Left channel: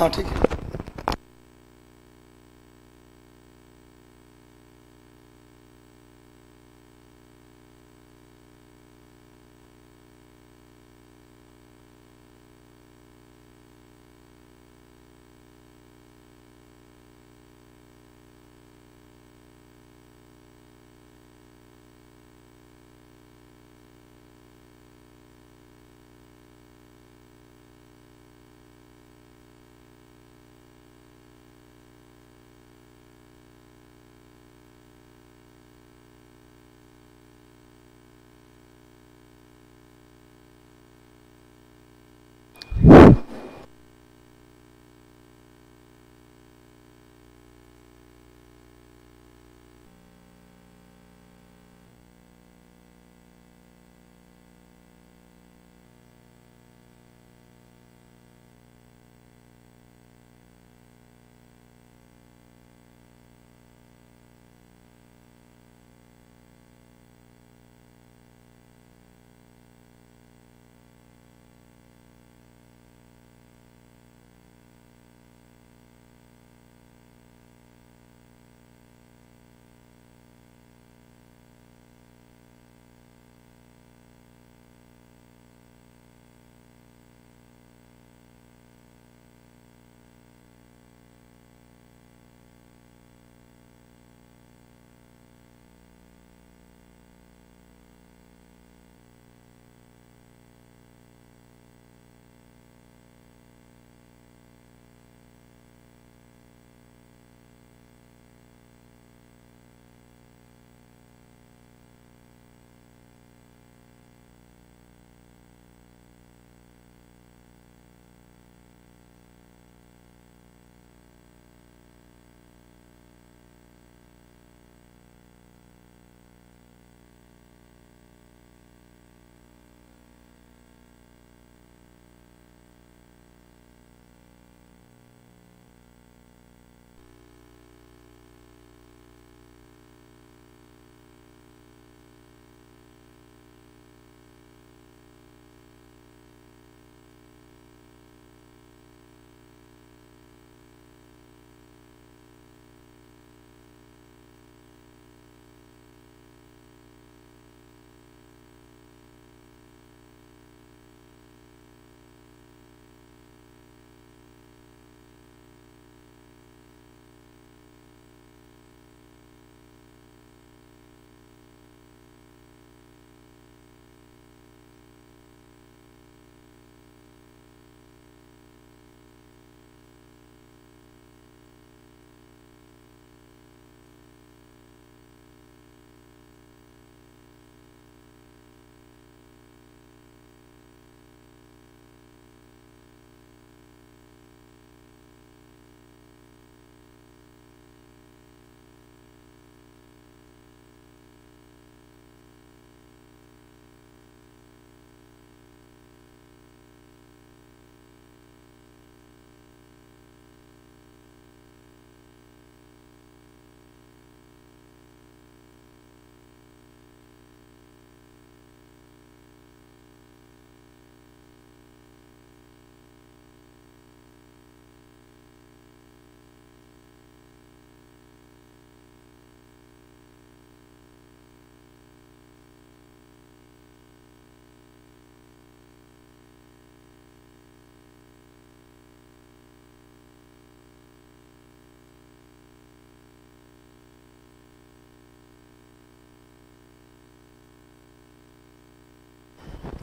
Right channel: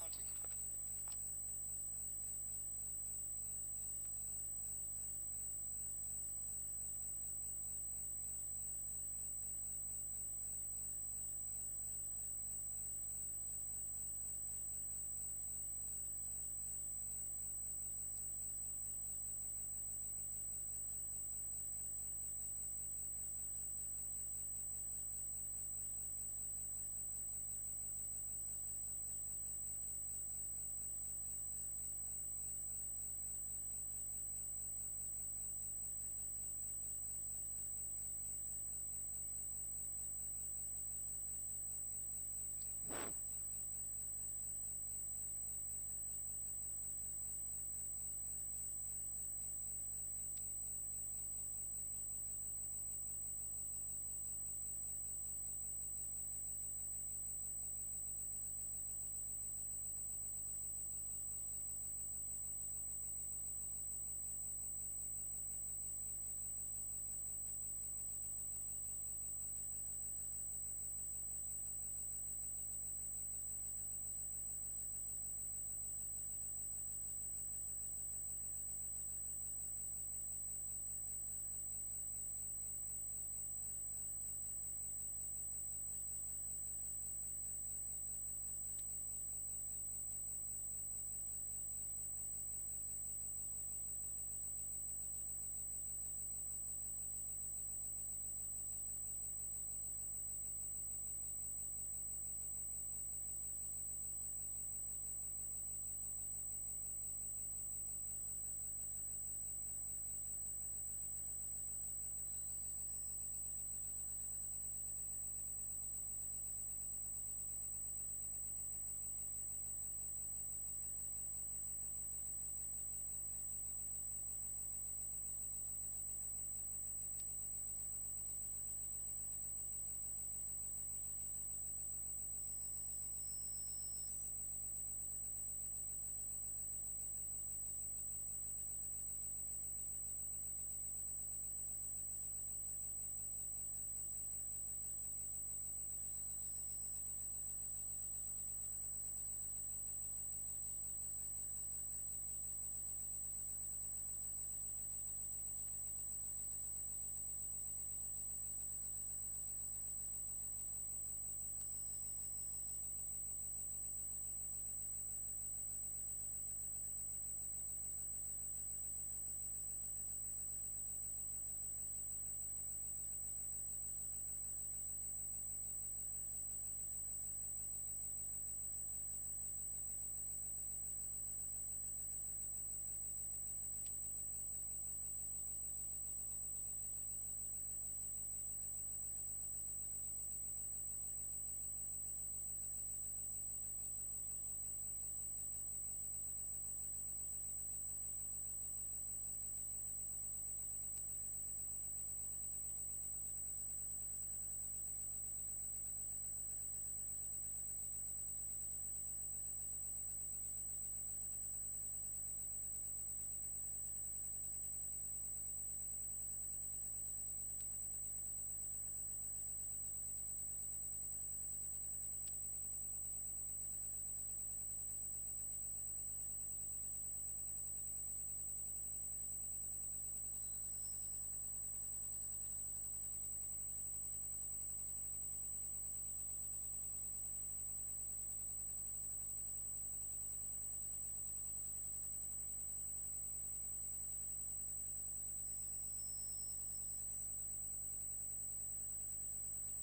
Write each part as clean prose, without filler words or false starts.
हाँ ठीक है।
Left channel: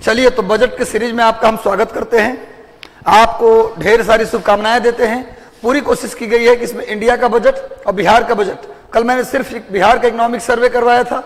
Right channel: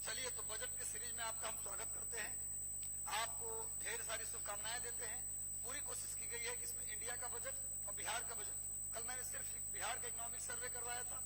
चलिए, तो बजट के सीरीज में आपका हम स्वागत करते हैं। आपको ढेर सारी शुभकामनाएं देते हैं। पूरी कोशिश की गई है कि इसमें इंडिया का बजट और बिहार का बजट, कल मैंने सिर्फ बिहार का इकोनॉमिक सर्वे करवाया था,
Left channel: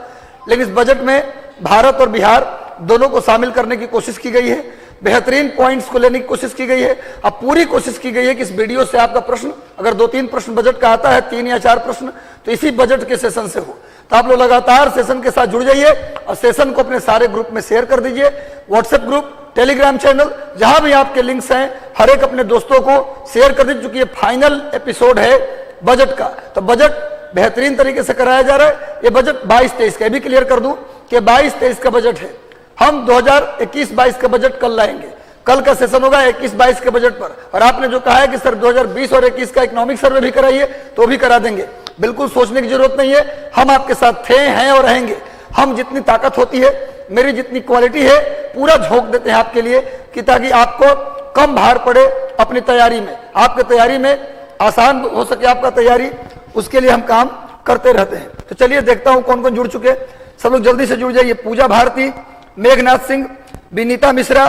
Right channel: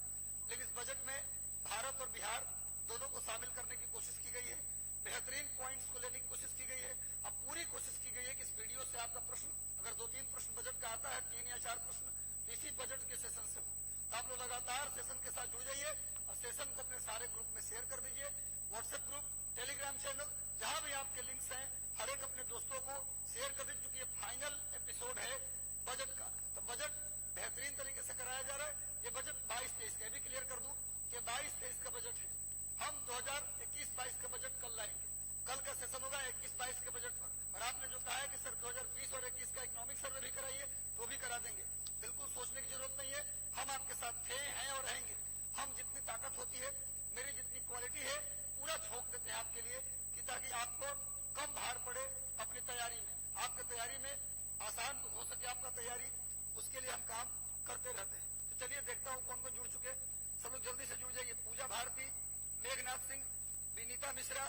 लेकिन इस बजट में भारत और बिहार दोनों को शामिल करने की कोशिश की गई है। बेहतरीन पॉइंट्स को लेने की कोशिश की गई है। अब पूरी कोशिश की गई है कि इस वीडियो से आपका प्रश्न, अगर 2-3 प्रश्न बजट का आता है, 3 या 4 प्रश्न, तो इसी बजट के सेशन से हो। तो आप लोग लगातार सेशन के साथ जुड़ जाइए और सेशन को अपने सारे ग्रुप में शेयर कर दीजिए। व्हाट्सएप ग्रुप, टेलीग्राम चैनल, जहां भी आपके लिंक्स हैं, हर एक अपने दोस्तों को शेयर कर दीजिए, क्योंकि ये फाइनल एपिसोड है बजट का। तो बजट बेहतरीन तरीके से कराया जा रहा है। ये बजट 22-23 का, भी क्लियर कर दूं कि 22-23 का बजट है। हम 2021-22 का बजट कल लाएंगे। कल का सेशन होगा 21-22 के बजट पर। और आपने जो कहा है कि सर 2020 और 21 का इकोनॉमिक सर्वे भी कराइए, तो भी करा देंगे। बिल्कुल सोचने की जरूरत नहीं है, हम आपके साथ थे, हैं और रहेंगे। हम जितनी ताकत होती है, मेरी जितनी क्वालिटी है, पूरा झोंक देते हैं आपके लिए, कि ताकि आपको कम भार पड़े अपनी तैयारी में, आपकी तैयारी में आसान हो सके आपका तैयारी, उसके लिए हम काम करते रहते हैं। तो चलिए देखता हूं कौन कौन जुड़ चुके। सब लोग जल्दी से जुड़ जाइए। पूजा भारती, मेघनाथ सिंह, विनीता मिश्रा,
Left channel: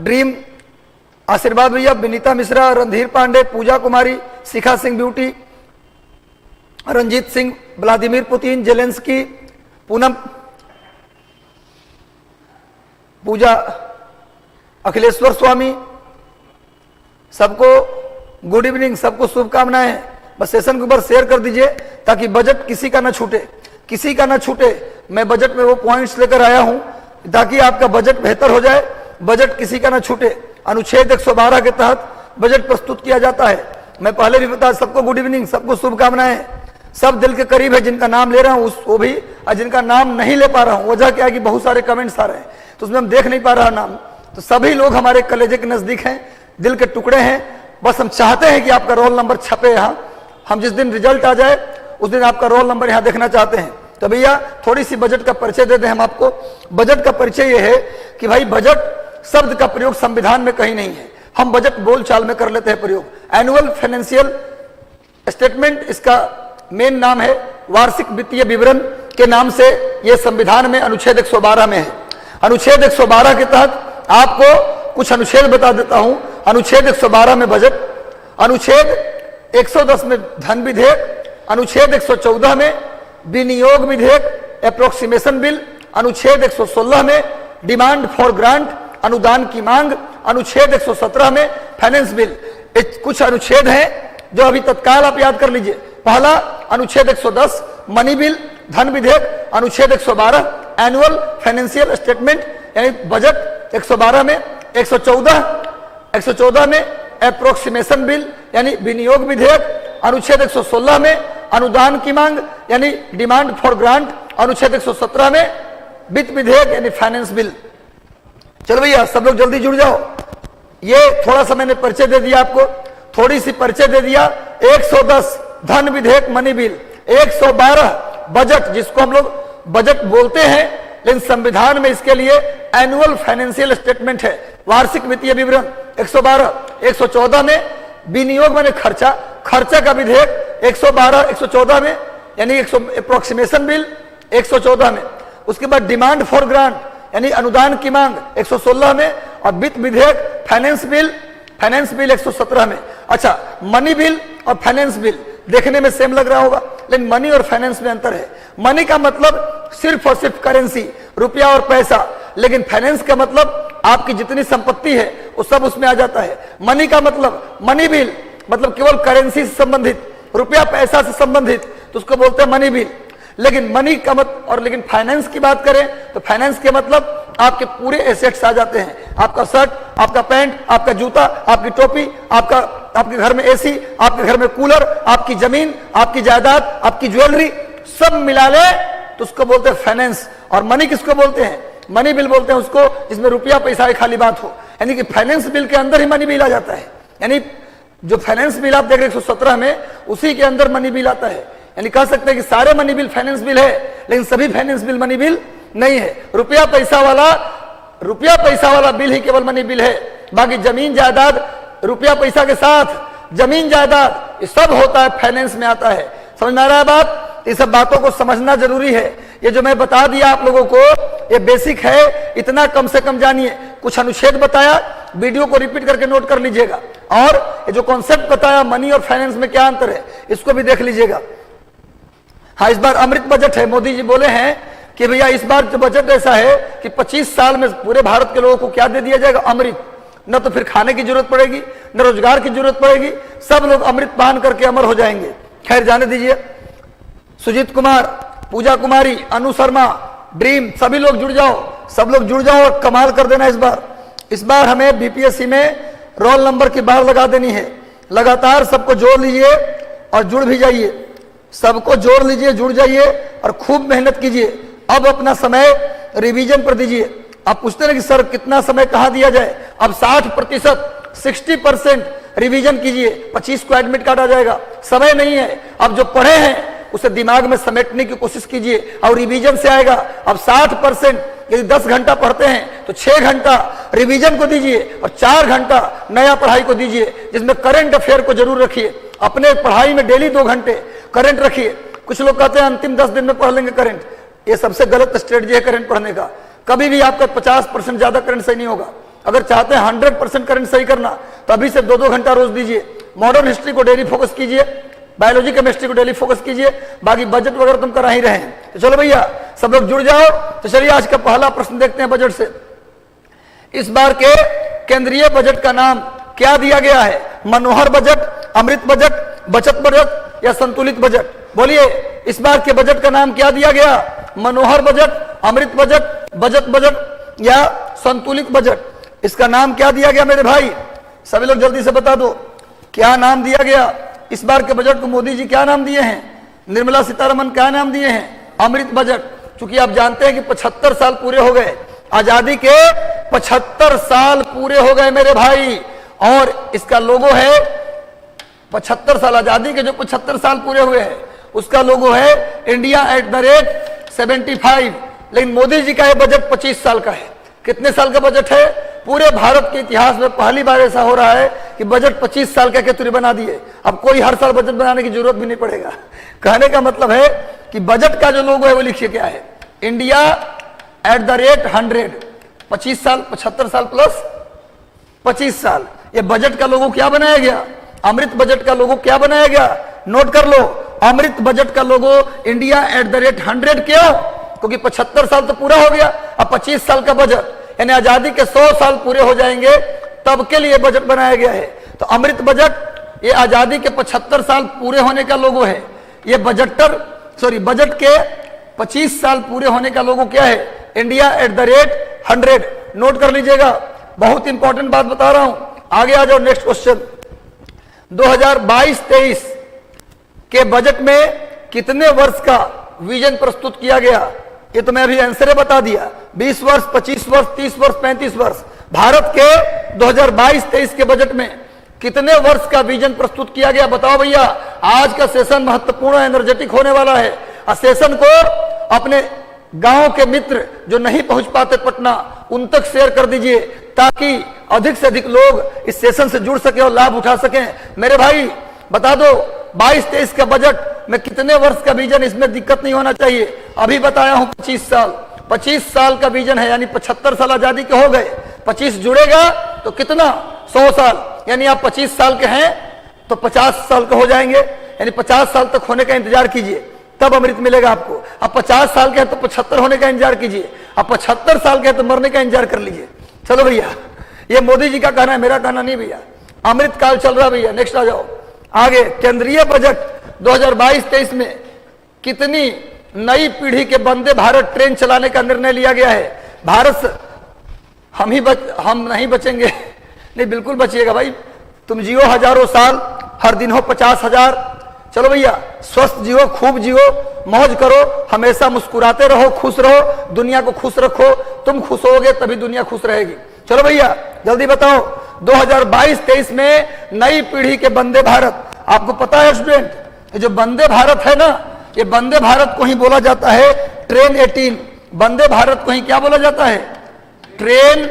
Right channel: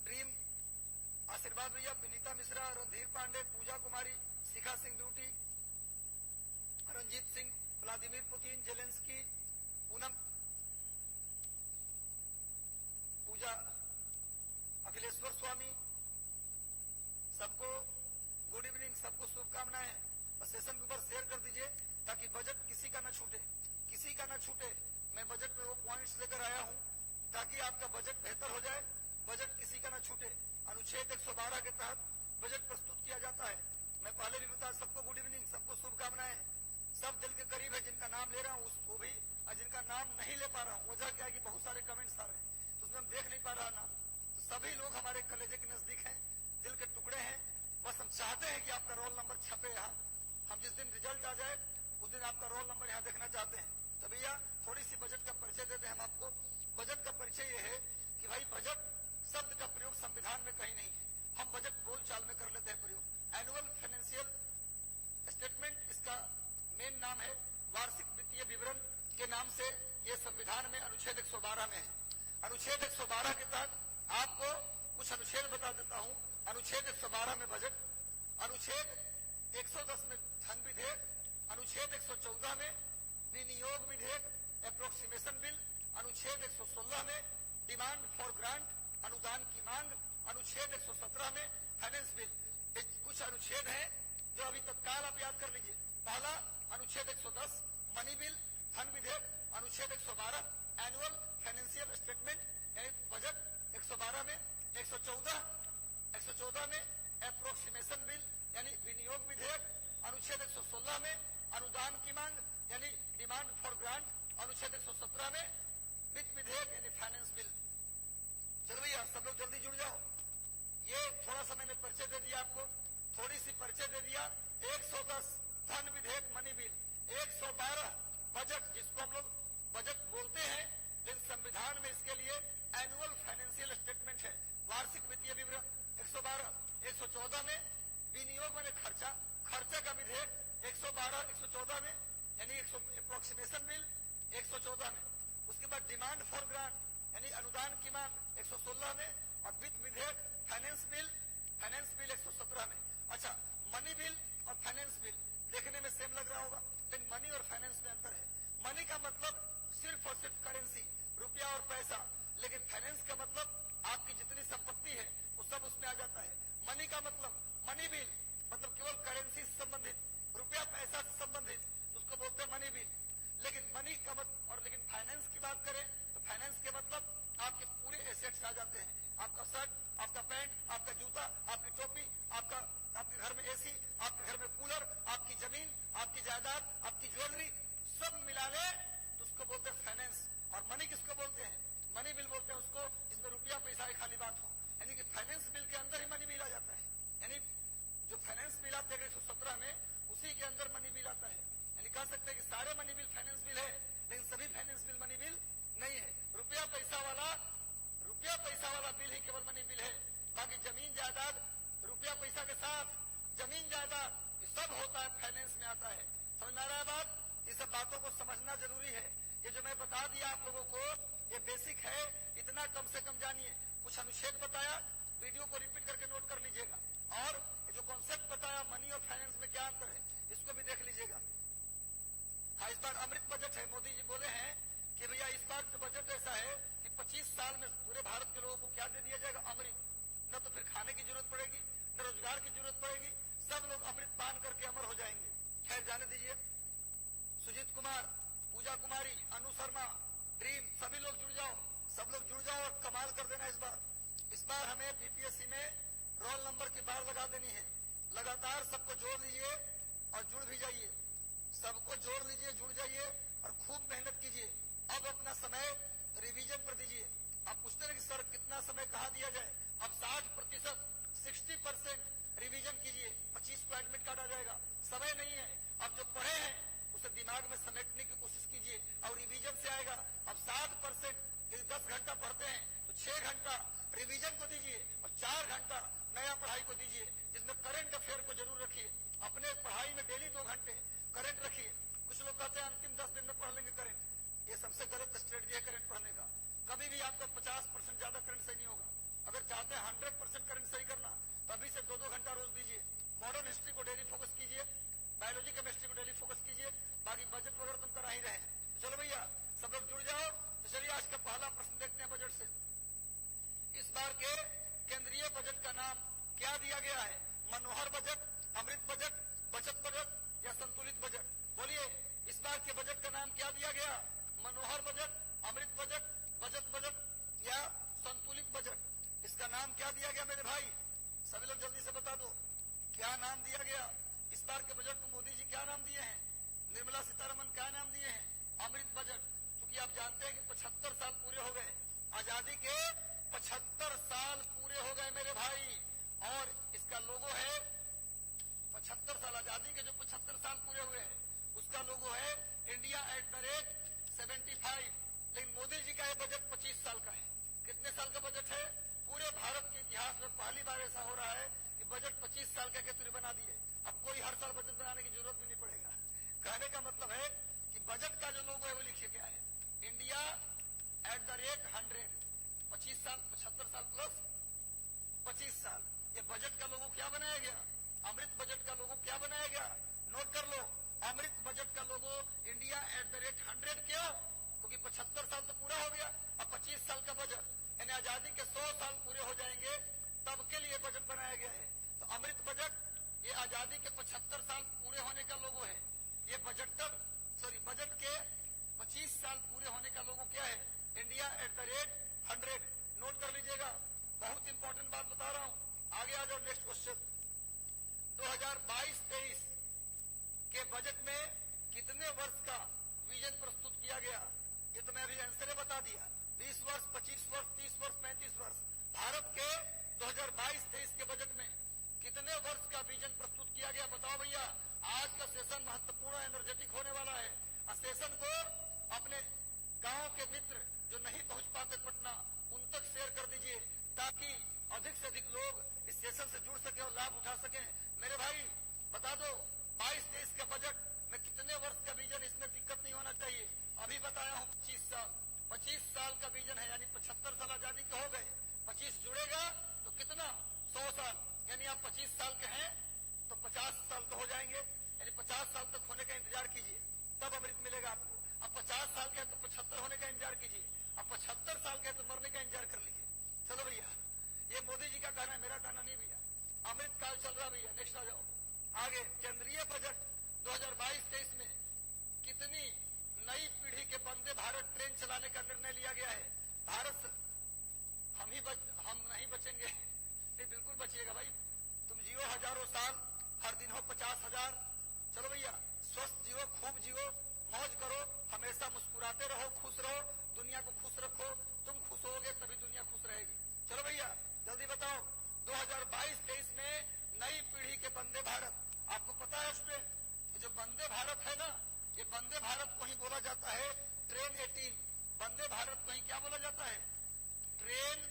ड्रीम, आशीर्वाद भैया, Vinita Mishra, Randhir Pandey, Puja Kumari, Shikha Singh beauty, Ranjeet Singh, Vladimir Putin, Zelensky, Poonam, Puja, Akhileshwar Swami, सबको गुड इवनिंग, सबको शुभकामनाएं। बस सेशन के ऊपर शेयर कर दीजिए ताकि बजट किसी का ना छूटे, किसी का ना छूटे। मैं बजट में वो पॉइंट्स लेकर आया हूं ताकि आपका बजट बेहतर हो जाए, बजट किसी का ना छूटे। अनुच्छेद 112 के तहत बजट प्रस्तुत किया जाता है। मैं पहले भी बता, सबको गुड इवनिंग, सबको शुभकामनाएं। सब दिल के करीब है, जिनका नाम ले रहा हूं वो भी, और जिनका नाम नहीं ले पा रहा हूं, वजह क्या है कि बहुत सारे कमेंट्स आ रहे हैं, तो उसमें हम देख नहीं पा रहा नाम। तो सभी लोग हमारे कलेजे के नजदीक हैं, दिल के टुकड़े हैं। बस हम चाहते हैं कि आपका रोल नंबर छपे यहाँ। हम जिस दिन रिजल्ट आ जाए उस दिन आपका रोल नंबर यहाँ देखना चाहते हैं। तो भैया थोड़ी सी बजट का परिचय दे दें हम आपको। बजट का परिचय ये है कि भाई बजट शब्द का प्रयोग संविधान में कहीं नहीं है, हम बजट बोलचाल में कर लेते हैं प्रयोग। एनुअल फाइनेंशियल स्टेटमेंट इसका मेन नाम है, वार्षिक वित्तीय विवरण के नाम से ये संविधान में अनुच्छेद 112 में है। अनुच्छेद 112 के तहत आपको कुछ अनुच्छेद बता देता हूं। अनुच्छेद 112 में बजट, अनुच्छेद 110 में धन विधेयक, अनुच्छेद 114 में विनियोग विधेयक अप्रोक्सीमेशन बिल, अनुच्छेद 116 में डिमांड फॉर ग्रांट अनुदान की मांग, अनुच्छेद 117 में फाइनेंस बिल। कुछ अनुच्छेद हैं जो अभी तत्काल आप याद कर लीजिए। पहला अनुच्छेद 110 मनी बिल धन विधेयक, अनुच्छेद 112 एनुअल फाइनेंशियल स्टेटमेंट यानी बजट 112 में, 114 में अप्रोक्सीमेशन बिल यानी विनियोग विधेयक, अनुच्छेद 116 में अनुदान की मांग यानी डिमांड फॉर ग्रांट, अनुच्छेद 117 में वित्त विधेयक यानी फाइनेंस बिल। चलो भैया सब लोग जल्दी जुड़ जाओ। ये थोड़ा सा मैंने परिचय दे दिया आपको, थोड़ी सी परिचय दे दिया। 110 धन विधेयक मनी बिल, 112 बजट जिसको हम लोग बजट बोलते हैं, लेकिन संविधान में इसके लिए एनुअल फाइनेंशियल स्टेटमेंट है, वार्षिक वित्तीय विवरण 112। 114 में विनियोग माने खर्चा, खर्चा का विधेयक 112 114 में यानी अप्रोक्सीमेशन बिल 114 में। उसके बाद डिमांड फॉर ग्रांट यानी अनुदान की मांग 116 में, और वित्त विधेयक फाइनेंस बिल 117 में। अच्छा, मनी बिल और फाइनेंस बिल देखने में सेम लग रहा होगा, लेकिन मनी और फाइनेंस में अंतर है। मनी का मतलब सिर्फ और सिर्फ करेंसी, रुपया और पैसा, लेकिन फाइनेंस का मतलब आपकी जितनी संपत्ति है वो सब उसमें आ जाता है। मनी का मतलब, मनी बिल मतलब केवल करेंसी से संबंधित, रुपया पैसा से संबंधित, तो उसको बोलते हैं मनी बिल। लेकिन मनी का मतलब, और लेकिन फाइनेंस की बात करें तो फाइनेंस के मतलब आपके पूरे एसेट्स आ जाते हैं। आपका शर्ट, आपका पैंट, आपका जूता, आपकी टोपी, आपके घर में एसी, आपके घर में कूलर, आपकी जमीन, आपकी जायदाद, आपकी ज्वेलरी, सब मिला ले तो उसको बोलते हैं फाइनेंस। और मनी किसको बोलते हैं? मनी बिल बोलते हैं उसको जिसमें रुपया पैसा की खाली बात हो। यानी कि फाइनेंस बिल के अंदर ही मनी बिल आ जाता है। यानी जो फाइनेंस बिल आप देख रहे हैं 117 में, उसी के अंदर मनी बिल आता है। यानी कह सकते हैं कि सारे मनी बिल फाइनेंस बिल है, लेकिन सभी फाइनेंस बिल मनी बिल नहीं है। रुपया पैसा वाला बिल ही केवल मनी बिल है। बाकी जमीन जायदाद, रुपया पैसा के साथ जमीन जायदाद, ये सब होता है फाइनेंस में आता है। समझ में आ रहा है बात? ये सब बातों को समझना जरूरी है। ये जो मैं बता दिया आप लोगों को, ये बेसिक है, इतना कम से कम जानिए। कुछ अनुच्छेद बताया, वीडियो को रिपीट करके नोट कर लीजिएगा। और ये जो कॉन्सेप्ट बताया मनी और फाइनेंस में क्या अंतर है, इसको भी देख लीजिएगा। हाँ, इस बार अमृत बजट है। मोदी जी बोले हैं कि भैया इस बार जो बजट ऐसा है कि 25 साल में पूरे भारत के लोगों को क्या दे दिया जाएगा? अमृत। न तो फिर खाने की जरूरत पड़ेगी, न रोजगार की जरूरत पड़ेगी, सब लोग अमृत पान करके अमर हो जाएंगे। खैर जाने दीजिए। सुजीत कुमार, पूजा कुमारी, अनु शर्मा, ड्रीम, सभी लोग जुड़ जाओ, सब लोग जुड़ जाओ और कमाल कर देना। इस बार हमें बीपीएससी में रोल नंबर की बार लगा देनी है। लगातार सबको जोड़ लीजिए और जुड़ भी जाइए। सबको जोड़ लीजिए, जुड़ जाइए और खूब मेहनत कीजिए। अब अपना समय रिवीजन पर दीजिए। आप पूछते हैं कि सर कितना समय कहाँ दिया जाए, अब 60%, 60% रिवीजन कीजिए, 25 को एडमिट कार्ड आ जाएगा, समय नहीं है। अब जो पढ़े हैं उसे दिमाग में समेटने की कोशिश कीजिए और रिवीजन से आएगा। अब 60%, यदि 10 घंटा पढ़ते हैं तो 6 घंटा रिवीजन को दीजिए और 4 घंटा नया पढ़ाई को दीजिए, जिसमें करंट अफेयर को जरूर रखिए। अपने पढ़ाई में डेली 2 घंटे करंट रखिए। कुछ लोग कहते हैं अंतिम 10 दिन में पढ़ लेंगे करंट, ये सबसे गलत स्ट्रेटजी है करंट पढ़ने का। कभी भी आपका 50% ज्यादा करंट सही नहीं होगा। अगर चाहते हैं 100% करंट सही करना तो अभी से 2-2 घंटा रोज दीजिए। मॉडर्न हिस्ट्री को डेली फोकस कीजिए, बायोलॉजी केमिस्ट्री को डेली फोकस कीजिए, बाकी बजट वगैरह तुम करा ही रहे हैं। तो चलो भैया सब लोग जुड़ जाओ। तो चलिए आज का पहला प्रश्न देखते हैं बजट से। इस बार के केंद्रीय बजट का नाम क्या दिया गया है? मनोहर बजट, अमृत बजट, बचत बजट या संतुलित बजट? बोलिए, इस बार के बजट का नाम क्या दिया गया? मनोहर बजट, अमृत बजट, बचत बजट या संतुलित बजट? इसका नाम क्या दिया गया मेरे भाई? सभी लोग जल्दी से बता दो, क्या नाम दिया गया? इस बार के बजट को मोदी जी क्या नाम दिए हैं? निर्मला सीतारमण क्या नाम दिए हैं? अमृत बजट। क्योंकि आप जानते हैं कि 75 साल पूरे हो गए, आजादी के 75 साल पूरे हो गए मेरे भाई, और इसका लोगो है 75 साल आजादी के, जो 75 साल पूरे हुए हैं उसका लोगो है इंडिया @75। लेकिन मोदी जी का यह बजट 25 साल का है। कितने साल का बजट है? पूरे भारत के इतिहास में पहली बार ऐसा हो रहा है कि बजट 25 साल का केतुरी बना दिए। अब कोई हर साल बजट बनाने की जरूरत भी नहीं पड़ेगा। कहने का मतलब है कि बजट का जो लोगो है वो लिखिए क्या है? इंडिया @100, 25 साल, 75 साल प्लस 25 साल। ये बजट का लोगो क्या बनाया गया? अमृत बजट का लोगो क्या बनाया गया? नोट कर लो, अमृत बजट का लोगो इंडिया @100। क्यों? क्योंकि 75 साल तो पूरा हो गया, अब 25 साल का बजट, यानी आजादी के 100 साल पूरे हो जाएंगे, तब के लिए बजट बनाया गया है। तो अमृत बजट ये आजादी के 75 साल पूरे होने का लोगो है। ये बजट के 25 साल पूरे होने का लोगो क्या है? इंडिया @100। नोट कर लीजिएगा, बहुत इंपॉर्टेंट बात बता रहा हूं। आगे आ जाओ, नेक्स्ट क्वेश्चन। 2022-23 के बजट में कितने वर्ष का विजन प्रस्तुत किया गया? ये तो मैं अभी आंसर बता दिया। 20 वर्ष, 25 वर्ष, 30 वर्ष, 35 वर्ष। भारत के 2022-23 के बजट में कितने वर्ष का विजन प्रस्तुत किया गया? बताओ भैया। आज का सेशन महत्वपूर्ण एनर्जेटिक होने वाला है। सेशन को अपने गांव के मित्र जो नहीं पहुंच पाते पटना, उन तक शेयर कर दीजिए, ताकि अधिक से अधिक लोग इस सेशन से जुड़ सके और लाभ उठा सकें। मेरे भाई बता दो, 22-23 का बजट में कितने वर्ष का विजन? इसमें दिक्कत नहीं होना चाहिए। अभी बताया हूं 25 साल। 25 साल का विजन है, यानी 75 साल आजादी के हो गए, 25 जुड़ेगा तो कितना? 100 साल। यानी आप 25 साल के हैं तो 50 साल के हो जाएंगे, यानी 50 साल तक होने का इंतजार कीजिए, तब अमृत मिलेगा आपको। अब 50 साल के हैं तो 75 होने का इंतजार कीजिए, अब 75 साल के हैं तो मरने का इंतजार कर लीजिए। चलो भैया, ये मोदी जी का कहना है, मेरा कहना नहीं भैया। अमृत काल चल रहा भैया। नेक्स्ट आ जाओ। आगे, केंद्रीय बजट 2022-23 में कितनी नई पीढ़ी के वंदे भारत ट्रेन चलाने का निर्णय लिया गया है? भारत हम नहीं बचेंगे। नहीं, बिल्कुल बचिएगा भाई। तुम जियो हजारों साल, हर दिन हो 50,000। चलो भैया, स्वस्थ जियो, खूब जियो, मौज करो, हमेशा मुस्कुराते रहो, खुश रहो, दुनिया को खुश रखो। तुम खुश होगे तभी दुनिया खुश रहेगी। चलो भैया जल्दी बताओ, 2022-23 में नई पीढ़ी के वंदे भारत, आपको पता है स्टूडेंट, ये जो वंदे भारत है ना, ये वंदे भारत को ही बोला जाता है ट्रेन 18। वंदे भारत को ही क्या बोला जाता है? ट्रेन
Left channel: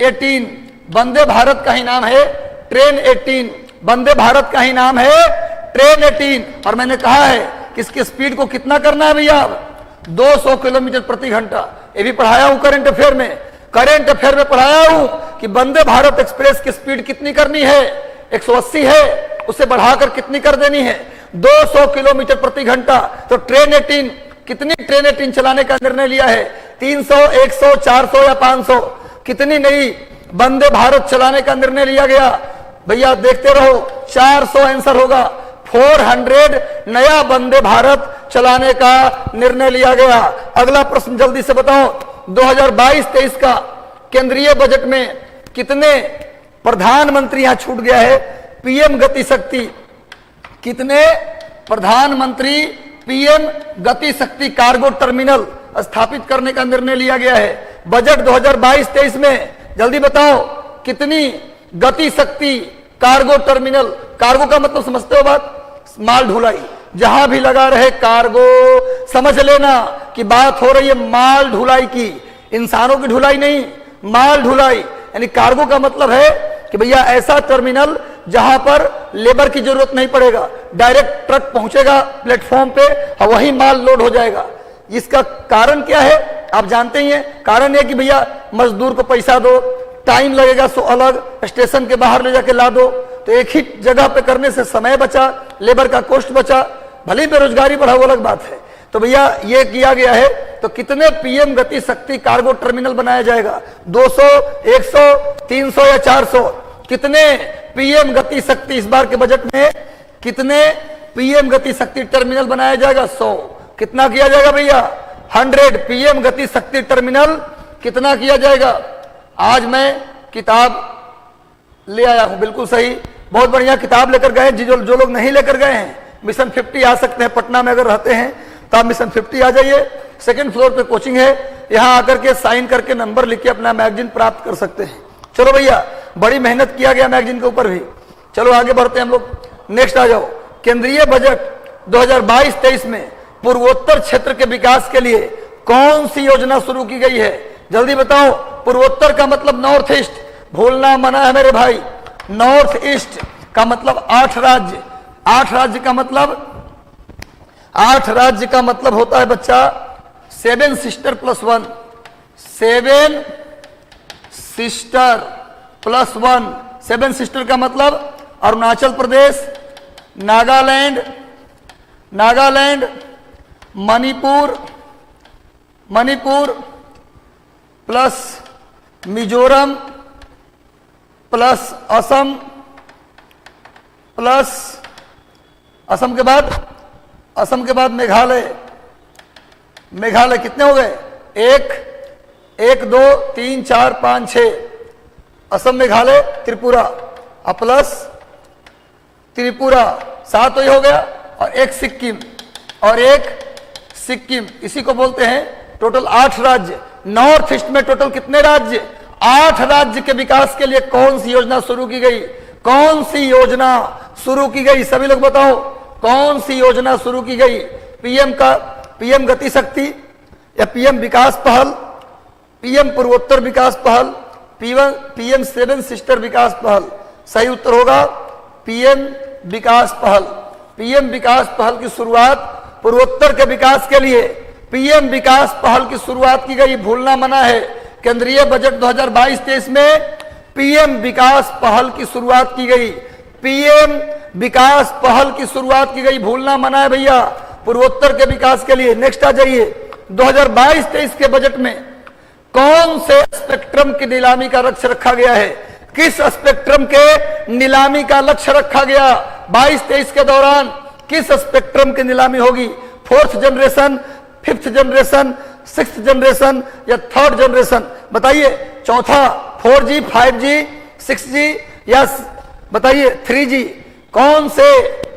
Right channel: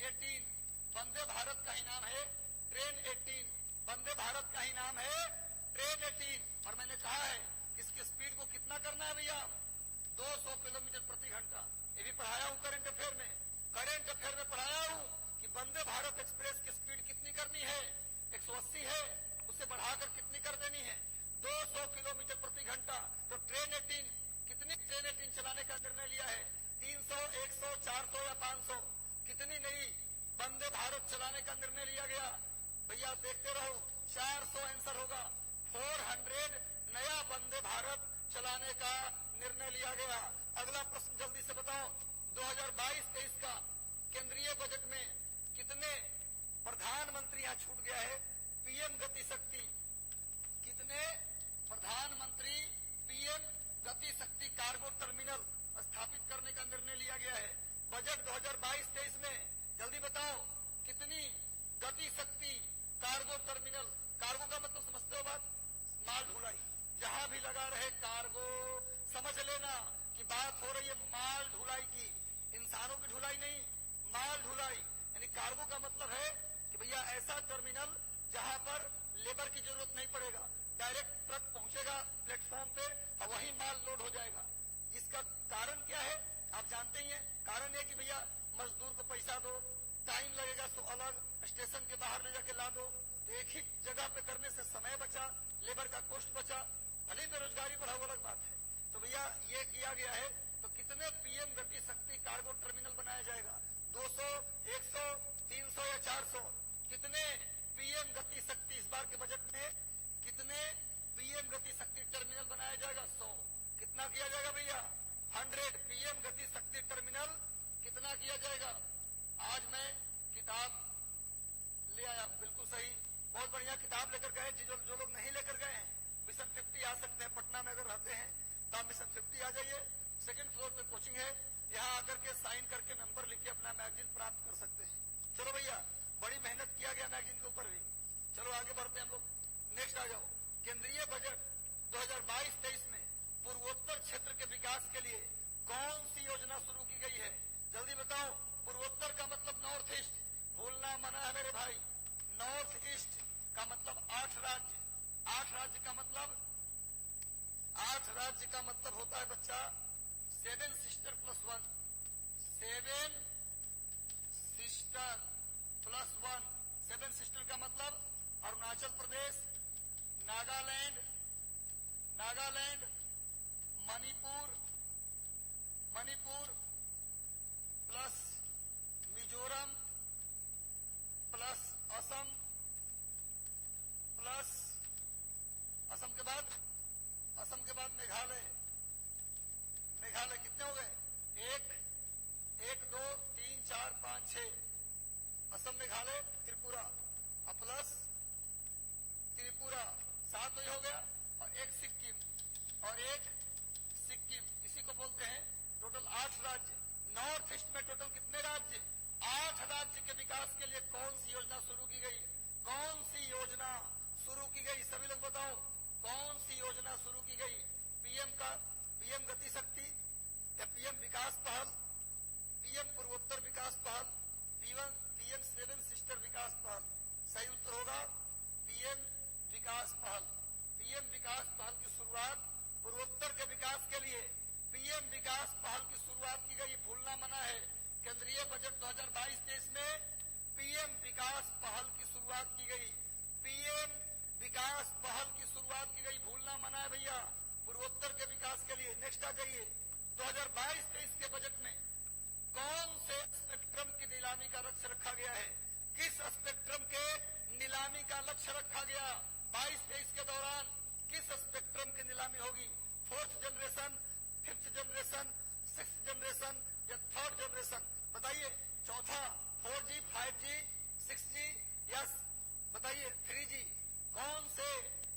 18। वंदे भारत का ही नाम है ट्रेन 18। वंदे भारत का ही नाम है ट्रेन 18। और मैंने कहा है कि इसकी स्पीड को कितना करना है भैया? 200 किलोमीटर प्रति घंटा। ये भी पढ़ाया हूं करंट अफेयर में। करंट अफेयर में पढ़ाया हूं कि वंदे भारत एक्सप्रेस की स्पीड कितनी करनी है? 180 है, उसे बढ़ाकर कितनी कर देनी है? 200 किलोमीटर प्रति घंटा। तो ट्रेन 18, कितनी ट्रेन 18 चलाने का निर्णय लिया है? 300, 100, 400 या 500? कितनी नई वंदे भारत चलाने का निर्णय लिया गया? भैया देखते रहो, 400 आंसर होगा। 400 नया वंदे भारत चलाने का निर्णय लिया गया। अगला प्रश्न जल्दी से बताओ, 2022-23 का केंद्रीय बजट में कितने प्रधानमंत्री, यहां छूट गया है, पीएम गति शक्ति, कितने प्रधानमंत्री पीएम गति शक्ति कार्गो टर्मिनल स्थापित करने का निर्णय लिया गया है? बजट 2022-23 में जल्दी बताओ कितनी गति शक्ति कार्गो टर्मिनल, कार्गो का मतलब समझते हो बात, माल ढुलाई, जहां भी लगा रहे कार्गो, समझ लेना कि बात हो रही है माल ढुलाई की, इंसानों की ढुलाई नहीं, माल ढुलाई। यानी कार्गो का मतलब है कि भैया ऐसा टर्मिनल जहां पर लेबर की जरूरत नहीं पड़ेगा, डायरेक्ट ट्रक पहुंचेगा प्लेटफॉर्म पे और वही माल लोड हो जाएगा। इसका कारण क्या है आप जानते ही हैं, कारण है कि भैया मजदूर को पैसा दो, टाइम लगेगा सो अलग, स्टेशन के बाहर ले जाके ला दो, तो एक ही जगह पे करने से समय बचा, लेबर का कॉस्ट बचा, भले बेरोजगारी बढ़ा वो अलग बात है। तो भैया ये किया गया है। तो कितने पीएम गति शक्ति कार्गो टर्मिनल बनाया जाएगा, 200, 100, 300 या 400? कितने पीएम गति शक्ति इस बार के बजट में, कितने पीएम गति शक्ति टर्मिनल बनाया जाएगा? 100। कितना किया जाएगा भैया? 100 पीएम गति शक्ति टर्मिनल कितना किया जाएगा? आज मैं किताब ले आया हूं, बिल्कुल सही, बहुत बढ़िया किताब लेकर गए। जो लोग नहीं लेकर गए हैं मिशन 50 आ सकते हैं, पटना में अगर रहते हैं तो आप मिशन 50 आ जाइए, सेकंड फ्लोर पे कोचिंग है, यहां आकर के साइन करके नंबर लिख के अपना मैगजीन प्राप्त कर सकते हैं। चलो भैया, बड़ी मेहनत किया गया मैगजीन के ऊपर भी। चलो आगे बढ़ते हैं हम लोग, नेक्स्ट आ जाओ। केंद्रीय बजट 2022-23 में पूर्वोत्तर क्षेत्र के विकास के लिए कौन सी योजना शुरू की गई है? जल्दी बताओ। पूर्वोत्तर का मतलब नॉर्थ ईस्ट, भूलना मना है मेरे भाई। नॉर्थ ईस्ट का मतलब 8 राज्य, 8 राज्य का मतलब, 8 राज्य का मतलब होता है बच्चा 7 sister plus 1, 7 sister plus 1। 7 sister का मतलब Arunachal Pradesh, Nagaland, Nagaland, Manipur, Manipur plus Mizoram plus Assam, plus Assam के बाद, असम के बाद मेघालय, मेघालय कितने हो गए? 1 2 3 4 5 6, असम मेघालय त्रिपुरा और प्लस त्रिपुरा 7 हो गया, और एक सिक्किम, और एक सिक्किम, इसी को बोलते हैं टोटल 8 राज्य। नॉर्थ ईस्ट में टोटल कितने राज्य? 8 राज्य के विकास के लिए कौन सी योजना शुरू की गई? कौन सी योजना शुरू की गई? सभी लोग बताओ, कौन सी योजना शुरू की गई? पीएम गति शक्ति या पीएम विकास पहल, पीएम पूर्वोत्तर विकास पहल, पीएम 7 सिस्टर विकास पहल? सही उत्तर होगा पीएम विकास पहल। पीएम विकास पहल की शुरुआत पूर्वोत्तर के विकास के लिए पीएम विकास पहल की शुरुआत की गई, भूलना मना है। केंद्रीय बजट 2022-23 में पीएम विकास पहल की शुरुआत की गई, पीएम विकास पहल की शुरुआत की गई, भूलना मना है भैया, पूर्वोत्तर के विकास के लिए। नेक्स्ट आ जाइए, 2022-23 के बजट में कौन से स्पेक्ट्रम की नीलामी का लक्ष्य रखा गया है? किस स्पेक्ट्रम के नीलामी का लक्ष्य रखा गया 22-23 के दौरान? किस स्पेक्ट्रम की नीलामी होगी? 4th generation, 5th generation, 6th generation या 3rd जनरेशन? बताइए। चौथा 4G, 5G, 6G या बताइए 3G, कौन से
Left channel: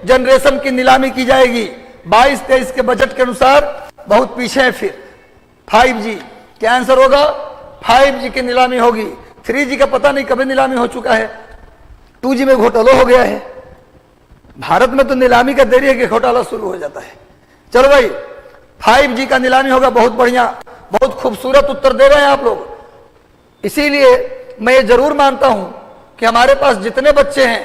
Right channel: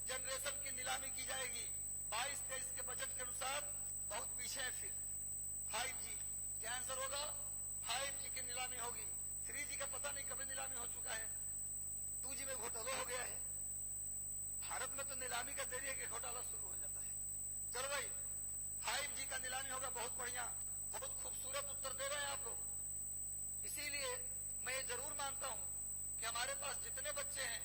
जनरेशन की नीलामी की जाएगी? 22-23 के बजट के अनुसार बहुत पीछे है। फिर 5G, क्या आंसर होगा? 5G की नीलामी होगी। 3G का पता नहीं कभी नीलामी हो चुका है, 2G में घोटाला हो गया है। भारत में तो नीलामी का देरी है कि घोटाला शुरू हो जाता है। चलो भाई, 5G का नीलामी होगा। बहुत बढ़िया, बहुत खूबसूरत उत्तर दे रहे हैं आप लोग। इसीलिए मैं ये जरूर मानता हूं कि हमारे पास जितने बच्चे हैं,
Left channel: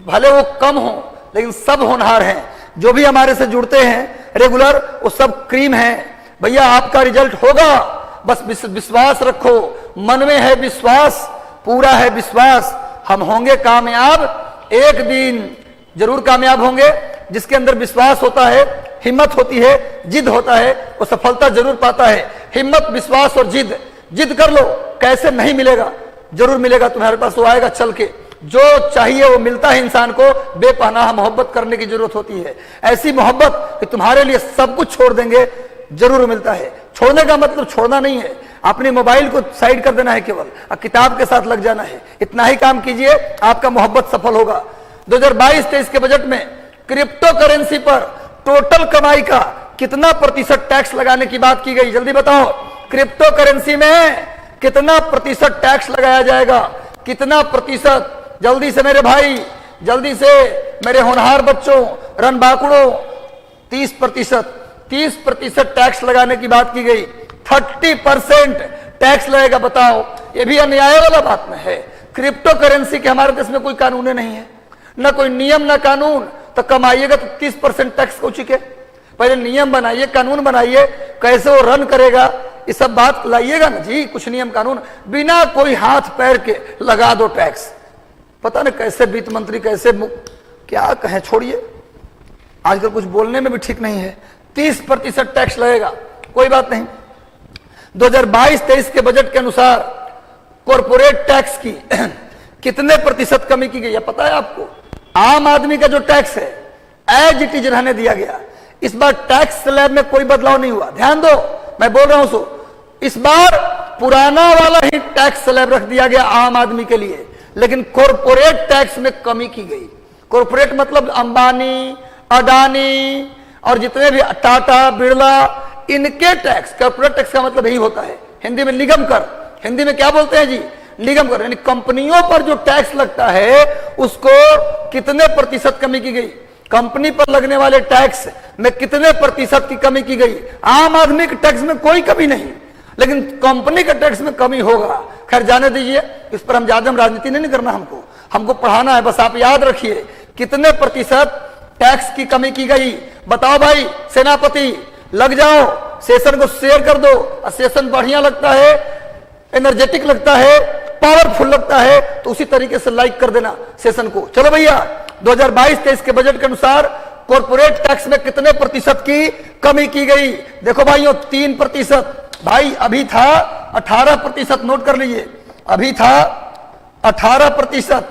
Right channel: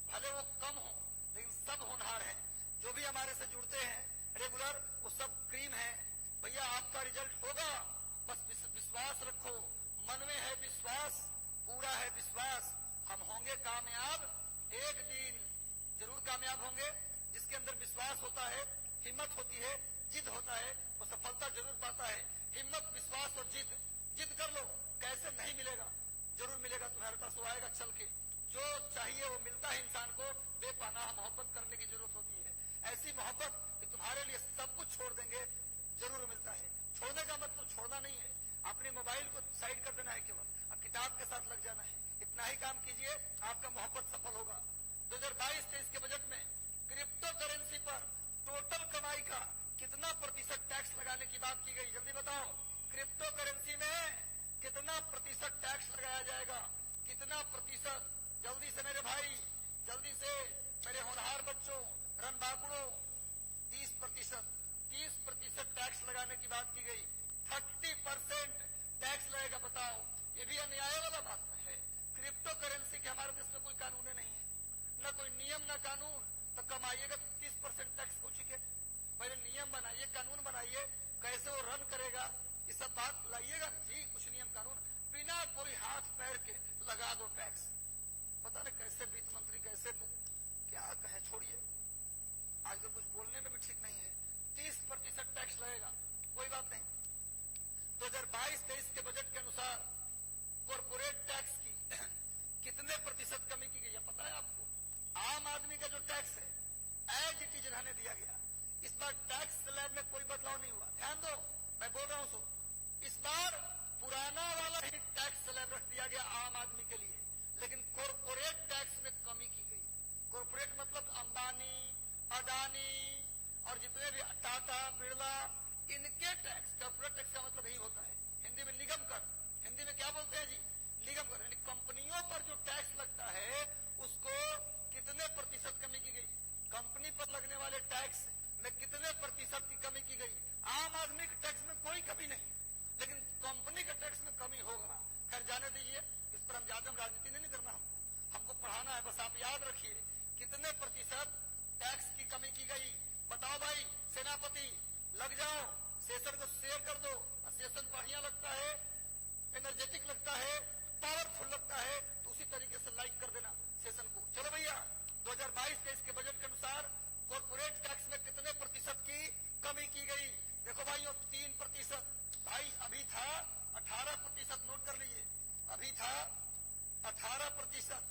भले वो कम हो लेकिन सब होनहार हैं। जो भी हमारे से जुड़ते हैं रेगुलर, वो सब क्रीम हैं। भैया आपका रिजल्ट होगा, बस विश्वास रखो, मन में है विश्वास, पूरा है विश्वास, हम होंगे कामयाब। एक दिन जरूर कामयाब होंगे। जिसके अंदर विश्वास होता है, हिम्मत होती है, जिद होता है, वो सफलता जरूर पाता है। हिम्मत, विश्वास और जिद, जिद कर लो, कैसे नहीं मिलेगा? जरूर मिलेगा तुम्हारे पास, वो आएगा चल के। जो चाहिए वो मिलता है इंसान को। बेपनाह मोहब्बत करने की जरूरत होती है, ऐसी मोहब्बत कि तुम्हारे लिए सब कुछ छोड़ देंगे, जरूर मिलता है। छोड़ने का मतलब छोड़ना नहीं है, अपने मोबाइल को साइड कर देना है केवल, और किताब के साथ लग जाना है। इतना ही काम कीजिए, आपका मोहब्बत सफल होगा। 2022-23 के बजट में क्रिप्टो करेंसी पर टोटल कमाई का कितना प्रतिशत टैक्स लगाने की बात की गई? जल्दी बताओ। क्रिप्टो करेंसी में कितना प्रतिशत टैक्स लगाया जाएगा, कितना प्रतिशत? जल्दी से मेरे भाई, जल्दी से मेरे होनहार बच्चों, रणबांकुड़ों, 30% टैक्स लगाने की बात की गई। 30% टैक्स लगेगा, बताओ, ये भी अन्याय वाला बात में है। क्रिप्टो करेंसी के हमारे देश में कोई कानून नहीं है, ना कोई नियम ना कानून, तो कमाइएगा तो 30% टैक्स को चुके। पहले नियम बनाइए, कानून बनाइए, कैसे वो रन करेगा, ये सब बात लाइएगा ना जी। कुछ नियम कानून बिना कोई हाथ पैर के लगा दो टैक्स। पता नहीं कैसे वित्त मंत्री, कैसे क्या कहें, छोड़िए, आजकल कुछ बोलने में भी ठीक नहीं है। 30% टैक्स लगेगा, कोई बात नहीं। 2022-23 के बजट के अनुसार कॉर्पोरेट टैक्स की कितने प्रतिशत कमी की गई है पता है आपको? आम आदमी का जो टैक्स है एज इट इज रहने दिया गया। इस बार टैक्स स्लैब में कोई बदलाव नहीं हुआ, ध्यान दो, मैं बोल रहा हूं सो। इस बार पुराना वाला ही टैक्स स्लैब रख दिया गया आम आदमी के लिए, लेकिन कॉर्पोरेट टैक्स में कमी की गई। कॉर्पोरेट मतलब अंबानी, अडानी और जितने भी टाटा, बिरला, इनके टैक्स। कॉर्पोरेट टैक्स का मतलब यही होता है, हिंदी में निगम कर। हिंदी में क्या बोलते हैं जी? निगम कर। यानी कंपनियों पर जो टैक्स लगता है उसको कितने प्रतिशत कमी की गई? कंपनी पर लगने वाले टैक्स में कितने प्रतिशत की कमी की गई? आम आदमी के टैक्स में कोई कमी नहीं, लेकिन कंपनी के टैक्स में कमी होगा। खैर जाने दीजिए, इस पर हम ज्यादा राजनीति नहीं करना, हमको पढ़ाना है। बस आप याद रखिए कितने प्रतिशत टैक्स की कमी की गई। बताओ भाई सेनापति, लग जाओ, सेशन को शेयर कर दो। सेशन बढ़िया लगता है, एनर्जेटिक लगता है, पावरफुल लगता है, तो उसी तरीके से लाइक कर देना सेशन को। चलो भैया, 2022-23 के बजट के अनुसार कॉर्पोरेट टैक्स में कितने प्रतिशत की कमी की गई? देखो भाइयों, 3%। भाई अभी था 18%, नोट कर लीजिए, अभी था 18%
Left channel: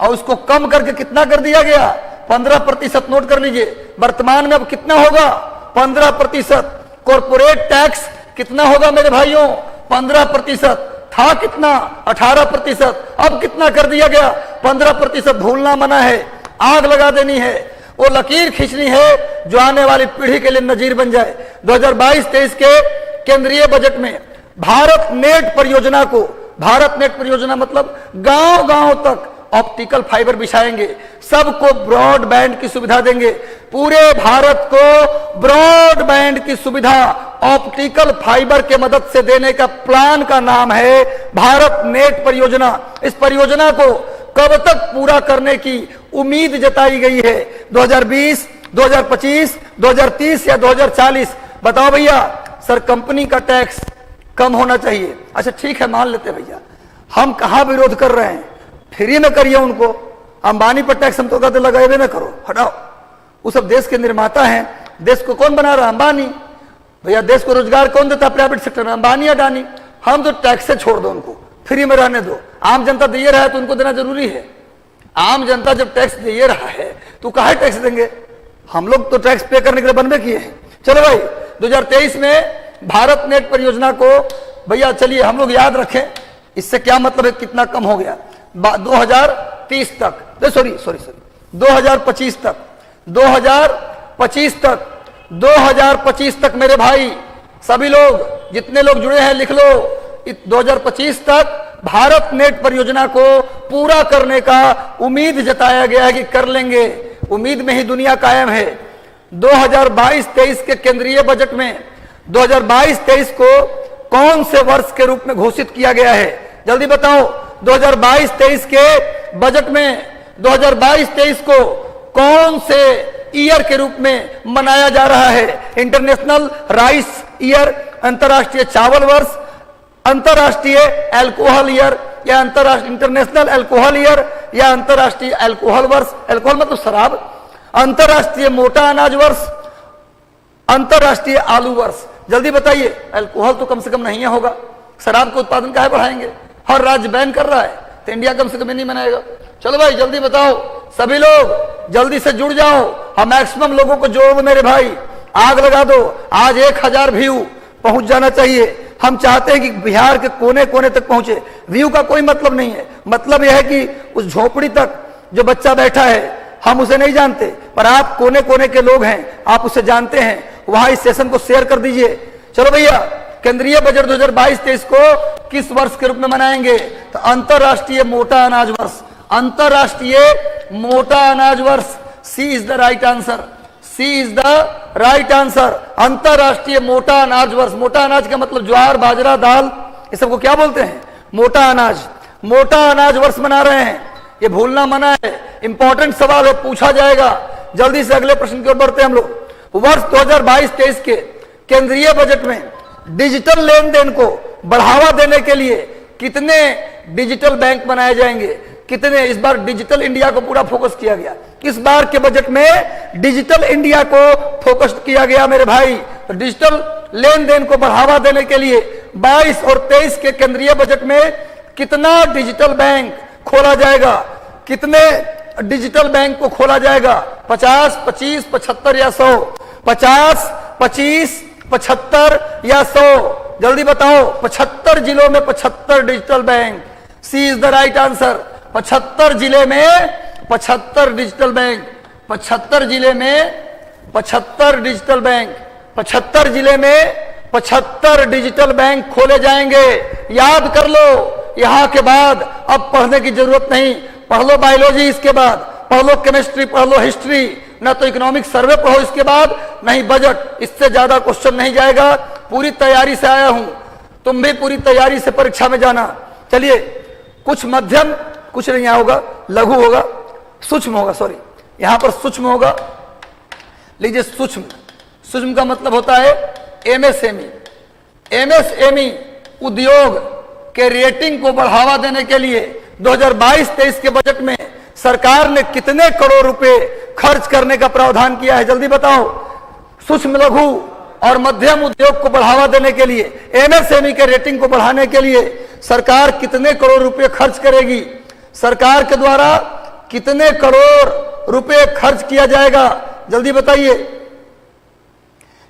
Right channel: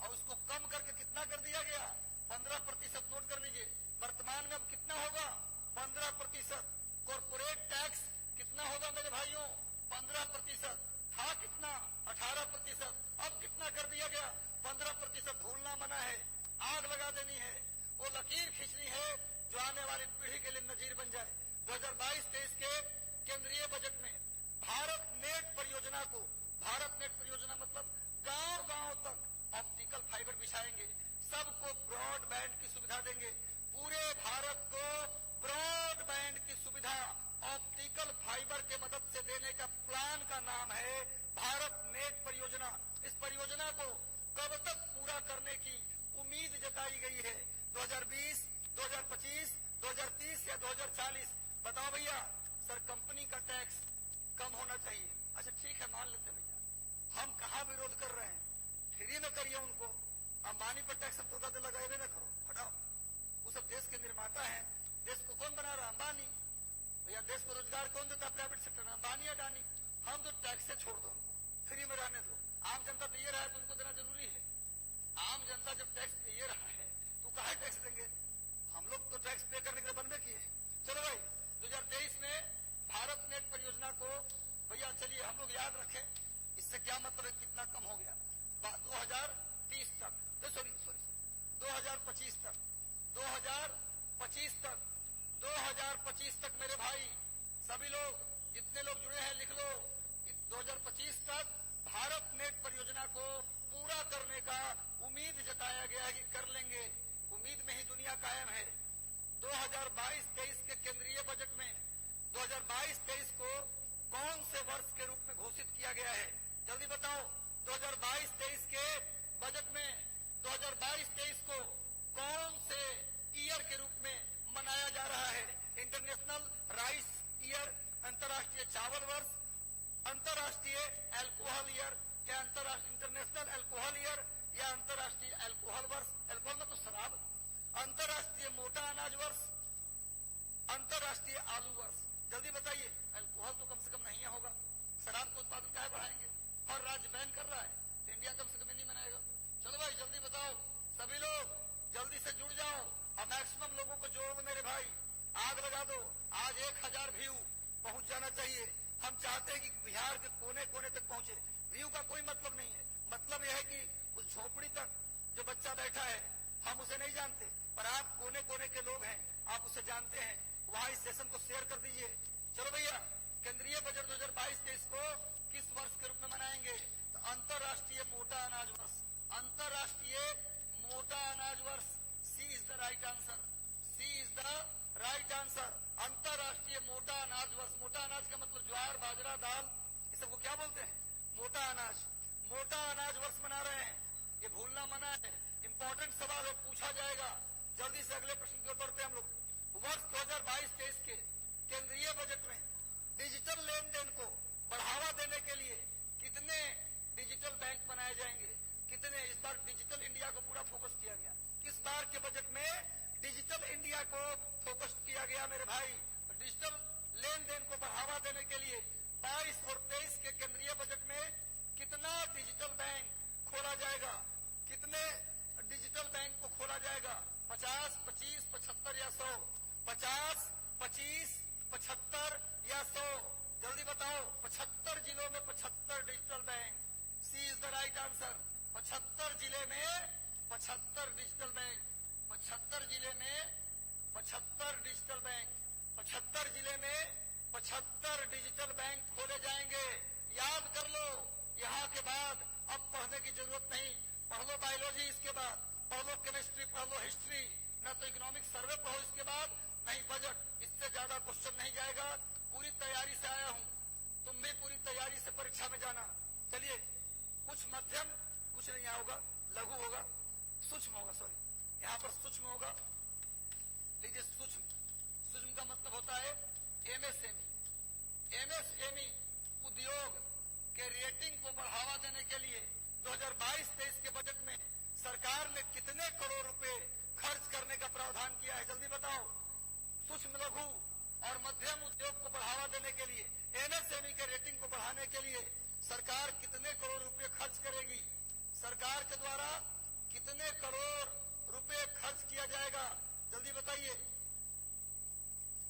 और उसको कम करके कितना कर दिया गया? 15%, नोट कर लीजिए। वर्तमान में अब कितना होगा? 15%। कॉर्पोरेट टैक्स कितना होगा मेरे भाइयों? 15%। था कितना? 18%, अब कितना कर दिया गया? 15%। भूलना मना है, आग लगा देनी है, वो लकीर खींचनी है जो आने वाली पीढ़ी के लिए नजीर बन जाए। 2022-23 के केंद्रीय बजट में भारत नेट परियोजना को, भारत नेट परियोजना मतलब गांव गांव तक ऑप्टिकल फाइबर बिछाएंगे, सबको ब्रॉडबैंड की सुविधा देंगे। पूरे भारत को ब्रॉडबैंड की सुविधा ऑप्टिकल फाइबर के मदद से देने का प्लान का नाम है भारत नेट परियोजना। इस परियोजना को कब तक पूरा करने की उम्मीद जताई गई है? 2020, 2025, 2030 या 2040? बताओ भैया। सर कंपनी का टैक्स कम होना चाहिए। अच्छा ठीक है, मान लेते भैया, हम कहां विरोध कर रहे हैं, फ्री में करिए उनको। अंबानी पर टैक्स हम तो कहते लगाए ना करो, हटाओ। वो सब देश के निर्माता हैं, देश को कौन बना रहा है? अंबानी भैया। देश को रोजगार कौन देता है? प्राइवेट सेक्टर में, अंबानी, अडानी। हम तो टैक्स से छोड़ दो, उनको फ्री में रहने दो। आम जनता दे रहा है तो उनको देना जरूरी है। आम जनता जब टैक्स दे रहा है तो काहे टैक्स देंगे? हम लोग तो टैक्स पे करने के लिए बनवे किए हैं। चलो भाई, 2023 में भारत नेट परियोजना को भैया चलिए हम लोग याद रखें, इससे क्या मतलब है, कितना कम हो गया? 2030 तक, सॉरी 2025 तक, 2025 तक, 2025 तक मेरे भाई सभी लोग, जितने लोग जुड़े हैं लिख लो, 2025 तक भारत नेट परियोजना को पूरा करने का उम्मीद जताया गया है कि कर लेंगे। उम्मीद में ही दुनिया कायम है। 2022-23 के केंद्रीय बजट में 2022-23 को कौन से वर्ष के रूप में घोषित किया गया है? जल्दी बताओ। 2022-23 के बजट में 2022-23 को कौन से ईयर के रूप में मनाया जा रहा है? इंटरनेशनल राइस ईयर, अंतरराष्ट्रीय चावल वर्ष, अंतरराष्ट्रीय अल्कोहल ईयर या इंटरनेशनल अल्कोहल ईयर या अंतरराष्ट्रीय अल्कोहल वर्ष, अल्कोहल मतलब शराब, अंतरराष्ट्रीय मोटा अनाज वर्ष, अंतरराष्ट्रीय आलू वर्ष। जल्दी बताइए। अल्कोहल तो कम से कम नहीं होगा, शराब का उत्पादन काहे बढ़ाएंगे? हर राज्य बैन कर रहा है, तो इंडिया कम से कम नहीं मनाएगा। चलो भाई जल्दी बताओ, सभी लोग जल्दी से जुड़ जाओ। हम मैक्सिमम लोगों को जोड़ो मेरे भाई, आग लगा दो। आज 1000 व्यू पहुंच जाना चाहिए। हम चाहते हैं कि बिहार के कोने कोने तक पहुंचे। व्यू का कोई मतलब नहीं है, मतलब यह है कि उस झोपड़ी तक जो बच्चा बैठा है हम उसे नहीं जानते, पर आप कोने कोने के लोग हैं, आप उसे जानते हैं। वहां इस सेशन को शेयर कर दीजिए। चलो भैया केंद्रीय बजट 2022-23 को किस वर्ष के रूप में मनाएंगे? तो अंतरराष्ट्रीय मोटा अनाज वर्ष, अंतरराष्ट्रीय मोटा अनाज वर्ष। C is the right answer, C is the right answer, अंतरराष्ट्रीय मोटा अनाज वर्ष। मोटा अनाज का मतलब ज्वार, बाजरा, दाल, ये सबको क्या बोलते हैं? मोटा अनाज। मोटा अनाज वर्ष मना रहे हैं, ये भूलना मना है। इंपॉर्टेंट सवाल है, पूछा जाएगा। जल्दी से अगले प्रश्न की ओर बढ़ते हैं हम लोग। वर्ष 2022-23 के केंद्रीय बजट में डिजिटल लेन देन को बढ़ावा देने के लिए कितने डिजिटल बैंक बनाए जाएंगे? कितने? इस बार डिजिटल इंडिया को पूरा फोकस किया गया। इस बार के बजट में डिजिटल इंडिया को फोकस किया गया मेरे भाई। तो डिजिटल लेन देन को बढ़ावा देने के लिए 22 और 23 के केंद्रीय बजट में कितना डिजिटल बैंक खोला जाएगा? कितने डिजिटल बैंक को खोला जाएगा? 50, 25, 75 या 100? 50, 25, 75 या 100? जल्दी बताओ। 75 जिलों में 75 digital bank. C is the right answer. 75 जिले में 75 डिजिटल बैंक। 75 जिले में 75 डिजिटल बैंक। 75 जिले में 75 डिजिटल बैंक खोले जाएंगे। याद कर लो। यहां के बाद अब पढ़ने की जरूरत नहीं। पढ़ लो बायोलॉजी, इसके बाद पढ़ लो केमिस्ट्री, पढ़ लो हिस्ट्री, ना तो इकोनॉमिक सर्वे पढ़ो इसके बाद, नहीं बजट। इससे ज्यादा क्वेश्चन नहीं जाएगा। पूरी तैयारी से आया हूं, तुम भी पूरी तैयारी से परीक्षा में जाना। चलिए, कुछ मध्यम, कुछ नहीं होगा, लघु होगा, सूक्ष्म होगा, सॉरी यहां पर सूक्ष्म होगा। लीजिए सूक्ष्म। सूक्ष्म का मतलब होता है एमएसएमई। एमएसएमई उद्योग के रेटिंग को बढ़ावा देने के लिए 2022-23 के बजट में सरकार ने कितने करोड़ रुपए खर्च करने का प्रावधान किया है? जल्दी बताओ। सूक्ष्म, लघु और मध्यम उद्योग को बढ़ावा देने के लिए, एमएसएमई के रेटिंग को बढ़ाने के लिए सरकार कितने करोड़ रुपए खर्च करेगी? सरकार के द्वारा कितने करोड़ रुपए खर्च किया जाएगा? जल्दी बताइए।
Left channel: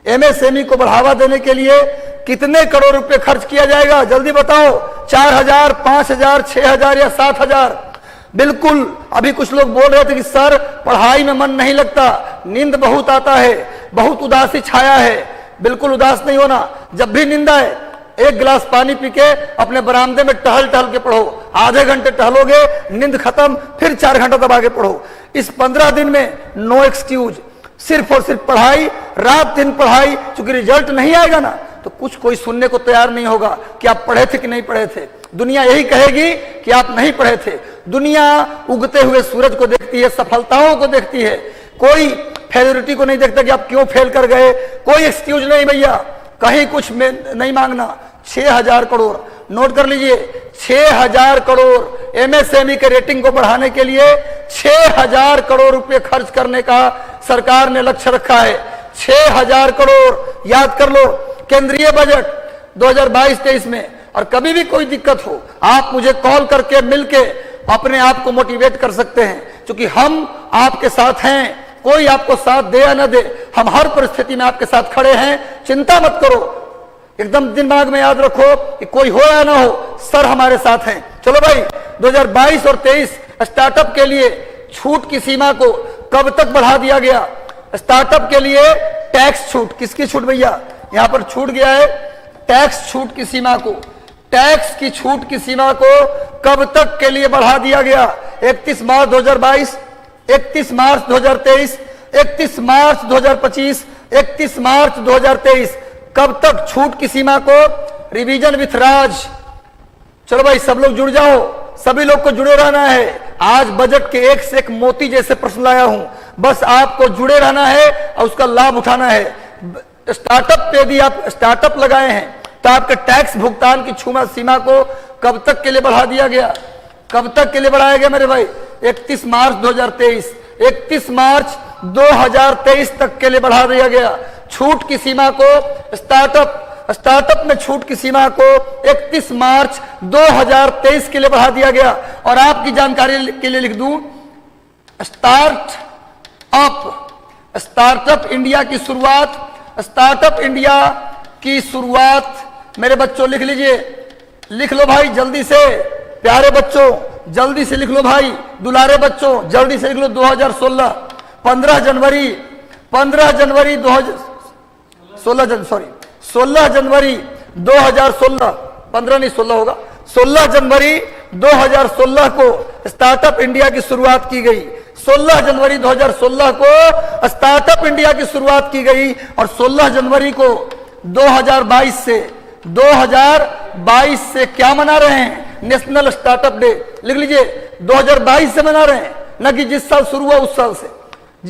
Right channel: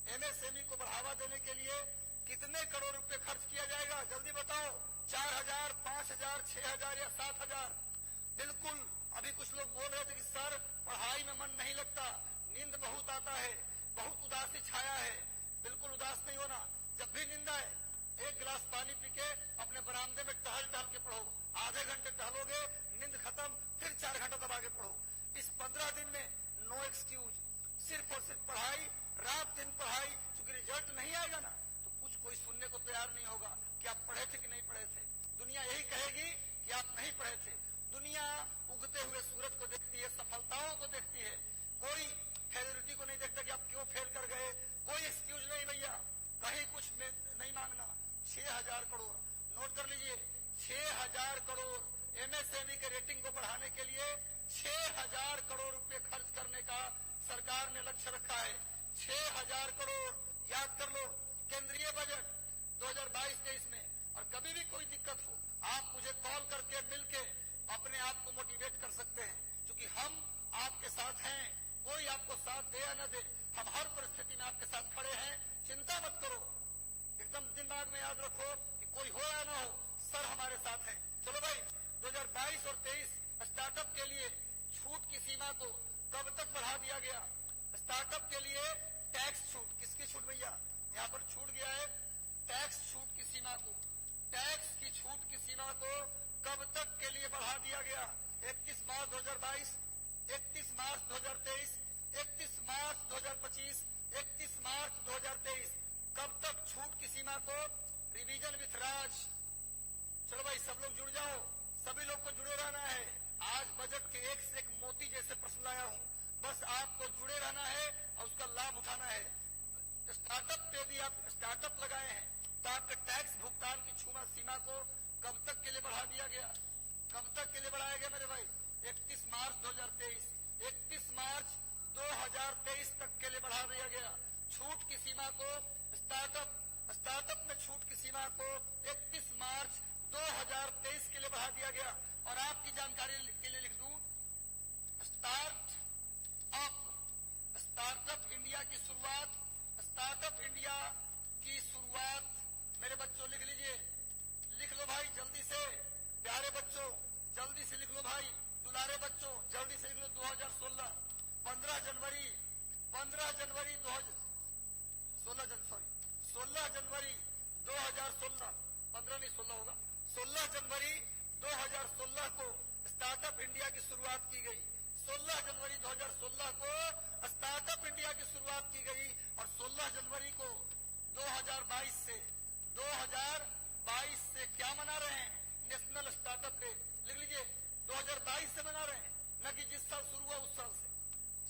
एमएसएमई को बढ़ावा देने के लिए कितने करोड़ रुपए खर्च किया जाएगा? जल्दी बताओ। 4,000, 5,000, 6,000 या 7,000? बिल्कुल। अभी कुछ लोग बोल रहे थे कि सर पढ़ाई में मन नहीं लगता, नींद बहुत आता है, बहुत उदासी छाया है। बिल्कुल उदास नहीं होना। जब भी नींद आए, एक गिलास पानी पी के अपने बरामदे में टहल टहल के पढ़ो। आधे घंटे टहलोगे, नींद खत्म, फिर 4 घंटा तब आगे पढ़ो। इस 15 दिन में नो एक्सक्यूज, सिर्फ और सिर्फ पढ़ाई, रात दिन पढ़ाई। चूंकि रिजल्ट नहीं आएगा ना, तो कुछ कोई सुनने को तैयार नहीं होगा कि आप पढ़े थे कि नहीं पढ़े थे। दुनिया यही कहेगी कि आप नहीं पढ़े थे। दुनिया उगते हुए सूरज को देखती है, सफलताओं को देखती है, कोई फेलियरिटी को नहीं देखता कि आप क्यों फेल कर गए। कोई एक्सक्यूज नहीं भैया, कहीं कुछ नहीं मांगना। 6,000 करोड़ नोट कर लीजिए। 6,000 करोड़ एमएसएमई के रेटिंग को बढ़ाने के लिए 6,000 करोड़ रुपए खर्च करने का सरकार ने लक्ष्य रखा है। 6,000 करोड़। याद कर लो। केंद्रीय बजट 2022-23 में। और कभी भी कोई दिक्कत हो, आप मुझे कॉल करके मिलके अपने आप को मोटिवेट कर सकते हैं, क्योंकि हम आपके साथ हैं। कोई आपको साथ दे या न दे, हम हर परिस्थिति में आपके साथ खड़े हैं। चिंता मत करो, एकदम दिमाग में याद रखो कि कोई हो या ना हो, सर हमारे साथ हैं। चलो भाई, 2022 और 23 स्टार्टअप के लिए छूट की सीमा को कब तक बढ़ा दिया गया? स्टार्टअप के लिए टैक्स छूट, किसकी छूट भैया? यहां पर छूट गया है टैक्स छूट की सीमा को। टैक्स की छूट की सीमा को कब तक के लिए बढ़ा दिया गया? 31 मार्च 2022, 31 मार्च 2023, 31 मार्च 2025, 31 मार्च 2023। कब तक छूट की सीमा को? रिवीजन विथ राज। चलो भाई, सब लोग जुड़ जाओ, सभी लोग को जुड़े रहना है। आज बजट के एक से एक मोती जैसे प्रश्न लाया हूं, बस आपको जुड़े रहना है और उसका लाभ उठाना है। स्टार्टअप पे भी आप स्टार्टअप लगाए हैं, तो आपके टैक्स भुगतान की सीमा को कब तक के लिए बढ़ा दिया गया? कब तक के लिए बढ़ाया गया मेरे भाई? 31 मार्च 2023, 31 मार्च 2023 तक के लिए बढ़ा दिया गया। छूट की सीमा को स्टार्टअप में छूट की सीमा को 31 मार्च 2023 के लिए बढ़ा दिया गया। और आपकी जानकारी के लिए लिख दूं, स्टार्टअप इंडिया की शुरुआत, स्टार्टअप इंडिया की शुरुआत मेरे बच्चों लिख लीजिए, लिख लो भाई जल्दी से, प्यारे बच्चों जल्दी से लिख लो भाई, दुलारे बच्चों जल्दी से लिख लो। 2016 16 जनवरी 2016 2016, 15 नहीं 16 होगा, 16 जनवरी 2016 को स्टार्टअप इंडिया की शुरुआत की गई। 16 जनवरी 2016 को स्टार्टअप इंडिया की शुरुआत की गई और 16 जनवरी को 2022 से क्या मना रहे हैं? National startup day. लिख लीजिए, 2022 से मना रहे हैं, न कि जिस साल शुरू हुआ उस साल से।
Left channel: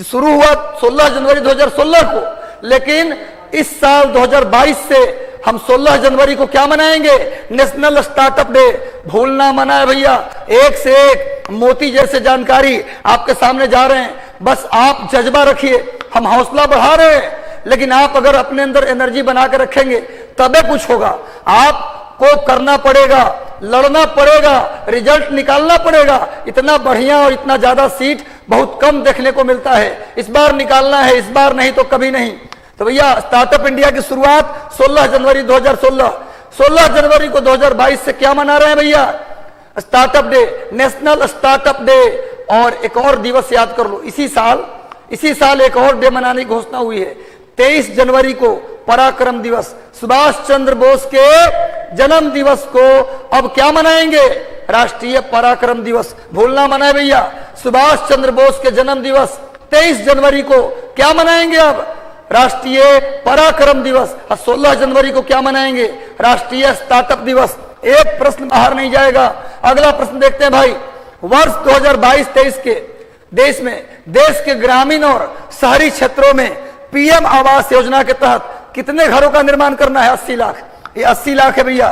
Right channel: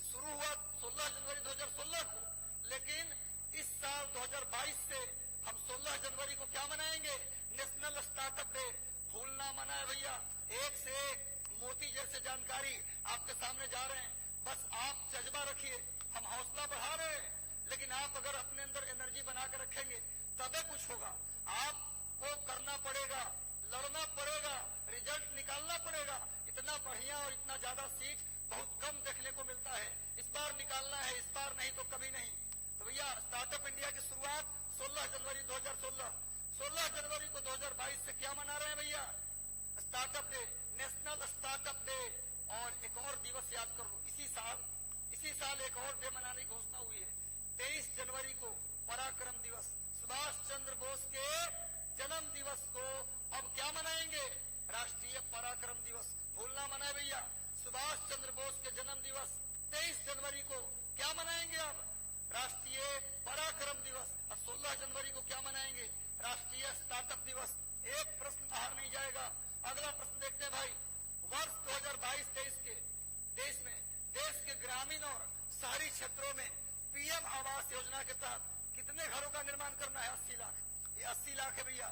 शुरू हुआ 16 जनवरी 2016 को, लेकिन इस साल 2022 से हम 16 जनवरी को क्या मनाएंगे? National startup day. भूलना मना है भैया। एक से एक मोती जैसे जानकारी आपके सामने जा रहे हैं, बस आप जज्बा रखिए, हम हौसला बढ़ा रहे हैं, लेकिन आप अगर अपने अंदर एनर्जी बना के रखेंगे तबे कुछ होगा। आपको करना पड़ेगा, लड़ना पड़ेगा, रिजल्ट निकालना पड़ेगा। इतना बढ़िया और इतना ज्यादा सीट बहुत कम देखने को मिलता है। इस बार निकालना है, इस बार नहीं तो कभी नहीं। तो भैया स्टार्टअप इंडिया की शुरुआत 16 जनवरी 2016, 16 जनवरी को 2022 से क्या मना रहे हैं भैया? Startup day, national startup day. और एक और दिवस याद कर लो, इसी साल एक और डे मनाने की घोषणा हुई है। 23 जनवरी को पराक्रम दिवस, सुभाष चंद्र बोस के जन्म दिवस को अब क्या मनाएंगे? राष्ट्रीय पराक्रम दिवस। भूलना मना है भैया। सुभाष चंद्र बोस के जन्म दिवस 23 जनवरी को क्या मनाएंगे? अब राष्ट्रीय पराक्रम दिवस। और 16 जनवरी को क्या मनाएंगे? राष्ट्रीय स्टार्टअप दिवस। एक प्रश्न बाहर नहीं जाएगा। अगला प्रश्न देखते हैं भाई। वर्ष 2022-23 के देश के ग्रामीण और शहरी क्षेत्रों में पीएम आवास योजना के तहत कितने घरों का निर्माण करना है? 80 लाख। ये 80 लाख है भैया।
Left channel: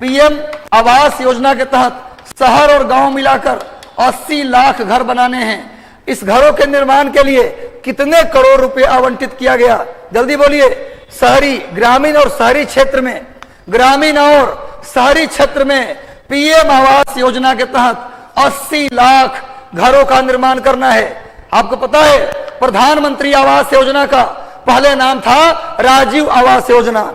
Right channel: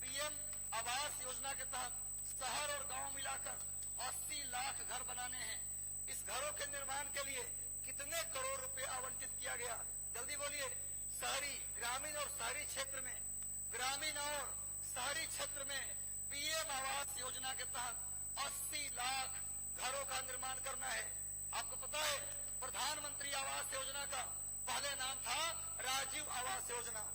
पीएम आवास योजना के तहत शहर और गांव मिलाकर 80 लाख घर बनाने हैं। इस घरों के निर्माण के लिए कितने करोड़ रुपए आवंटित किया गया? जल्दी बोलिए। ग्रामीण और शहरी क्षेत्र में पीएम आवास योजना के तहत 80 लाख घरों का निर्माण करना है। आपको पता है प्रधानमंत्री आवास योजना का पहले नाम था राजीव आवास योजना।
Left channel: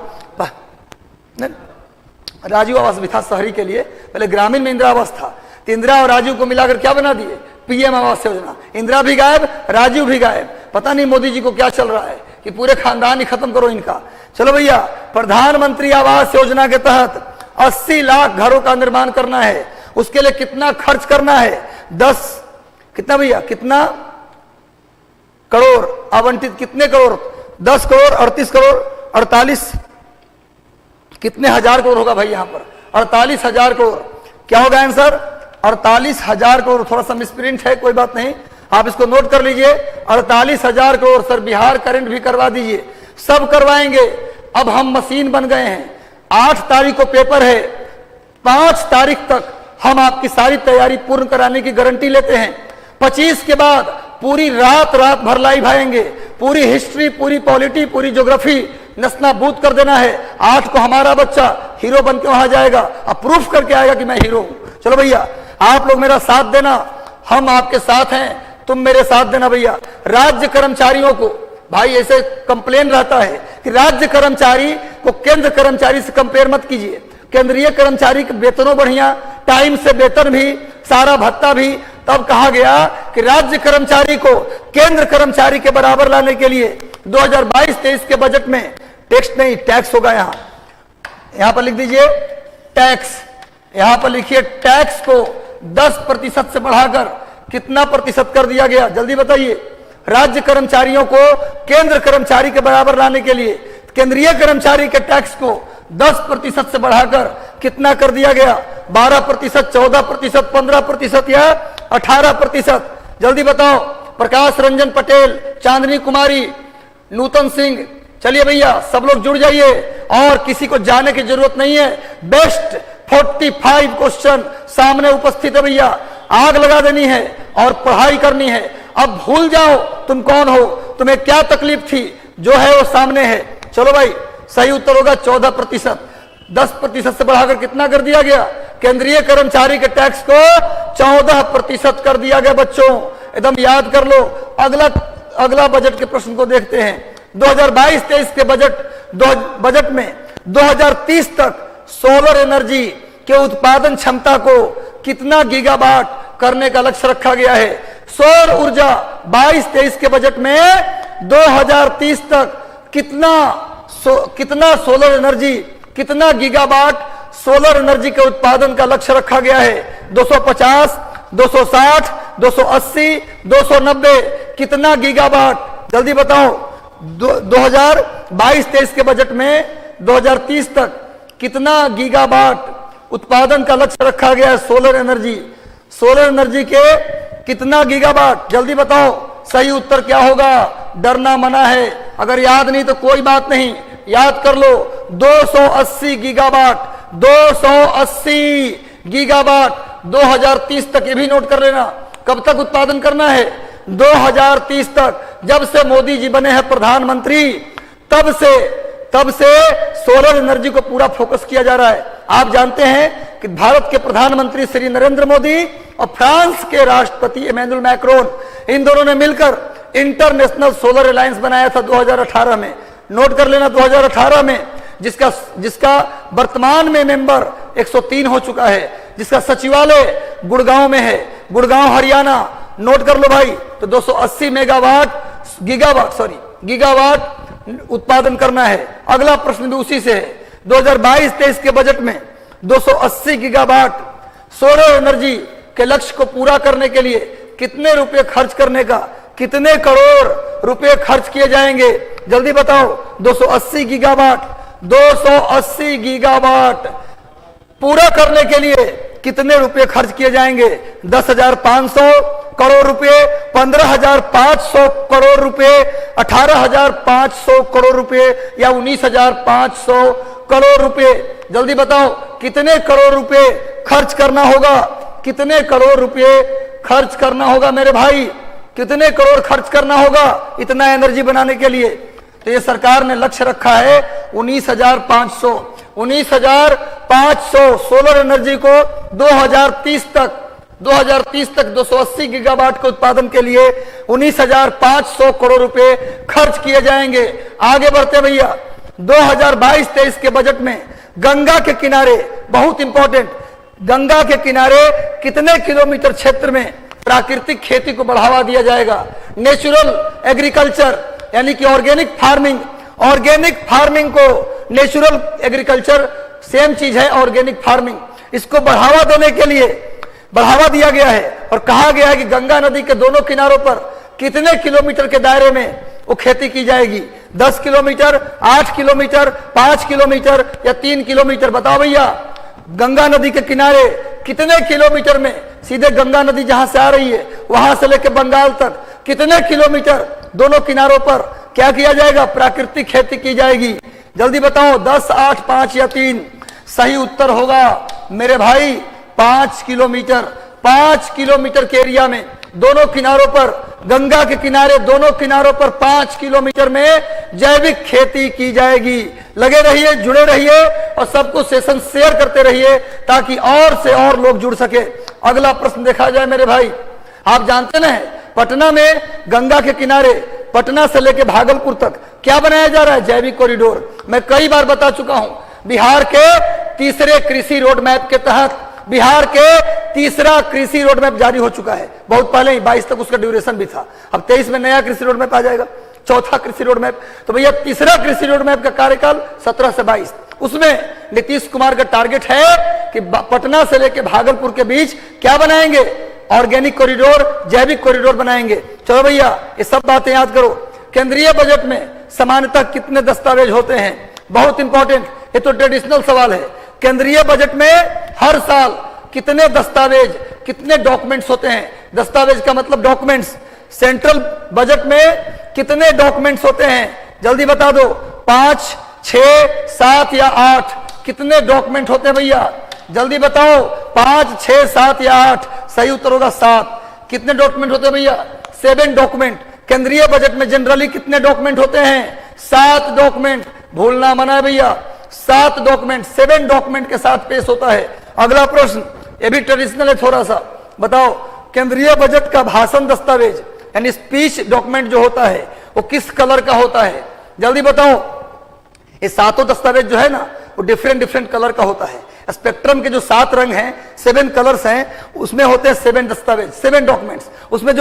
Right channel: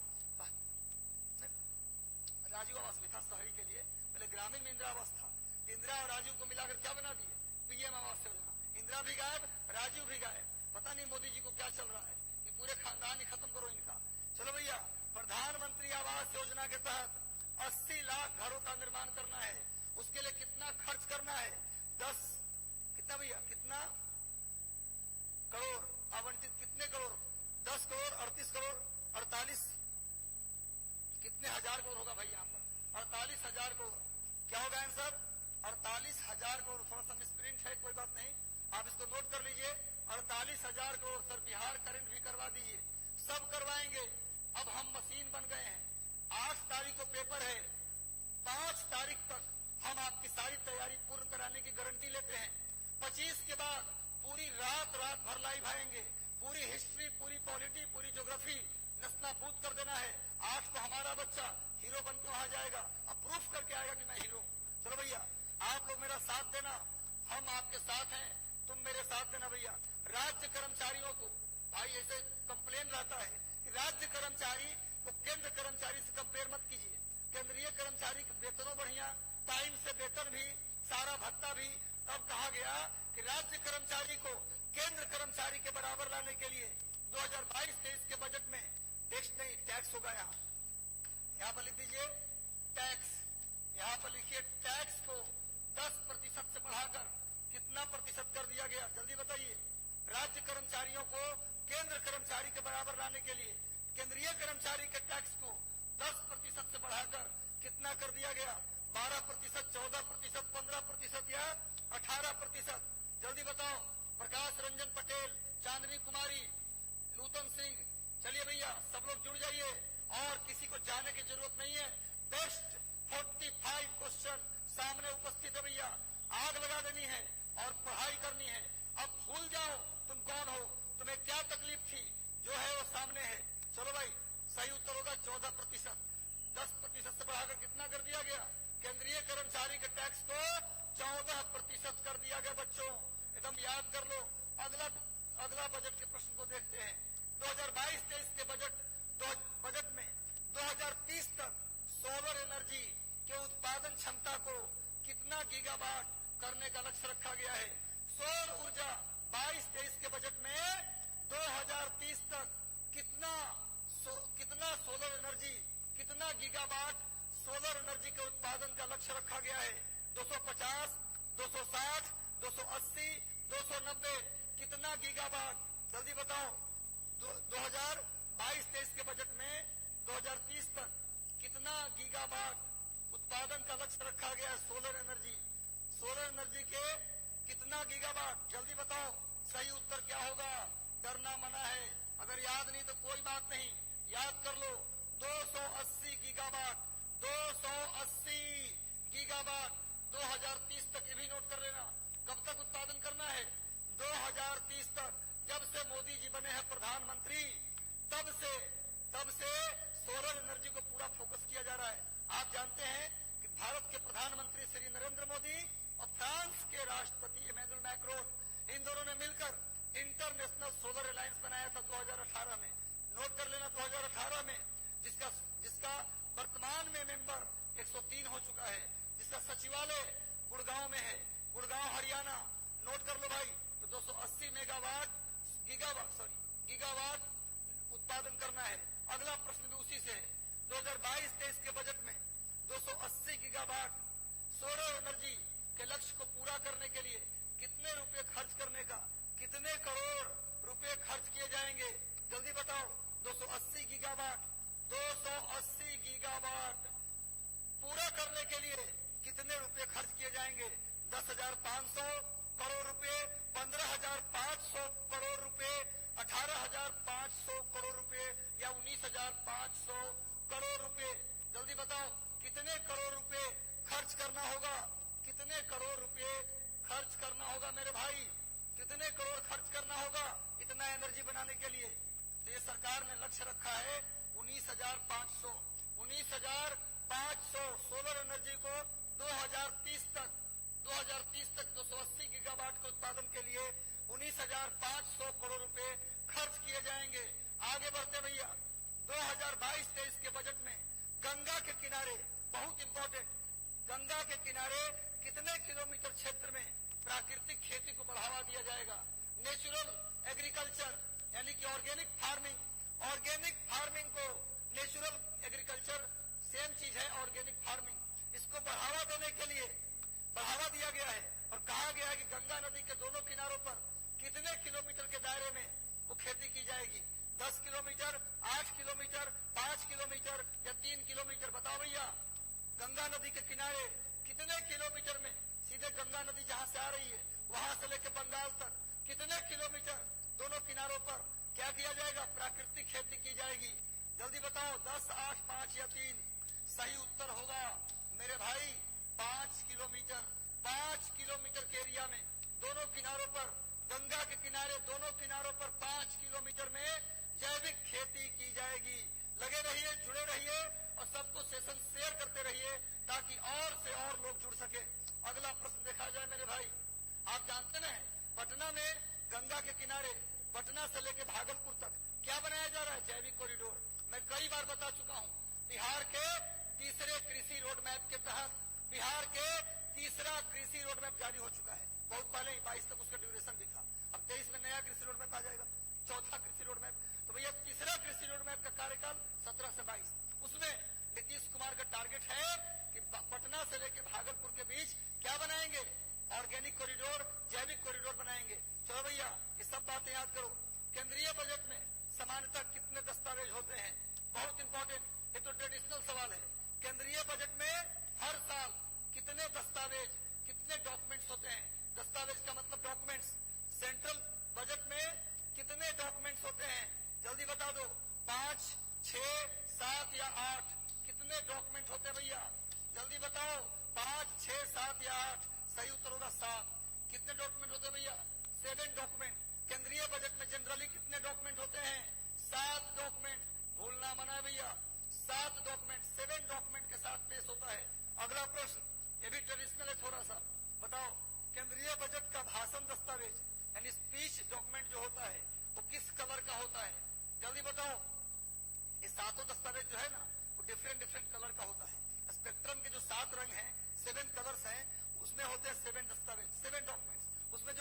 राजीव आवास भी था शहरी के लिए, पहले ग्रामीण में इंदिरा आवास था। तो इंदिरा और राजीव को मिलाकर क्या बना दिए? पीएम आवास योजना। इंदिरा भी गायब, राजीव भी गायब। पता नहीं मोदी जी को क्या चल रहा है कि पूरे खानदान ही खत्म करो इनका। चलो भैया, प्रधानमंत्री आवास योजना के तहत 80 लाख घरों का निर्माण करना है। उसके लिए कितना खर्च करना है? कितना भैया, कितना करोड़ आवंटित? कितने करोड़? 10 करोड़, 38 करोड़, 48, कितने हजार करोड़ होगा भाई? यहां पर 48,000 करोड़। क्या होगा आंसर? 48,000 करोड़। थोड़ा सा मिसप्रिंट है, कोई बात नहीं, आप इसको नोट कर लीजिए। 48,000 करोड़। सर बिहार करंट भी करवा दीजिए, सब करवाएंगे। अब हम मशीन बन गए हैं। 8 तारीख को पेपर है, 5 तारीख तक हम आपकी सारी तैयारी पूर्ण कराने की गारंटी लेते हैं। 25 के बाद पूरी रात भर लाइव आएंगे। पूरी हिस्ट्री, पूरी पॉलिटी, पूरी ज्योग्राफी नस्तानाबूद कर देना है। 8 को हमारा बच्चा हीरो बन के वहां जाएगा, अब प्रूफ करके आएगा कि मैं हीरो हूं। चलो भैया, आप लोग मेरा साथ देना, हम आपके साथ हैं, तुम मेरे साथ देना भैया। राज्य कर्मचारियों को भाई ऐसे कंप्लेन रहता है कि राज्य कर्मचारी को केंद्र कर्मचारी से कंपेयर मत कीजिए। केंद्रीय कर्मचारी के वेतनों बढ़िया, टाइम से वेतन भी, सारा भत्ता भी। तब कहा गया कि राज्य कर्मचारी को केंद्र कर्मचारी के बराबर लाने के लिए 2022-23 के बजट में टैक्स नहीं, टैक्स होगा। यहां पर लिख दीजिए टैक्स। यहां पर लिखिए टैक्स को 10% से बढ़ाकर कितना प्रतिशत कर दिया गया? जल्दी बताइए। राज्य कर्मचारियों को केंद्र कर्मचारी के बराबर लाने के लिए केंद्रीय कर्मचारी के टैक्स को 10% से बढ़ाकर कितना कर दिया गया? 12%, 14%, 15% या 18%? जल्दी बताओ। प्रकाश रंजन पटेल, चांदनी कुमारी, नूतन सिंह, चलिए भैया सब लोग जुड़ जाइए और किसी को जाने की जरूरत नहीं है। बेस्ट 45 क्वेश्चन सामने उपस्थित है भैया, आग लगा देनी है और पढ़ाई करनी है। अब भूल जाओ तुम कौन हो, तुम्हें क्या तकलीफ थी, जो है वो सामने है। चलो भाई, सही उत्तर होगा 14%। 10% से बढ़ाकर कितना कर दिया गया? केंद्रीय कर्मचारी के टैक्स को 14% कर दिया गया। बच्चों एकदम याद कर लो। अगला बजट के प्रश्न को देखते हैं। 2022-23 के बजट में 2030 तक सोलर एनर्जी के उत्पादन क्षमता को कितना गीगावाट करने का लक्ष्य रखा गया है? सौर ऊर्जा 22-23 के बजट में 2030 तक कितना सोलर एनर्जी कितना गीगावाट सोलर एनर्जी के उत्पादन का लक्ष्य रखा गया है? 250, 260, 280, 290, कितना गीगावाट? जल्दी बताओ। 2022-23 के बजट में 2030 तक कितना गीगावाट उत्पादन का लक्ष्य रखा गया है? सोलर एनर्जी के कितना गीगावाट? जल्दी बताओ। सही उत्तर क्या होगा? डरना मना है। अगर याद नहीं तो कोई बात नहीं, याद कर लो। 280 गीगावाट, 280 गीगावाट 2030 तक। ये भी नोट कर लेना, कब तक उत्पादन करना है? 2030 तक। जब से मोदी जी बने हैं प्रधानमंत्री, तब से सोलर एनर्जी को पूरा फोकस किया जा रहा है। आप जानते हैं कि भारत के प्रधानमंत्री श्री नरेंद्र मोदी और फ्रांस के राष्ट्रपति इमैनुअल मैक्रोन, इन दोनों ने मिलकर इंटरनेशनल सोलर अलायंस बनाया था 2018 में। नोट कर लेना, 2018 में, जिसका वर्तमान में मेंबर 103 हो चुका है, जिसका सचिवालय गुड़गांव में है, गुड़गांव हरियाणा। नोट कर लो भाई। तो 280 गीगावाट उत्पादन करना है। अगला प्रश्न भी उसी से है। 2022-23 के बजट में 280 गीगावाट सोलर एनर्जी के लक्ष्य को पूरा करने के लिए कितने रुपए खर्च करने का, कितने करोड़ रुपए खर्च किए जाएंगे? जल्दी बताओ। 280 गीगावाट पूरा करने के लिए कितने रुपए खर्च किए जाएंगे? 10,500 करोड़ रुपए, 15,500 करोड़ रुपए, 18,500 करोड़ रुपए या 19,500 करोड़ रुपए? जल्दी बताओ कितने करोड़ रुपए खर्च करना होगा? कितने करोड़ रुपए खर्च करना होगा मेरे भाई? कितने करोड़ खर्च करना होगा इतना एनर्जी बनाने के लिए? तो ये सरकार ने लक्ष्य रखा है 19,500 सोलर एनर्जी को 2030 तक 280 गीगावाट के उत्पादन के लिए 19,500 करोड़ रुपए खर्च किए जाएंगे। आगे बढ़ते भैया। 2022-23 के बजट में गंगा के किनारे, बहुत इंपॉर्टेंट, गंगा के किनारे कितने किलोमीटर क्षेत्र में प्राकृतिक खेती को बढ़ावा दिया जाएगा? नेचुरल एग्रीकल्चर यानी कि ऑर्गेनिक फार्मिंग को, नेचुरल एग्रीकल्चर सेम चीज है, ऑर्गेनिक फार्मिंग, इसको बढ़ावा देने के लिए बढ़ावा दिया गया है। और कहा गया है कि गंगा नदी के दोनों किनारों पर कितने किलोमीटर के दायरे में वो खेती की जाएगी? 10 किलोमीटर, 8 किलोमीटर, 5 किलोमीटर या 3 किलोमीटर? बताओ भैया। गंगा नदी के किनारे कितने किलोमीटर में, सीधे गंगा नदी जहां से आ रही है वहां से लेकर बंगाल तक कितने किलोमीटर दोनों किनारों पर क्या किया जाएगा? प्राकृतिक खेती की जाएगी। जल्दी बताओ। 10, 8, 5 या 3? सही उत्तर होगा मेरे भाई 5 किलोमीटर। 5 किलोमीटर के एरिया में दोनों किनारों पर, गंगा के किनारे दोनों किनारों पर 5 किलोमीटर में जैविक खेती की जाएगी। लगे रहिए, जुड़े रहिए और सबको सेशन शेयर करते रहिए ताकि और से और लोग जुड़ सके। अगला प्रश्न देखा जाए मेरे भाई। आप जानते ना पटना में गंगा के किनारे, पटना से लेकर भागलपुर तक क्या बनाया जा रहा है? जैविक कॉरिडोर। मैं कई बार बता चुका हूं, बिहार के तीसरे कृषि रोड मैप के तहत बिहार के तीसरा कृषि रोड मैप जारी हो चुका है। बहुत पहले ही 22 तक उसका ड्यूरेशन भी था। अब 23 में नया कृषि रोड मैप आ जाएगा, चौथा कृषि रोड मैप। तो भैया तीसरा कृषि रोड मैप का कार्यकाल 17 से 22, उसमें नीतीश कुमार का टारगेट है कि पटना से लेकर भागलपुर के बीच क्या बनाएंगे? ऑर्गेनिक कॉरिडोर, जैविक कॉरिडोर बनाएंगे। चलो भैया ये सब बातें याद करो। केंद्रीय बजट में सामान्यतः कितने दस्तावेज होते हैं? बहुत इंपॉर्टेंट, ये तो ट्रेडिशनल सवाल है। केंद्रीय बजट में हर साल कितने दस्तावेज, कितने डॉक्यूमेंट्स होते हैं? दस्तावेज का मतलब डॉक्यूमेंट्स। सेंट्रल बजट में कितने डॉक्यूमेंट्स होते हैं? जल्दी बता दो। 5, 6, 7 या 8? कितने डॉक्यूमेंट होते हैं भैया? जल्दी बताओ। 5, 6, 7 या 8? सही उत्तर होगा 7। कितने डॉक्यूमेंट होते हैं भैया? 7 डॉक्यूमेंट। केंद्रीय बजट में जनरली कितने डॉक्यूमेंट होते हैं? 7 डॉक्यूमेंट। भूलना मना है भैया, 7 डॉक्यूमेंट, 7 डॉक्यूमेंट के साथ पेश होता है। अगला प्रश्न, ये भी ट्रेडिशनल है थोड़ा सा। बताओ केंद्रीय बजट का भाषण दस्तावेज यानी स्पीच डॉक्यूमेंट जो होता है वो किस कलर का होता है? जल्दी बताओ। ये 7 दस्तावेज जो है ना वो डिफरेंट कलर का होता है। स्पेक्ट्रम के जो 7 रंग हैं, 7 कलर्स हैं, उसमें होते हैं 7 दस्तावेज, 7 डॉक्यूमेंट्स। उसमें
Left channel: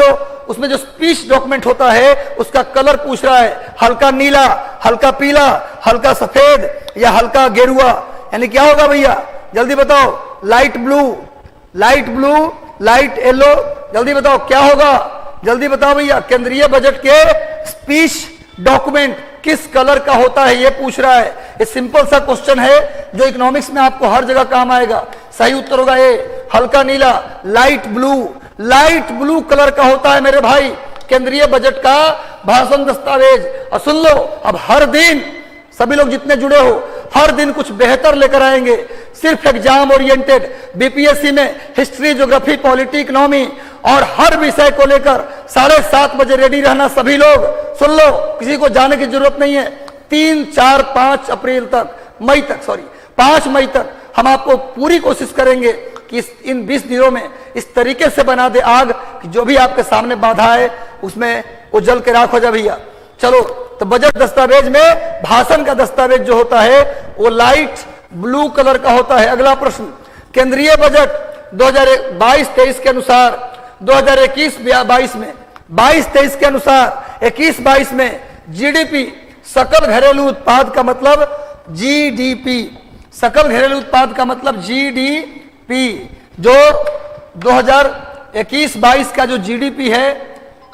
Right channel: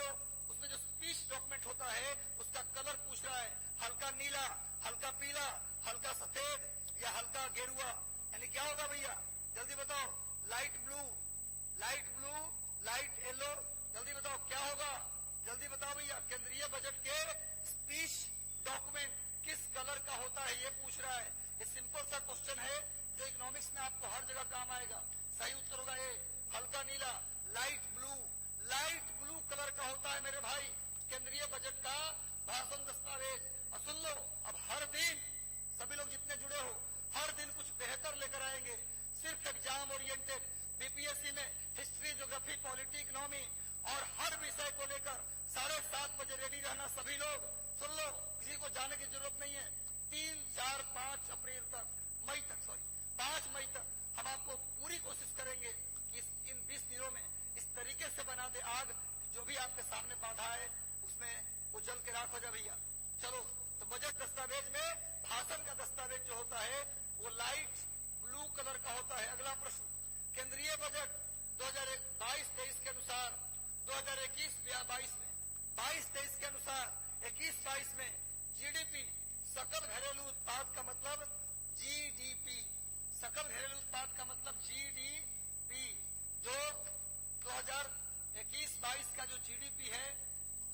जो स्पीच डॉक्यूमेंट होता है उसका कलर पूछ रहा है, हल्का नीला, हल्का पीला, हल्का सफेद या हल्का गेरुआ, यानी क्या होगा भैया जल्दी बताओ? Light blue, light blue, light yellow, जल्दी बताओ क्या होगा? जल्दी बताओ भैया। केंद्रीय बजट के स्पीच डॉक्यूमेंट किस कलर का होता है, ये पूछ रहा है। ये सिंपल सा क्वेश्चन है जो इकोनॉमिक्स में आपको हर जगह काम आएगा। सही उत्तर होगा ए, हल्का नीला, light blue. Light blue colour का होता है मेरे भाई केंद्रीय बजट का भाषण दस्तावेज। और सुन लो, अब हर दिन सभी लोग जितने जुड़े हो हर दिन कुछ बेहतर लेकर आएंगे। सिर्फ एग्जाम ओरिएंटेड बीपीएससी में हिस्ट्री, ज्योग्राफी, पॉलिटी, इकोनॉमी और हर विषय को लेकर 7:30 बजे रेडी रहना सभी लोग। सुन लो, किसी को जाने की जरूरत नहीं है। 3, 4, 5 अप्रैल तक, 5 मई तक हम आपको पूरी कोशिश करेंगे कि इन 20 दिनों में इस तरीके से बना दे आग कि जो भी आपके सामने बाधा है उसमें वो जल के राख हो जाए भैया। चलो, तो बजट दस्तावेज में भाषण का दस्तावेज जो होता है वो लाइट ब्लू कलर का होता है। अगला प्रश्न, केंद्रीय बजट 2022-23 के अनुसार 2021-22 में 22-23 के अनुसार 21-22 में जीडीपी, सकल घरेलू उत्पाद का मतलब जीडीपी, सकल घरेलू उत्पाद का मतलब जीडीपी, जो 2021-22 का जो जीडीपी है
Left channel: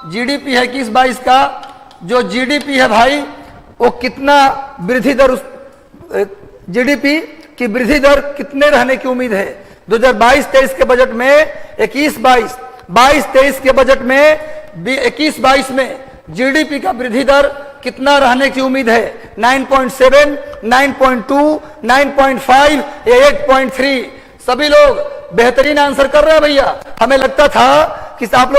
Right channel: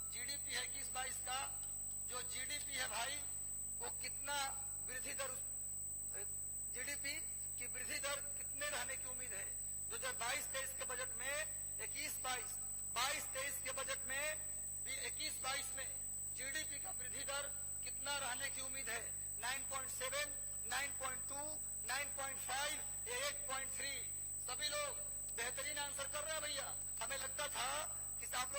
21-22 का जो जीडीपी है भाई, वो कितना वृद्धि दर, जीडीपी की वृद्धि दर कितने रहने की उम्मीद है? 2022-23 के बजट में 22-23 के बजट में 21-22 में जीडीपी का वृद्धि दर कितना रहने की उम्मीद है? 9.7, 9.2, 9.5 या 8.3? सभी लोग बेहतरीन आंसर कर रहे हैं भैया। हमें लगता था कि आप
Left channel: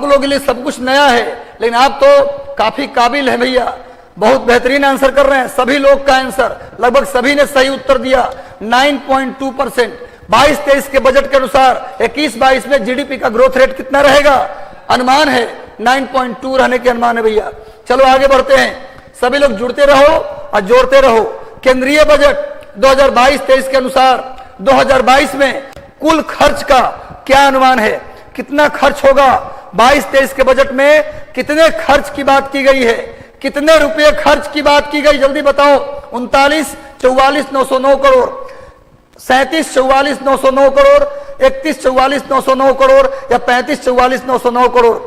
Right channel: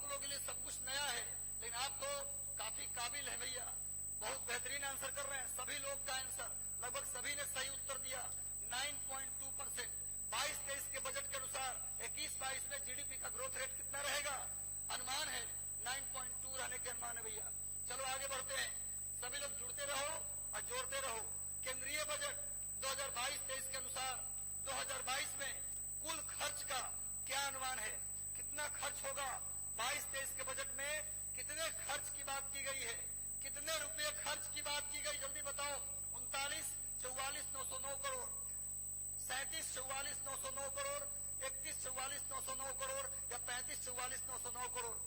लोगों के लिए सब कुछ नया है, लेकिन आप तो काफी काबिल है भैया, बहुत बेहतरीन आंसर कर रहे हैं। सभी लोग का आंसर, लगभग सभी ने सही उत्तर दिया। 9.2%। 22-23 के बजट के अनुसार 21-22 में जीडीपी का ग्रोथ रेट कितना रहेगा? अनुमान है 9.2 रहने के अनुमान है भैया। चलो आगे बढ़ते हैं, सभी लोग जुड़ते रहो और जोड़ते रहो। केंद्रीय बजट 2022-23 के अनुसार 2022 में कुल खर्च का क्या अनुमान है? कितना खर्च होगा? 22-23 के बजट में कितने खर्च की बात की गई है? कितने रुपए खर्च की बात की गई, जल्दी बताओ? 39-44-909 करोड़, 37-44-909 करोड़, 31-44-909 करोड़ या 35-44-909 करोड़?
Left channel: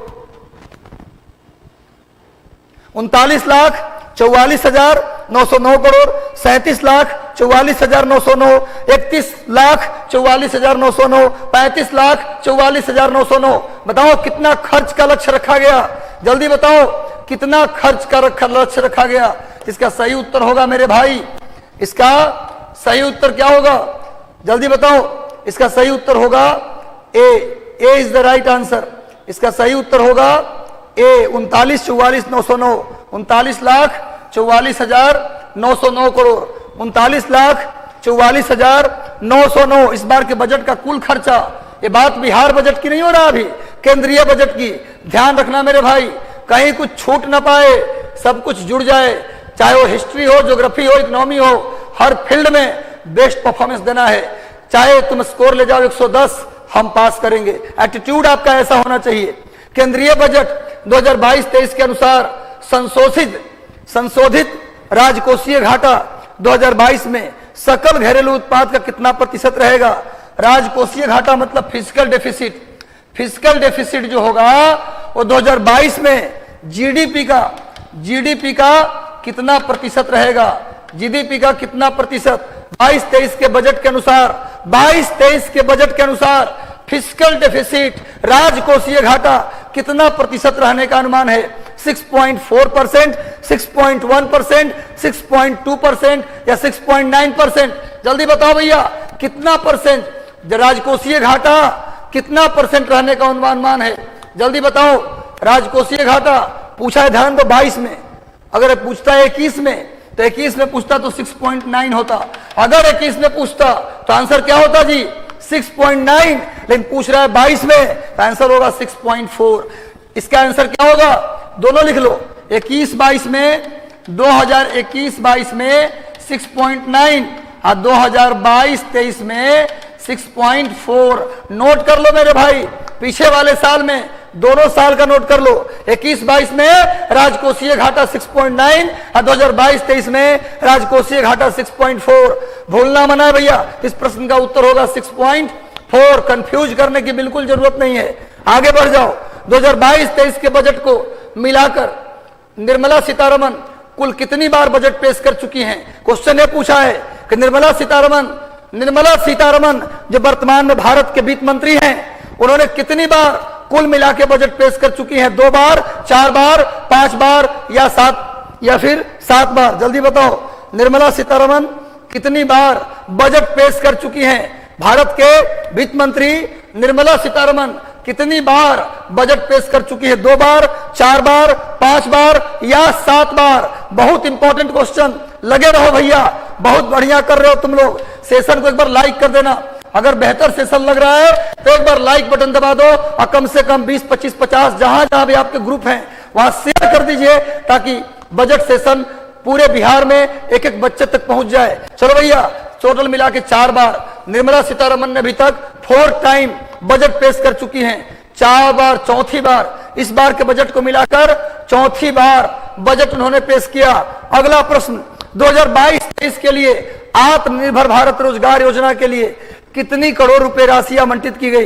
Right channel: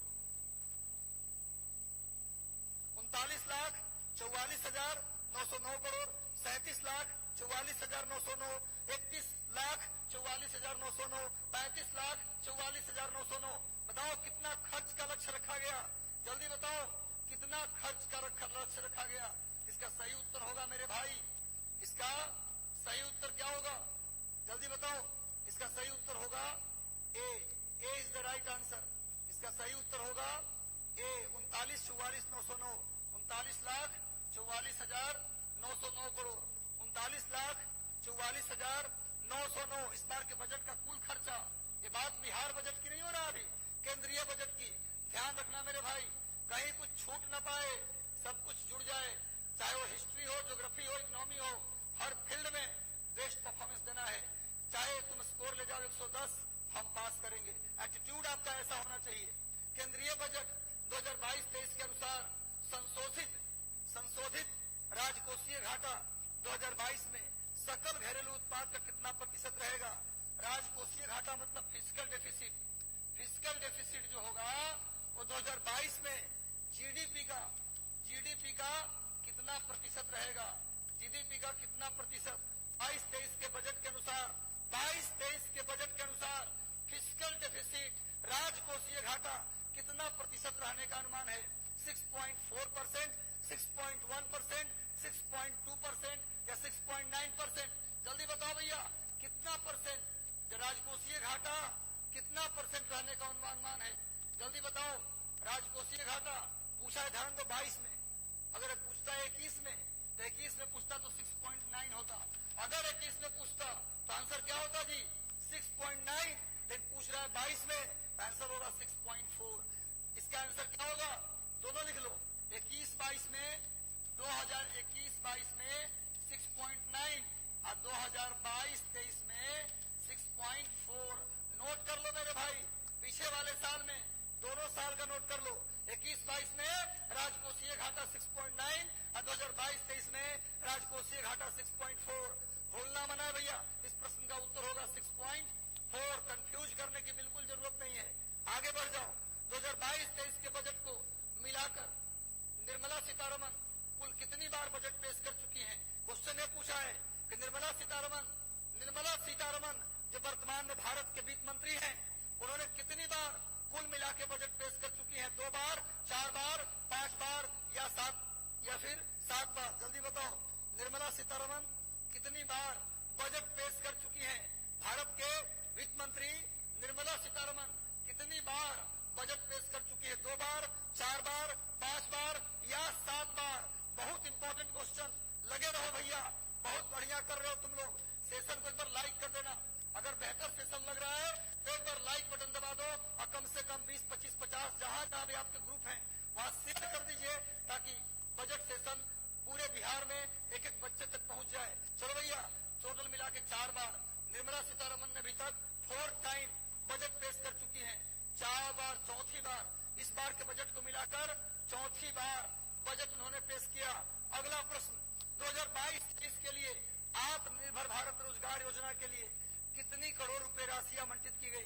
39,44,909 करोड़, 37,44,909, 31,44,909, 35,44,909। बताओ कितना खर्च का लक्ष्य रखा गया? जल्दी बताओ कितना खर्च का लक्ष्य रखा गया? इसका सही उत्तर होगा मेरे भाई, इसका सही उत्तर क्या होगा? जल्दी बताओ। इसका सही उत्तर होगा A is the right answer. इसका सही उत्तर होगा ए 39,44,909, 39,44,909 करोड़, 39,44,909 इस बार के बजट का कुल खर्चा। ये बात बिहार बजट की नहीं हो रहा, अभी केंद्रीय बजट की। ध्यान रखना मेरे भाई, कहीं कुछ छूट ना पाए, सब कुछ जुड़ जाए, चाहे वो हिस्ट्री हो, ज्योग्राफी हो, इकोनॉमी हो, हर फील्ड में बेस्ट परफॉर्मेंस देना है। चाहे तुम स्कोर ले जाओ 110, हम पास करेंगे। एटीट्यूड आपका ऐसा होना चाहिए। केंद्रीय बजट 2022-23 के अनुसार संशोधित राजकोषीय घाटा 2022 में सकल घरेलू उत्पाद का कितना प्रतिशत रहेगा? राजकोषीय घाटा मतलब फिजिकल डेफिसिट। फिजिकल डेफिसिट जो होगा वो 2022 में जीडीपी का कितना प्रतिशत रहेगा? जीडीपी का कितना प्रतिशत? 22-23 के बजट के अनुसार 22-23 के बजट के अनुसार फिजिकल डेफिसिट, राजकोषीय घाटा कितना प्रतिशत रहने का अनुमान है? 6.4%, 6.1%, 6.2% या 6.9%? जल्दी बताओ भैया कितना परसेंट राजकोषीय घाटा, कितना परसेंट रहने का अनुमान है? जल्दी बताओ। राजकोषीय घाटा पूछा है, ध्यान दो, 22 में। अगर पूछता है 21 में तो 21 में पूछता तो 6.9 होता। अगर 21 में पूछता तो आंसर क्या होता जी? 6.9। लेकिन पूछ रहा है 22 में तो आंसर होगा 6.4। इसका आंसर क्या होगा? दोनों लिख लो। 21-22 में 2021-22 में 6.9 और 2022-23 में 6.4। नोट कर लो मेरे भाई, पीछे वाले साल में दोनों साल का नोट कर लो। 21-22 में राजकोषीय घाटा 6.9 और 2022-23 में राजकोषीय घाटा 6.4। भूलना मना है भैया, इस प्रश्न का उत्तर होगा 6.4। कंफ्यूज करने की बिल्कुल जरूरत नहीं है। आगे बढ़ जाओ। 2022-23 के बजट को मिलाकर निर्मला सीतारमण कुल कितनी बार बजट पेश कर चुकी हैं? क्वेश्चन ये पूछा है कि निर्मला सीतारमण जो वर्तमान में भारत के वित्त मंत्री हैं, उन्होंने कितनी बार कुल मिला के बजट पेश कर चुकी हैं? 2 बार, 4 बार, 5 बार या 7 बार? जल्दी बताओ, निर्मला सीतारमण कितनी बार बजट पेश कर चुकी हैं? भारत के वित्त मंत्री निर्मला सीतारमण कितनी बार बजट पेश कर चुकी है? 2 बार, 4 बार, 5 बार या 7 बार? बहुत इंपॉर्टेंट क्वेश्चन। लगे रहो भैया, बहुत बढ़िया कर रहे हो तुम लोग। सेशन को एक बार लाइक कर देना। अगर बेहतर सेशन लग रहा है तो एक बार लाइक बटन दबा दो और कम से कम 20, 25, 50 जहां जहां भी आपके ग्रुप हैं वहां शेयर कर दीजिए, ताकि बजट सेशन पूरे बिहार में एक एक बच्चे तक पहुंच जाए। चलो भैया, टोटल मिला के 4 बार निर्मला सीतारमण ने अभी तक 4 टाइम बजट पेश कर चुकी हैं। 4 बार, चौथी बार इस बार के बजट को मिलाकर चौथी बार बजट उन्होंने पेश किया। अगला प्रश्न, 2022-23 के लिए आत्मनिर्भर भारत रोजगार योजना के लिए कितनी करोड़ रुपए राशि आवंटित की गई?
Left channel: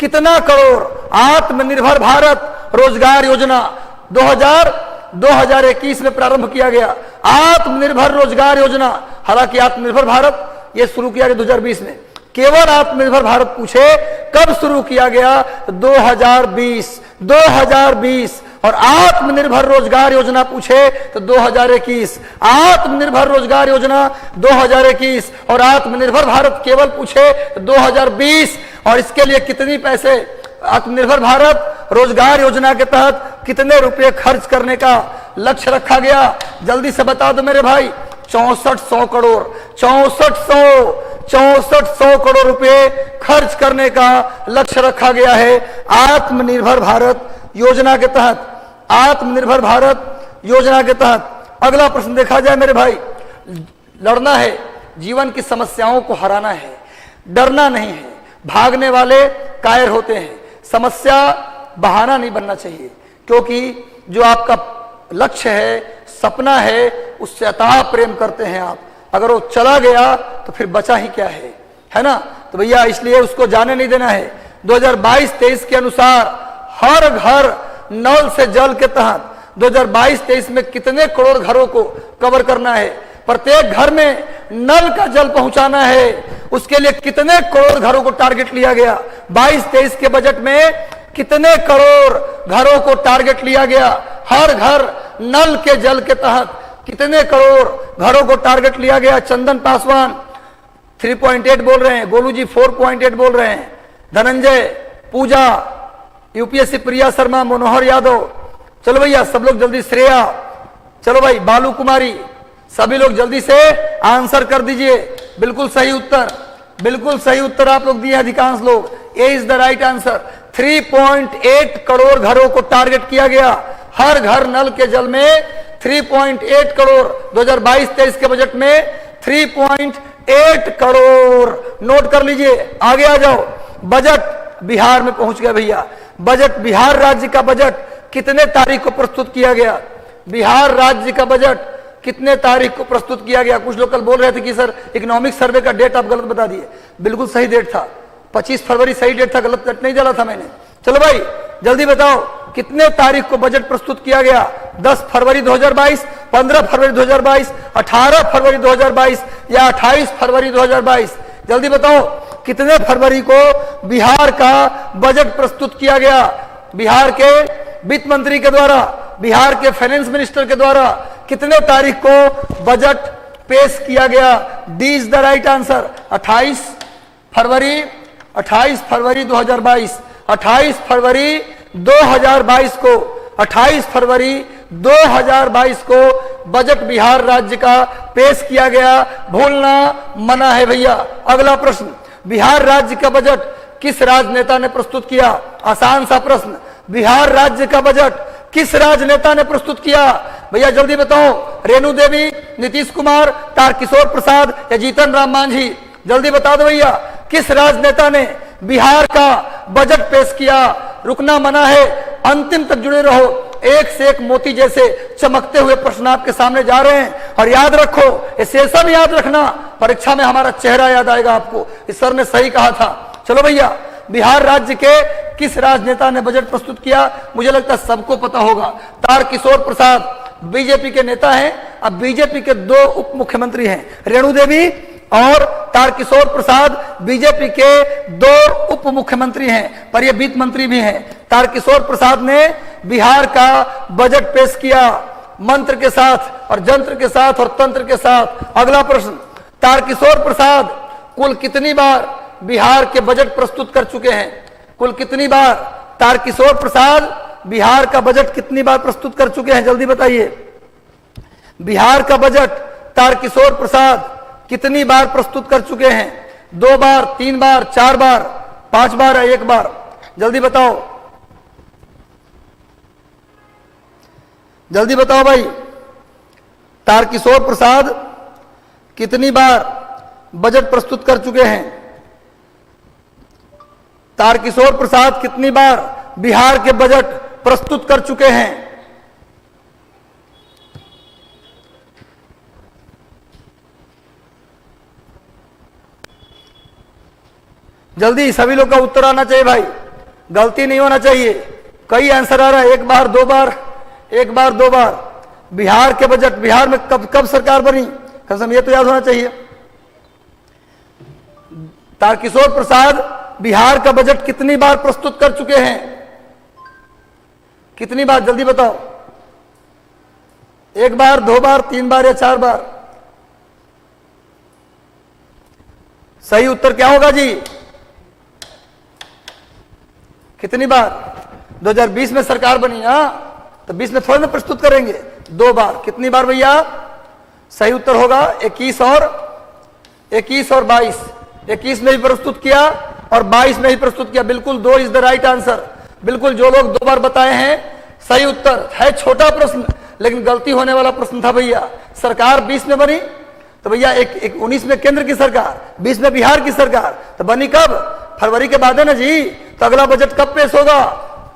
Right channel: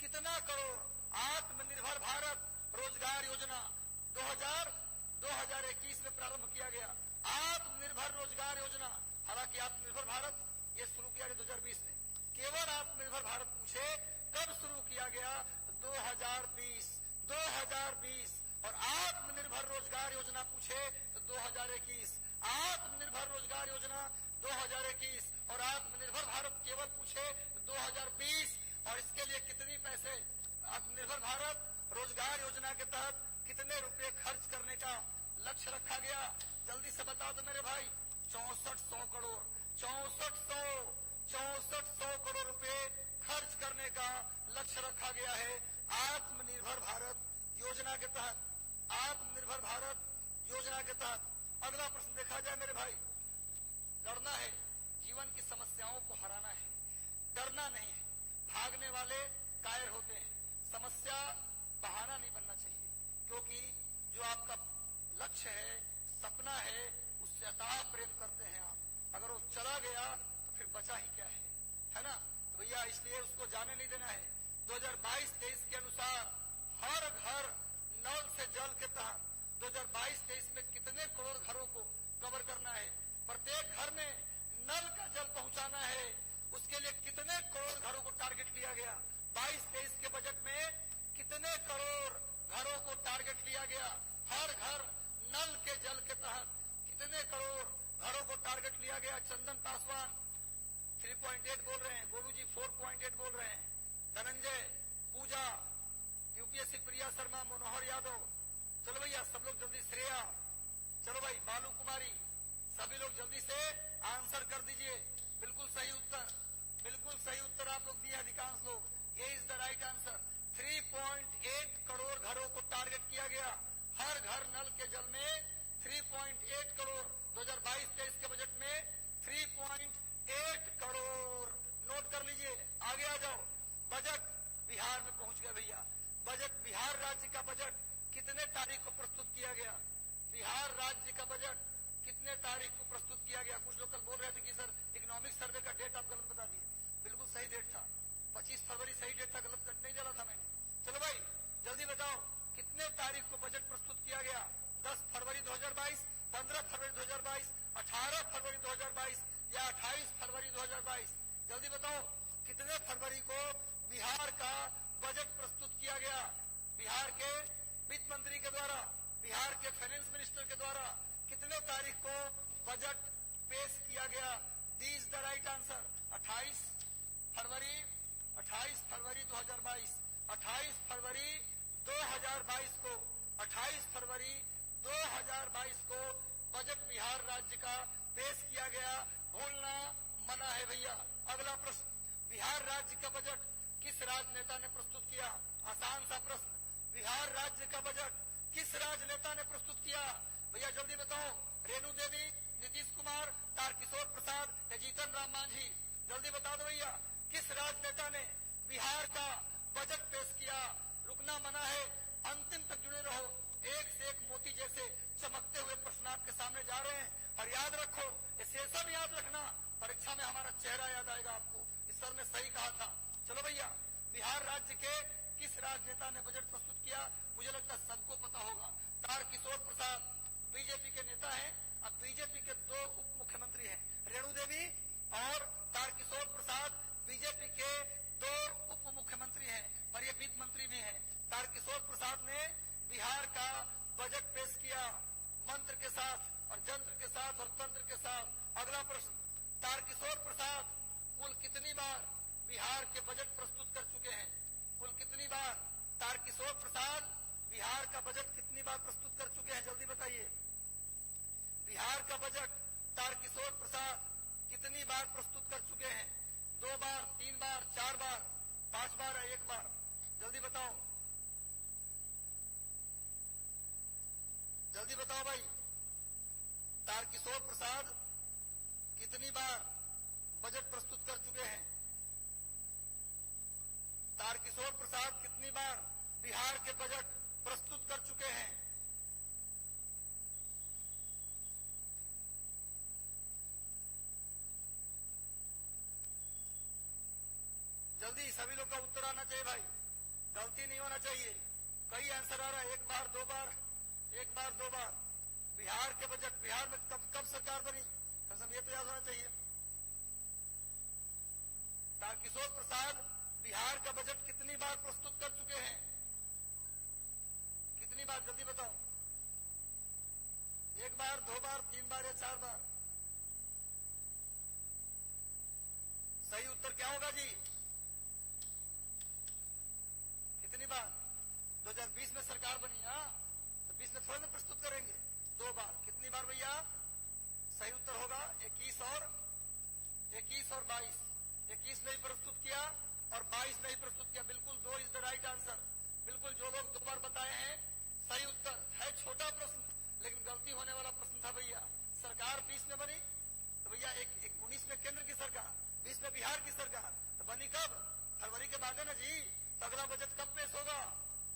कितना करोड़? आत्मनिर्भर भारत रोजगार योजना 2021 में प्रारंभ किया गया। आत्मनिर्भर रोजगार योजना, हालांकि आत्मनिर्भर भारत यह शुरू किया गया 2020 में। केवल आत्मनिर्भर भारत पूछे कब शुरू किया गया? 2020 और आत्मनिर्भर रोजगार योजना पूछे तो 2021। आत्मनिर्भर रोजगार योजना 2021 और आत्मनिर्भर भारत केवल पूछे तो 2020। और इसके लिए कितनी पैसे आत्मनिर्भर भारत रोजगार योजना के तहत कितने रुपए खर्च करने का लक्ष्य रखा गया? जल्दी से बता दो मेरे भाई। 6400 करोड़। 6400 करोड़ रुपए खर्च करने का लक्ष्य रखा गया है आत्मनिर्भर भारत योजना के तहत। आत्मनिर्भर भारत योजना के तहत अगला प्रश्न देखा जाए मेरे भाई। लड़ना है, जीवन की समस्याओं को हराना है, डरना नहीं है। भागने वाले कायर होते हैं, समस्या बहाना नहीं बनना चाहिए, क्योंकि जो आपका लक्ष्य है, सपना है, उससे अथाह प्रेम करते हैं आप। अगर वो चला गया तो फिर बचा ही क्या है ना? तो भैया इसलिए उसको जाने नहीं देना है। 2022-23 के अनुसार हर घर नल से जल के तहत 2022-23 में कितने करोड़ घरों को कवर करना है? प्रत्येक घर में नल का जल पहुंचाना है, उसके लिए कितने करोड़ घरों को टारगेट लिया गया? 22-23 के बजट में कितने करोड़ घरों को टारगेट लिया गया? हर घर नल के जल के तहत कितने करोड़ घरों को टारगेट लिया गया? चंदन पासवान 3.8 बोल रहे हैं, गोलू जी 4.8 बोल रहे हैं, धनंजय, पूजा, यूपीएससी प्रिया शर्मा, मनोहर यादव। चलो भैया सब लोग जल्दी, श्रेया, चलो भाई, बालू कुमारी, सभी लोग जल्दी से आंसर कर दीजिए। बिल्कुल सही उत्तर, बिल्कुल सही उत्तर आप लोग दिए अधिकांश लोग। A is the right answer. 3.8 crore घरों को टारगेट किया गया। हर घर नल के जल में 3.8 करोड़ 2022-23 के बजट में 3.8 करोड़। नोट कर लीजिए, आगे आ जाओ। बजट बिहार में पहुंच गया भैया। बजट, बिहार राज्य का बजट कितने तारीख को प्रस्तुत किया गया? बिहार राज्य का बजट कितने तारीख को प्रस्तुत किया गया? कुछ लोग कल बोल रहे थे कि सर इकोनॉमिक सर्वे का डेट आप गलत बता दिए। बिल्कुल सही डेट था, 25 फरवरी सही डेट था, गलत डेट नहीं डाला था मैंने। चलो भाई जल्दी बताओ कितने तारीख को बजट प्रस्तुत किया गया? 10 फरवरी 2022, 15 फरवरी 2022, 18 फरवरी 2022 या 28 फरवरी 2022? जल्दी बताओ कितने फरवरी को बिहार का बजट प्रस्तुत किया गया? बिहार के वित्त मंत्री के द्वारा, बिहार के फाइनेंस मिनिस्टर के द्वारा कितने तारीख को बजट पेश किया गया? D is the right answer. 28 फरवरी 2022। 28 फरवरी 2022 को 28 फरवरी 2022 को बजट बिहार राज्य का पेश किया गया। भूलना मना है भैया। अगला प्रश्न, बिहार राज्य का बजट किस राजनेता ने प्रस्तुत किया? आसान सा प्रश्न। बिहार राज्य का बजट किस राजनेता ने प्रस्तुत किया? भैया जल्दी बताओ। रेणु देवी, नीतीश कुमार, तारकिशोर प्रसाद या जीतन राम मांझी? जल्दी बता दो भैया, किस राजनेता ने बिहार का बजट पेश किया? रुकना मना है, अंतिम तक जुड़े रहो। एक से एक मोती जैसे चमकते हुए प्रश्न आपके सामने जा रहे हैं। और याद रखो, ये सेशन याद रखना, परीक्षा में हमारा चेहरा याद आएगा आपको। इस सर ने सही कहा था। चलो भैया, बिहार राज्य के किस राजनेता ने बजट प्रस्तुत किया? मुझे लगता है सबको पता होगा। तारकिशोर प्रसाद बीजेपी के नेता हैं। अब बीजेपी के दो उप मुख्यमंत्री हैं, रेणु देवी और तारकिशोर प्रसाद बीजेपी के दो उप मुख्यमंत्री हैं, पर ये वित्त मंत्री भी हैं। तारकिशोर प्रसाद ने बिहार का बजट पेश किया मंत्र के साथ और जंत्र के साथ और तंत्र के साथ। अगला प्रश्न, तारकिशोर प्रसाद कुल कितनी बार बिहार के बजट प्रस्तुत कर चुके हैं? कुल कितनी बार तारकिशोर प्रसाद बिहार का बजट कितनी बार प्रस्तुत कर चुके हैं? जल्दी बताइए। बिहार का बजट तारकिशोर प्रसाद कितनी बार प्रस्तुत कर चुके हैं? 2 बार, 3 बार, 4 बार, 5 बार या 1 बार? जल्दी बताओ, जल्दी बताओ भाई। तारकिशोर प्रसाद कितनी बार बजट प्रस्तुत कर चुके हैं? तारकिशोर प्रसाद कितनी बार बिहार के बजट प्रस्तुत कर चुके हैं? जल्दी, सभी लोग का उत्तर आना चाहिए भाई, गलती नहीं होना चाहिए। कई आंसर आ रहा है, 1 बार, 2 बार, 1 बार, 2 बार। बिहार के बजट, बिहार में कब सरकार बनी? कसम, ये तो याद होना चाहिए। तारकिशोर प्रसाद बिहार का बजट कितनी बार प्रस्तुत कर चुके हैं? कितनी बार? जल्दी बताओ। 1 बार, 2 बार, 3 बार या 4 बार? सही उत्तर क्या होगा जी? कितनी बार? 2020 में सरकार बनी, हाँ, तो 20 में थोड़ी ना प्रस्तुत करेंगे, 2 बार। कितनी बार भैया? सही उत्तर होगा 21 और 22। 21 में भी प्रस्तुत किया और 22 में भी प्रस्तुत किया। बिल्कुल, 2 इज द राइट आंसर। बिल्कुल, जो लोग 2 बार बताए हैं सही उत्तर है। छोटा प्रश्न लेकिन गलती होने वाला प्रश्न था भैया। सरकार 20 में बनी तो भैया 19 में केंद्र की सरकार, 20 में बिहार की सरकार, तो बनी कब? फरवरी के बाद है ना जी। तो अगला बजट कब पेश होगा?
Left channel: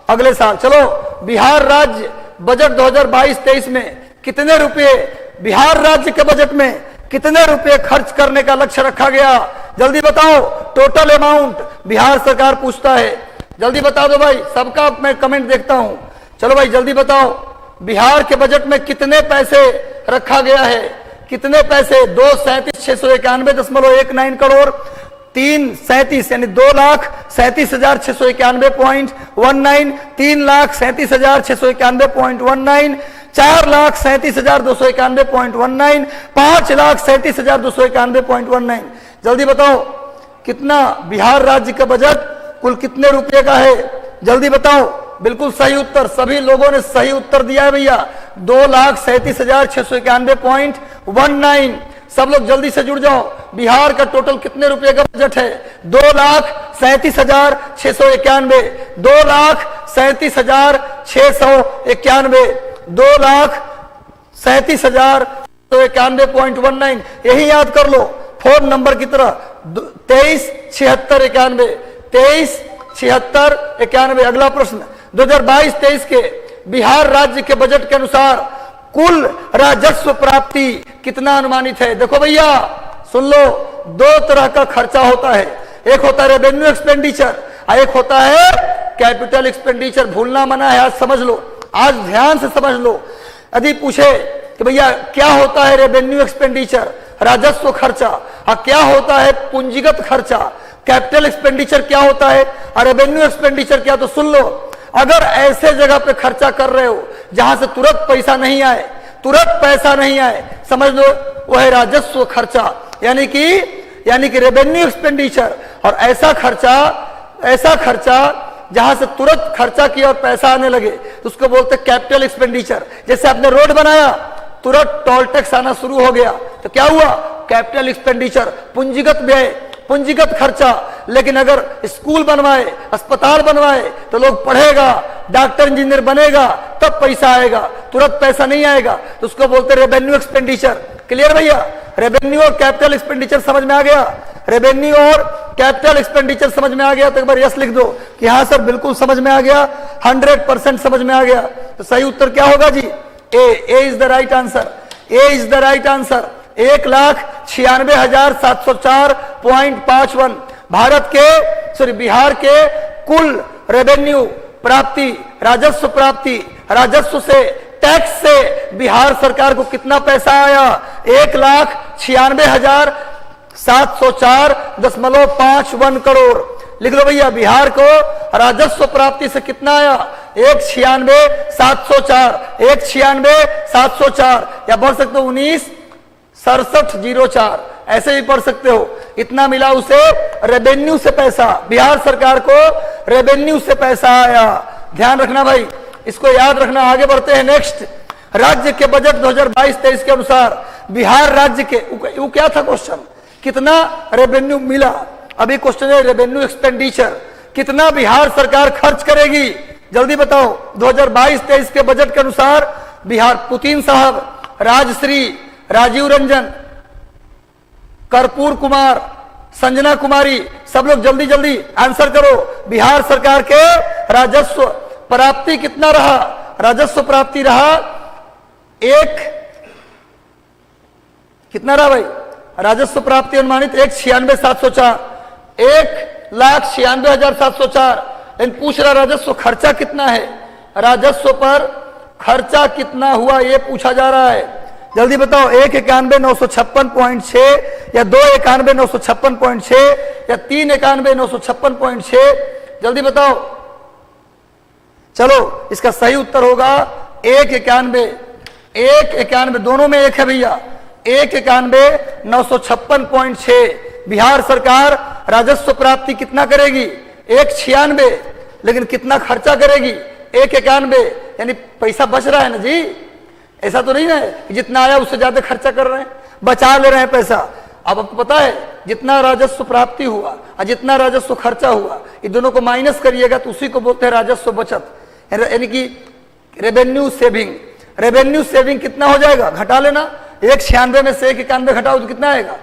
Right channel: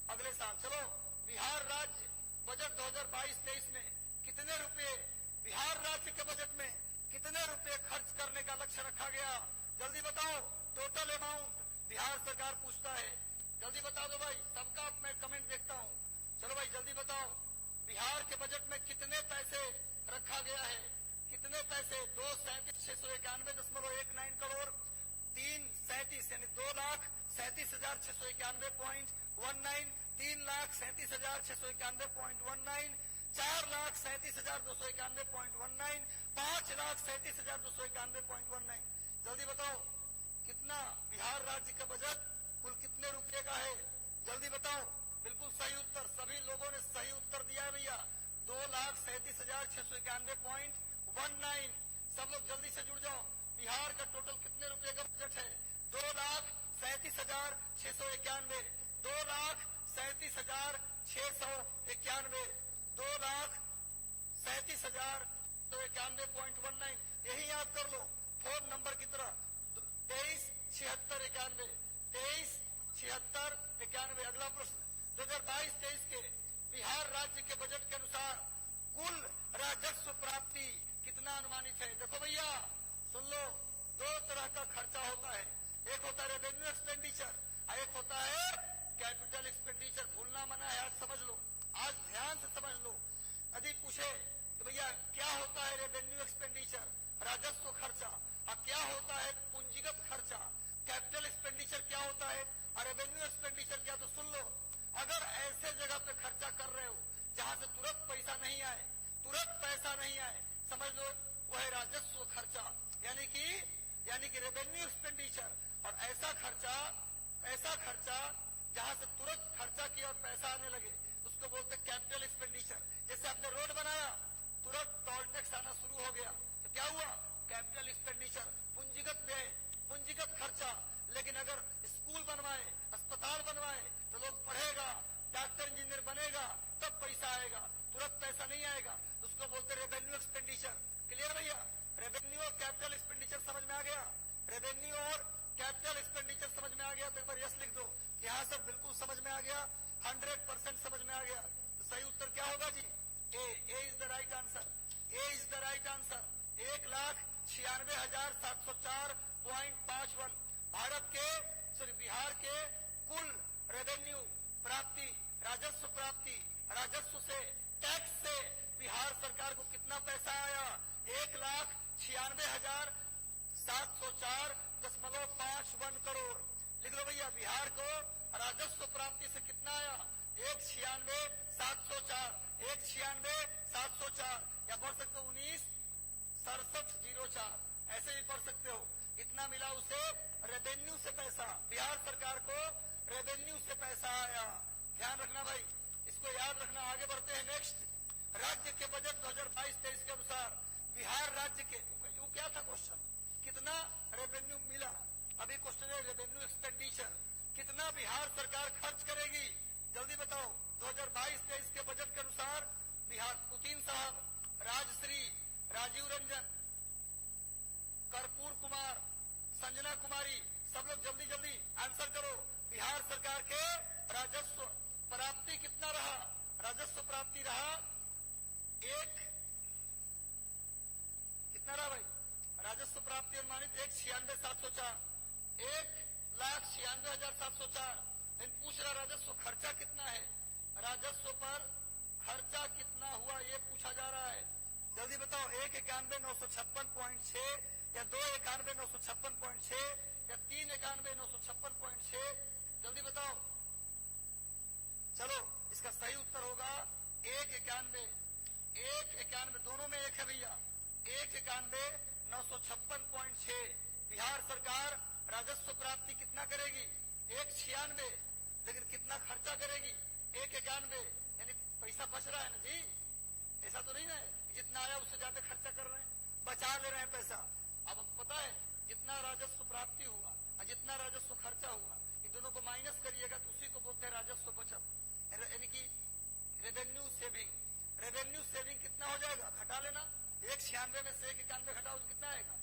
अगले साल। चलो, बिहार राज्य बजट 2022-23 में कितने रुपए, बिहार राज्य के बजट में कितने रुपए खर्च करने का लक्ष्य रखा गया? जल्दी बताओ। टोटल अमाउंट बिहार सरकार पूछता है, जल्दी बता दो भाई, सबका मैं कमेंट देखता हूं। चलो भाई जल्दी बताओ, बिहार के बजट में कितने पैसे रखा गया है? कितने पैसे? 2,37,691.19 करोड़, 3,37 यानी 2,37,691.19, 3,37,691.19, 4,37,291.19, 5,37,291.19। जल्दी बताओ कितना बिहार राज्य का बजट कुल कितने रुपए का है? जल्दी बताओ। बिल्कुल सही उत्तर, सभी लोगों ने सही उत्तर दिया है भैया, 2,37,691.19। सब लोग जल्दी से जुड़ जाओ। बिहार का टोटल कितने रुपए का बजट है? 2,37,691, 2,37,691, 2,37,691.19। यही याद कर लो फोन नंबर की तरह, 23,76,91, 23,76,91। अगला प्रश्न, 2022-23 के बिहार राज्य के बजट के अनुसार कुल राजस्व प्राप्ति कितना अनुमानित है? देखो भैया सुन लो, 2 तरह का खर्चा होता है, एक होता है रेवेन्यू एक्सपेंडिचर और एक होता है कैपिटल एक्सपेंडिचर। भूलना मना है, आज समझ लो, आज ध्यान से समझ लो। यदि पूछे कि भैया क्या होता है रेवेन्यू एक्सपेंडिचर, राजस्व खर्चा, और क्या होता है पूंजीगत खर्चा, कैपिटल एक्सपेंडिचर क्या होता है और रेवेन्यू एक्सपेंडिचर क्या, तो सुन लो। अगर ऐसे जगह पे खर्चा कर रहे हो जहां से तुरंत पैसा नहीं आए, तुरंत पैसा नहीं आए, समझ लो वो है राजस्व खर्चा, यानी कि रेवेन्यू एक्सपेंडिचर। और ऐसा खर्चा जहां से तुरंत खर्चा किया और पैसा आने लगे तो उसको बोलते हैं कैपिटल एक्सपेंडिचर। जैसे आपने रोड बनाया, तुरंत टोल टैक्स आना शुरू हो गया तो क्या हुआ? कैपिटल एक्सपेंडिचर, पूंजीगत व्यय, पूंजीगत खर्चा। लेकिन अगर स्कूल बनवाए, अस्पताल बनवाए तो लोग पढ़ेगा, डॉक्टर इंजीनियर बनेगा, तब पैसा आएगा, तुरंत पैसा नहीं आएगा, तो उसको बोलते हैं रेवेन्यू एक्सपेंडिचर। क्लियर भैया? रेवेन्यू और कैपिटल एक्सपेंडिचर समझ में आ गया? रेवेन्यू और कैपिटल एक्सपेंडिचर समझ में आ गया तो एक बार यस लिख दो कि हाँ सर बिल्कुल समझ में आ गया, 100% समझ में आ गया। तो सही उत्तर क्या होगा जी? A is the right answer, A is the right answer. 1,96,704.51 Bharat के बिहार के कुल रेवेन्यू प्राप्ति, राजस्व प्राप्ति, राजस्व से, टैक्स से बिहार सरकार को कितना पैसा आया? 1,96,704.51 करोड़। लिख लो भैया, बिहार को राजस्व प्राप्ति से कितना आया? 1,96,704, 1,96,704, या बढ़ सकते हो 19,67,04, ऐसे भी पढ़ सकते हो। इतना मिला उसे रेवेन्यू से पैसा, बिहार सरकार को रेवेन्यू से पैसा आया। ध्यान रखना भाई, इसको याद रखना। आगे बढ़ते हैं नेक्स्ट। राज्य के बजट 2022-23 के अनुसार बिहार राज्य के, वो क्या था क्वेश्चन? कितना रेवेन्यू मिला? अभी क्वेश्चन है रेवेन्यू एक्सपेंडिचर, कितना बिहार सरकार खर्च करेगी? जल्दी बताओ। 2022-23 के बजट के अनुसार बिहार, पुतिन साहब, राजश्री, राजीव रंजन, कर्पूर कुमार, संजना कुमारी, सब लोग जल्दी जल्दी आंसर करो। बिहार सरकार के राजस्व प्राप्ति कितना रहा? राजस्व प्राप्ति रहा कितना रहा भाई? राजस्व प्राप्ति अनुमानित 1,96,704, 1,96,704। लेकिन पूछ रहा राजस्व खर्चा कितना है? राजस्व पर खर्चा कितना हुआ ये पूछा जा रहा है। जल्दी बताओ। 1,91,956.6 या 2,91,956.6 या 3,91,956.6? जल्दी बताओ। चलो, इसका सही उत्तर होगा 1,91, दोनों में एक है भैया। 1,91,956.6। बिहार सरकार राजस्व प्राप्ति कितना करेगी? 1,96, लेकिन कितना खर्चा करेगी? 1,91, यानी पैसा बच रहा है ना जी। ऐसा तो नहीं है कि जितना आया उससे ज्यादा खर्चा कर रहे हैं, बचा ले रहे हैं पैसा। अब आपको पता है जितना राजस्व प्राप्ति हुआ और जितना राजस्व खर्चा हुआ, इन दोनों को माइनस करिएगा तो उसी को बोलते हैं राजस्व बचत, यानी कि रेवेन्यू सेविंग। रेवेन्यू सेविंग कितना हो जाएगा? घटा लेना। 1,96 में से 1,91 घटाओ तो कितना आएगा?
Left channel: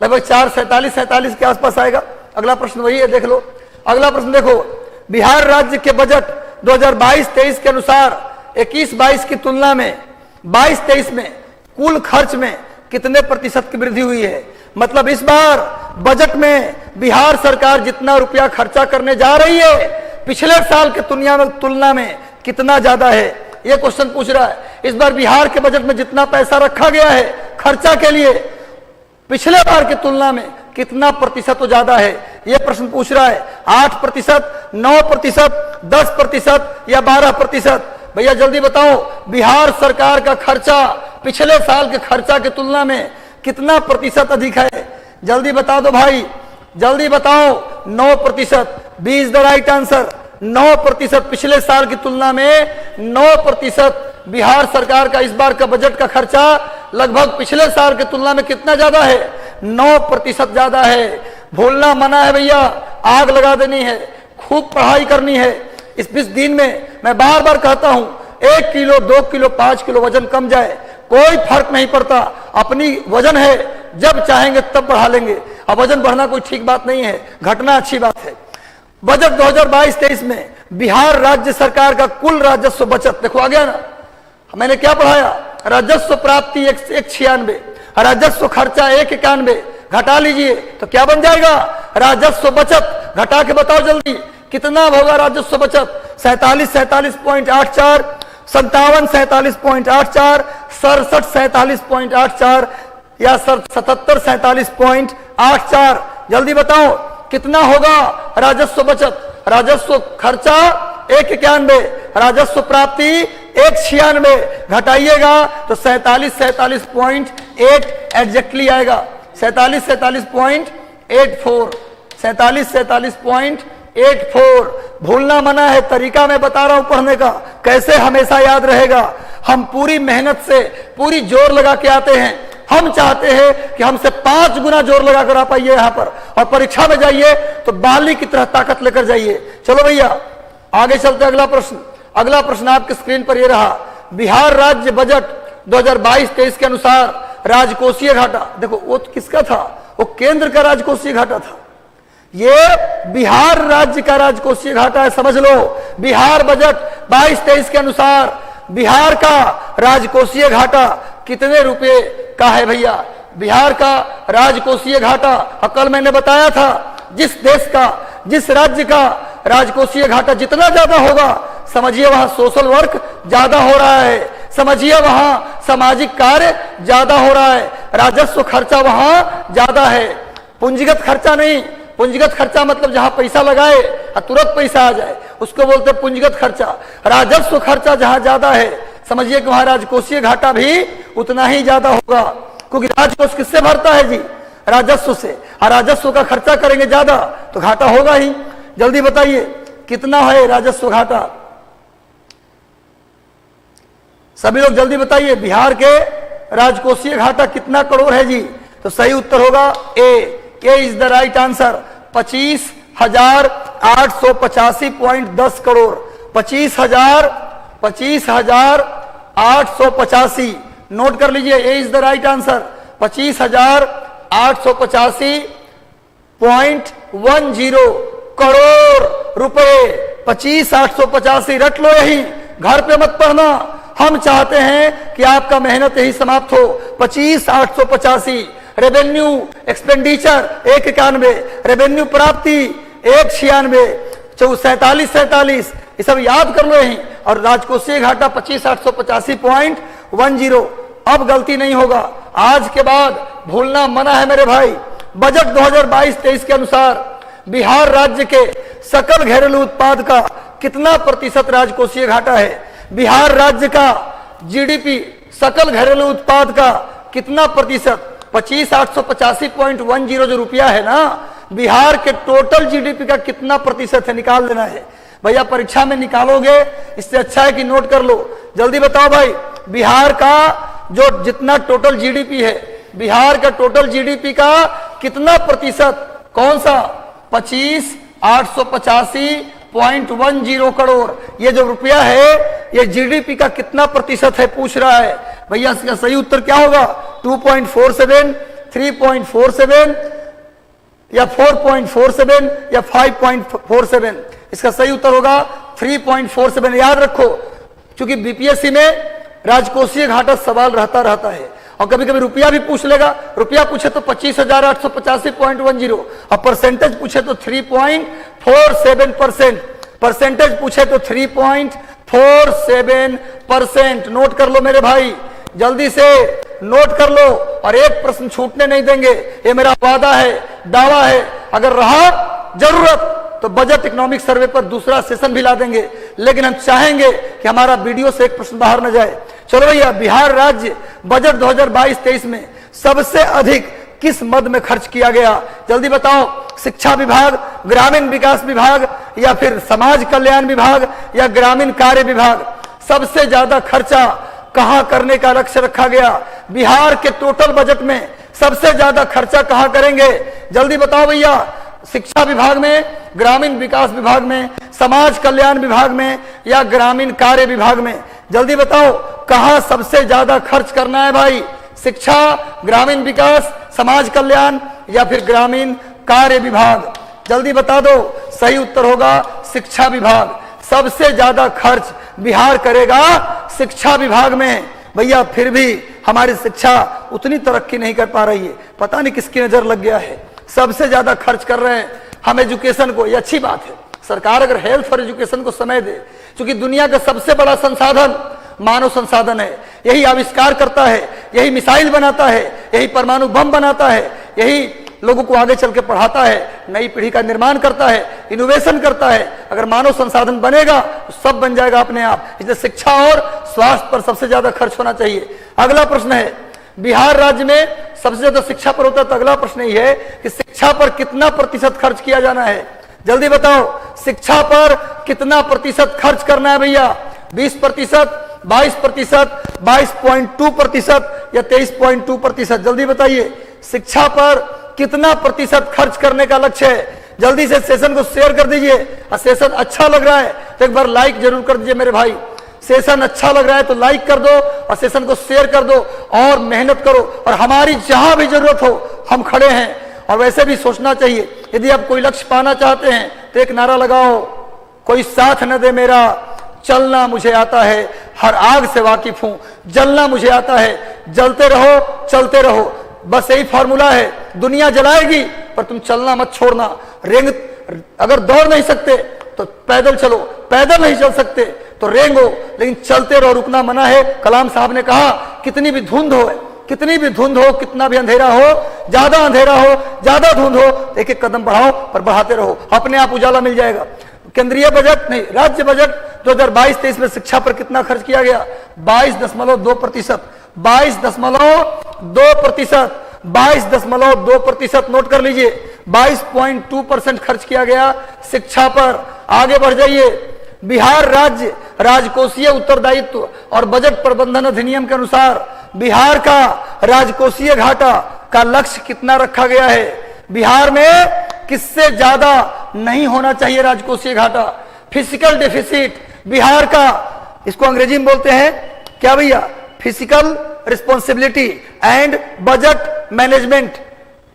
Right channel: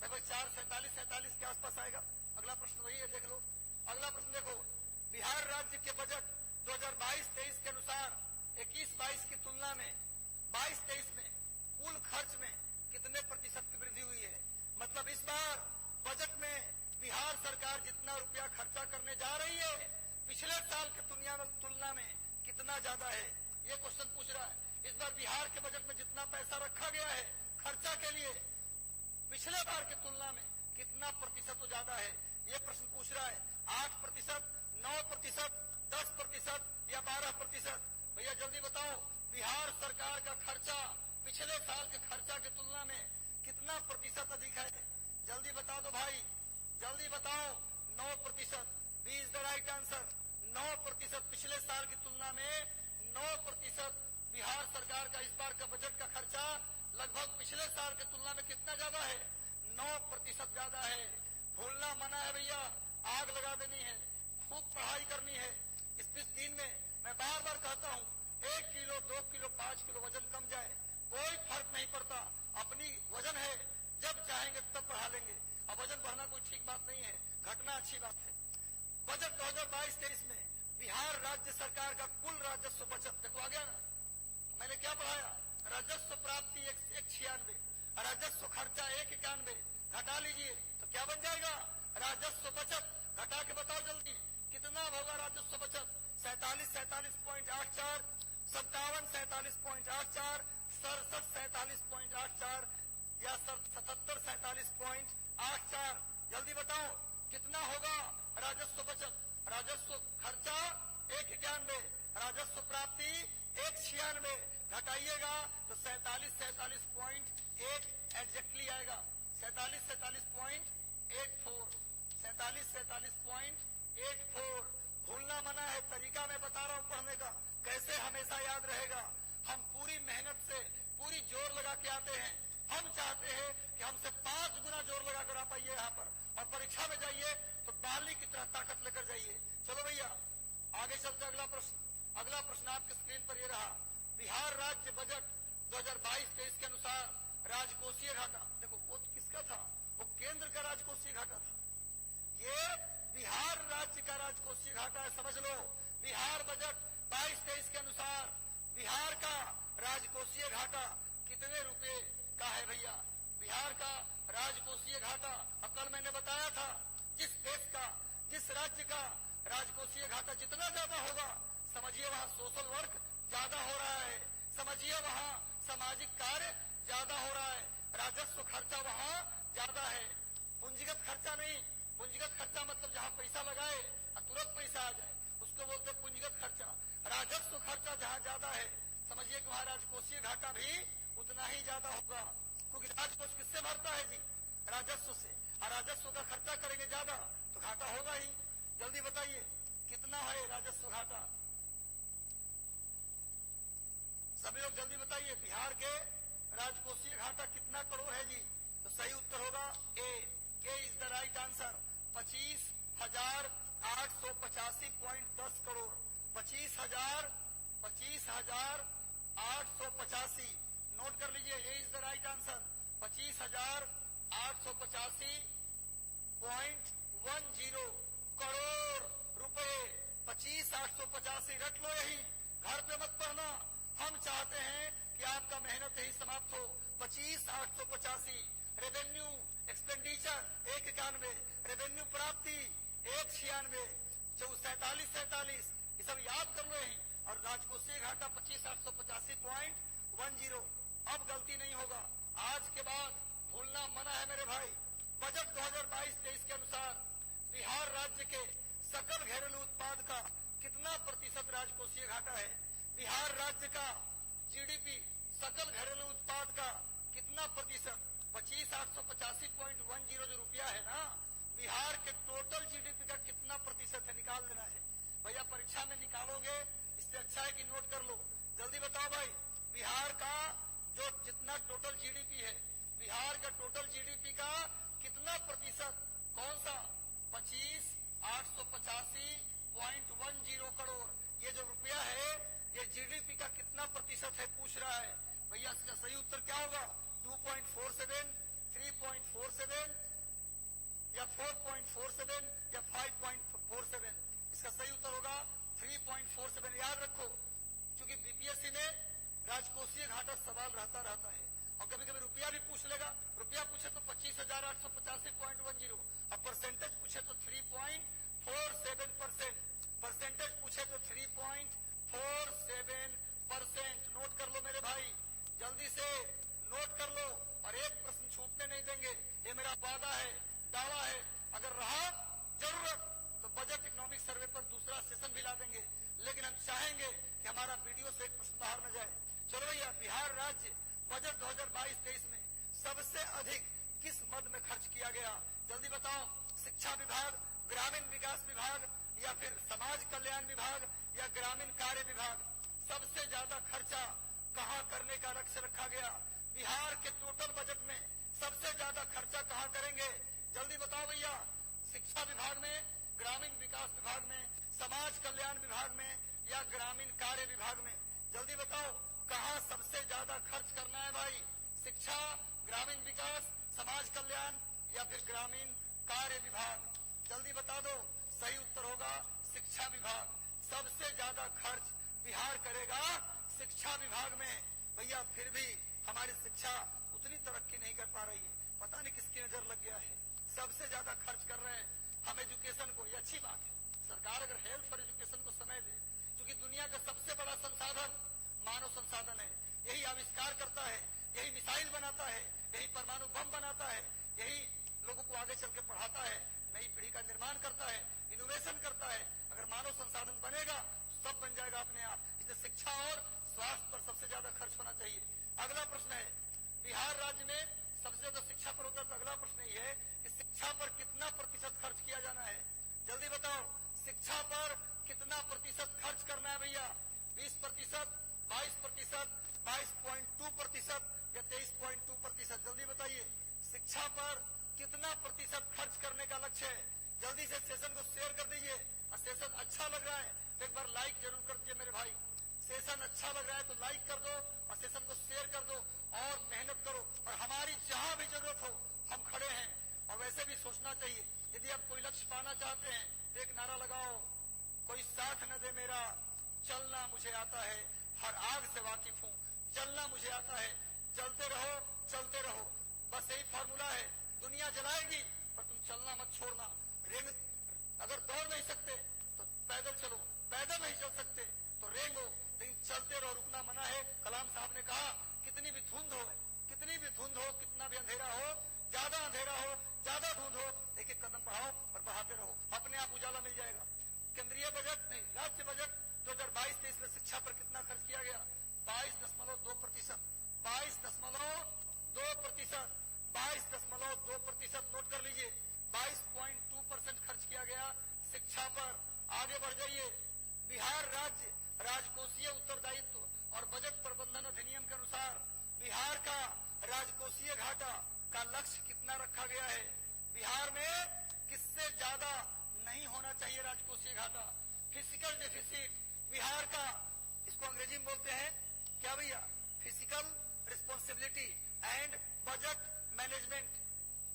लगभग 4,47 के आसपास आएगा। अगला प्रश्न वही है, देख लो। अगला प्रश्न देखो। बिहार राज्य के बजट 2022-23 के अनुसार 21-22 की तुलना में 22-23 में कुल खर्च में कितने प्रतिशत की वृद्धि हुई है? मतलब इस बार बजट में बिहार सरकार जितना रुपया खर्चा करने जा रही है पिछले साल के तुलना में कितना ज्यादा है, ये क्वेश्चन पूछ रहा है। इस बार बिहार के बजट में जितना पैसा रखा गया है खर्चा के लिए पिछले बार की तुलना में कितना प्रतिशत तो ज्यादा है, यह प्रश्न पूछ रहा है। 8%, 9%, 10% या 12%? भैया जल्दी बताओ, बिहार सरकार का खर्चा पिछले साल के खर्चा की तुलना में कितना प्रतिशत अधिक है? जल्दी बता दो भाई, जल्दी बताओ। 9%, B is the right answer. 9% पिछले साल की तुलना में 9% बिहार सरकार का इस बार का बजट का खर्चा लगभग पिछले साल की तुलना में कितना ज्यादा है? 9% ज्यादा है। भूलना मना है भैया, आग लगा देनी है, खूब पढ़ाई करनी है। इस 20 दिन में मैं बार बार कहता हूं 1 किलो 2 किलो 5 किलो वजन कम जाए कोई फर्क नहीं पड़ता। अपनी वजन है, जब चाहेंगे तब बढ़ा लेंगे। अब वजन बढ़ना कोई ठीक बात नहीं है, घटना अच्छी बात है। बजट 2022-23 में बिहार राज्य सरकार का कुल राजस्व बचत देखो आ गया ना। मैंने क्या पढ़ाया? राजस्व प्राप्ति 196, राजस्व खर्चा 191, घटा लीजिए तो क्या बन जाएगा? राजस्व बचत। घटा के बताओ जल्दी कितना होगा राजस्व बचत? 47,47.84, 57, 47.84, 67, 47.84 या 77, 47.84? जल्दी बताओ कितना होगा राजस्व बचत? राजस्व खर्चा 191, राजस्व प्राप्ति 196, घटाइएगा तो 47, 47.8 एग्जैक्टली आएगा। 47, 47.84, 47, 47.84। भूलना मना है, तरीका मैं बता रहा हूं पढ़ने का, कैसे हमेशा याद रहेगा। हम पूरी मेहनत से पूरी जोर लगा के आते हैं। हम चाहते हैं कि हमसे 5 गुना जोर लगाकर आ पाइए यहाँ पर, और परीक्षा में जाइए तो बाली की तरह ताकत लेकर जाइए। चलो भैया आगे चलते। अगला प्रश्न, अगला प्रश्न आपके स्क्रीन पर यह रहा। बिहार राज्य बजट 2022-23 के अनुसार राजकोषीय घाटा, देखो वो किसका था? वो केंद्र का राजकोषीय घाटा था। ये बिहार राज्य का राजकोषीय घाटा है, समझ लो। बिहार बजट 22-23 के अनुसार बिहार का राजकोषीय घाटा कितने रुपए का है भैया? बिहार का राजकोषीय घाटा, कल मैंने बताया था, जिस देश का, जिस राज्य का राजकोषीय घाटा जितना ज्यादा होगा, समझिए वहां सोशल वर्क ज्यादा हो रहा है, समझिए वहां सामाजिक कार्य ज्यादा हो रहा है, राजस्व खर्चा वहां ज्यादा है। पूंजीगत खर्चा नहीं, पूंजीगत खर्चा मतलब जहां पैसा लगाए और तुरंत पैसा आ जाए उसको बोलते हैं पूंजीगत खर्चा। राजस्व खर्चा जहां ज्यादा है, समझिए कि वहां राजकोषीय घाटा भी उतना ही ज्यादा होगा, क्योंकि राजकोष किससे भरता है जी? राजस्व से। और राजस्व का खर्चा करेंगे ज्यादा तो घाटा होगा ही। जल्दी बताइए कितना है राजस्व घाटा? सभी लोग जल्दी बताइए, बिहार के राजकोषीय घाटा कितना करोड़ है जी? तो सही उत्तर होगा A is the right answer, 25,885.10 crore. 25,885 note कर लीजिए, A is the right answer, 25,885.10 crore रुपए। 25,885 रट लो, यही घर पे मत पढ़ना। हम चाहते हैं कि आपका मेहनत यही समाप्त हो। 25,885 रेवेन्यू एक्सपेंडिचर 191, रेवेन्यू प्राप्ति 196, 47 ये सब याद कर लो यही। और राजकोषीय घाटा 25,885.10। अब गलती नहीं होगा, आज के बाद भूलना मना है मेरे भाई। बजट 2022-23 के अनुसार बिहार राज्य के सकल घरेलू उत्पाद का कितना प्रतिशत राजकोषीय घाटा है? बिहार राज्य का जीडीपी सकल घरेलू उत्पाद का कितना प्रतिशत? 25,885.10 जो रुपया है ना, बिहार के टोटल जीडीपी का कितना प्रतिशत है निकाल देना है भैया। परीक्षा में निकालोगे, इससे अच्छा है कि नोट कर लो। जल्दी बताओ भाई, बिहार का जो जितना टोटल जीडीपी है, बिहार का टोटल जीडीपी का कितना प्रतिशत? कौन सा? 25,885.10 करोड़। ये जो रुपया है ये जीडीपी का कितना प्रतिशत है पूछ रहा है भैया। इसका सही उत्तर क्या होगा? 2.47, 3.47 या 4.47 या 5.47। इसका सही उत्तर होगा 3.47। याद रखो, क्योंकि बीपीएससी में राजकोषीय घाटा सवाल रहता है और कभी कभी रुपया भी पूछ लेगा। रुपया पूछे तो 25,885.10 और परसेंटेज पूछे तो 3.47%, परसेंटेज पूछे तो 3.47%। नोट कर लो मेरे भाई, जल्दी से नोट कर लो और एक प्रश्न छूटने नहीं देंगे, ये मेरा वादा है, दावा है। अगर रहा जरूरत तो बजट इकोनॉमिक सर्वे पर दूसरा सेशन भी ला देंगे, लेकिन हम चाहेंगे कि हमारा वीडियो से एक प्रश्न बाहर न जाए। चलो भैया, बिहार राज्य बजट 2022-23 में सबसे अधिक किस मद में खर्च किया गया? जल्दी बताओ। शिक्षा विभाग, ग्रामीण विकास विभाग या फिर समाज कल्याण विभाग या ग्रामीण कार्य विभाग? सबसे ज्यादा खर्चा कहां करने का लक्ष्य रखा गया? बिहार के टोटल बजट में सबसे ज्यादा खर्चा कहां करेंगे? जल्दी बताओ भैया। शिक्षा विभाग में, ग्रामीण विकास विभाग में, समाज कल्याण विभाग में या ग्रामीण कार्य विभाग में? जल्दी बताओ, कहां सबसे ज्यादा खर्च करना है भाई? शिक्षा, ग्रामीण विकास, समाज कल्याण या फिर ग्रामीण कार्य विभाग? जल्दी बता दो। सही उत्तर होगा शिक्षा विभाग। सबसे ज्यादा खर्च बिहार करेगा शिक्षा विभाग में। भैया फिर भी हमारी शिक्षा उतनी तरक्की नहीं कर पा रही है, पता नहीं किसकी नजर लग गया है। सबसे ज्यादा खर्च कर रहे हैं हम एजुकेशन को, ये अच्छी बात है। सरकार अगर हेल्थ और एजुकेशन को समय दे, क्योंकि दुनिया का सबसे बड़ा संसाधन मानव संसाधन है। यही आविष्कार करता है, यही मिसाइल बनाता है, यही परमाणु बम बनाता है, यही लोगों को आगे चल के पढ़ाता है, नई पीढ़ी का निर्माण करता है, इनोवेशन करता है। अगर मानव संसाधन बनेगा तो सब बन जाएगा अपने आप। इसलिए शिक्षा और स्वास्थ्य पर सबसे ज्यादा खर्च होना चाहिए। अगला प्रश्न है, बिहार राज्य में सबसे ज्यादा शिक्षा पर होता है, तो अगला प्रश्न ये है कि शिक्षा पर कितना प्रतिशत खर्च किया जाना है? जल्दी बताओ, शिक्षा पर कितना प्रतिशत खर्च करना है भैया? 20%, 22%, 22.2% या 23.2%? जल्दी बताइए, शिक्षा पर कितना प्रतिशत खर्च करने का लक्ष्य है? जल्दी से सेशन को शेयर कर दीजिए। और सेशन अच्छा लग रहा है तो एक बार लाइक जरूर कर दीजिए मेरे भाई। सेशन अच्छा लग रहा है तो लाइक कर दो और सेशन को शेयर कर दो और मेहनत करो। और हमारी जहां भी जरूरत हो हम खड़े हैं। और वैसे भी सोचना चाहिए। यदि आप कोई लक्ष्य पाना चाहते हैं तो एक नारा लगाओ, कोई साथ न दे मेरा, चलना मुझे आता है, हर आग से वाकिफ हूं, जलना मुझे आता है, जलते रहो चलते रहो। बस यही फॉर्मूला है। दुनिया जलाएगी पर तुम चलना मत छोड़ना। रेंग, अगर दौड़ नहीं सकते तो पैदल चलो, पैदल नहीं चल सकते तो रेंगो, लेकिन चलते रहो, रुकना मना है। कलाम साहब ने कहा कितनी भी धुंध हो, कितनी भी धुंध हो, कितना भी अंधेरा हो, ज्यादा अंधेरा हो, ज्यादा धुंध हो, एक एक कदम बढ़ाओ पर बढ़ाते रहो, अपने आप उजाला मिल जाएगा। केंद्रीय बजट नहीं, राज्य बजट 2022-23 में शिक्षा पर कितना खर्च किया गया? 22.2%, 22.2%, 22.2%। नोट कर लीजिए, 22.2% खर्च किया गया शिक्षा पर। आगे बढ़ जाइए। बिहार राज्य राजकोषीय उत्तरदायित्व और बजट प्रबंधन अधिनियम के अनुसार बिहार का राजकोषीय घाटा का लक्ष्य कितना रखा गया है? बिहार में किससे ज्यादा नहीं होना चाहिए राजकोषीय घाटा? फिजिकल डेफिसिट बिहार का, इसको अंग्रेजी में बोलते हैं क्या भैया? Physical responsibility and budget management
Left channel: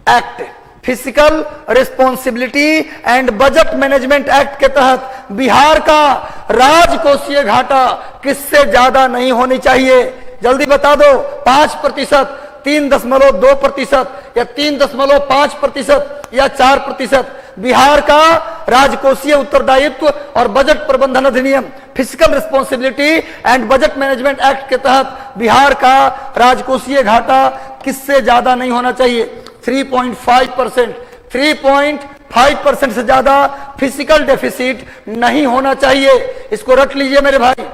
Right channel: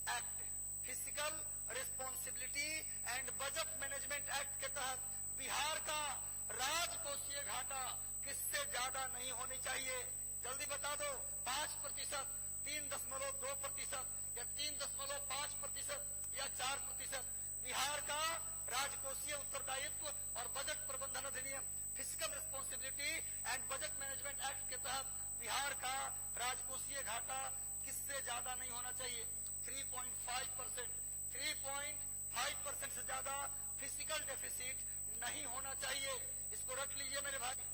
act. Physical responsibility and budget management act के तहत बिहार का राजकोषीय घाटा किससे ज्यादा नहीं होनी चाहिए? जल्दी बता दो। 5%, 3.2% या 3.5% या 4%। बिहार का राजकोषीय उत्तरदायित्व और बजट प्रबंधन अधिनियम physical responsibility and budget management act के तहत बिहार का राजकोषीय घाटा किससे ज्यादा नहीं होना चाहिए? 3.5%। 3.5% से ज्यादा फिजिकल डेफिसिट नहीं होना चाहिए। इसको रख लीजिए मेरे भाई।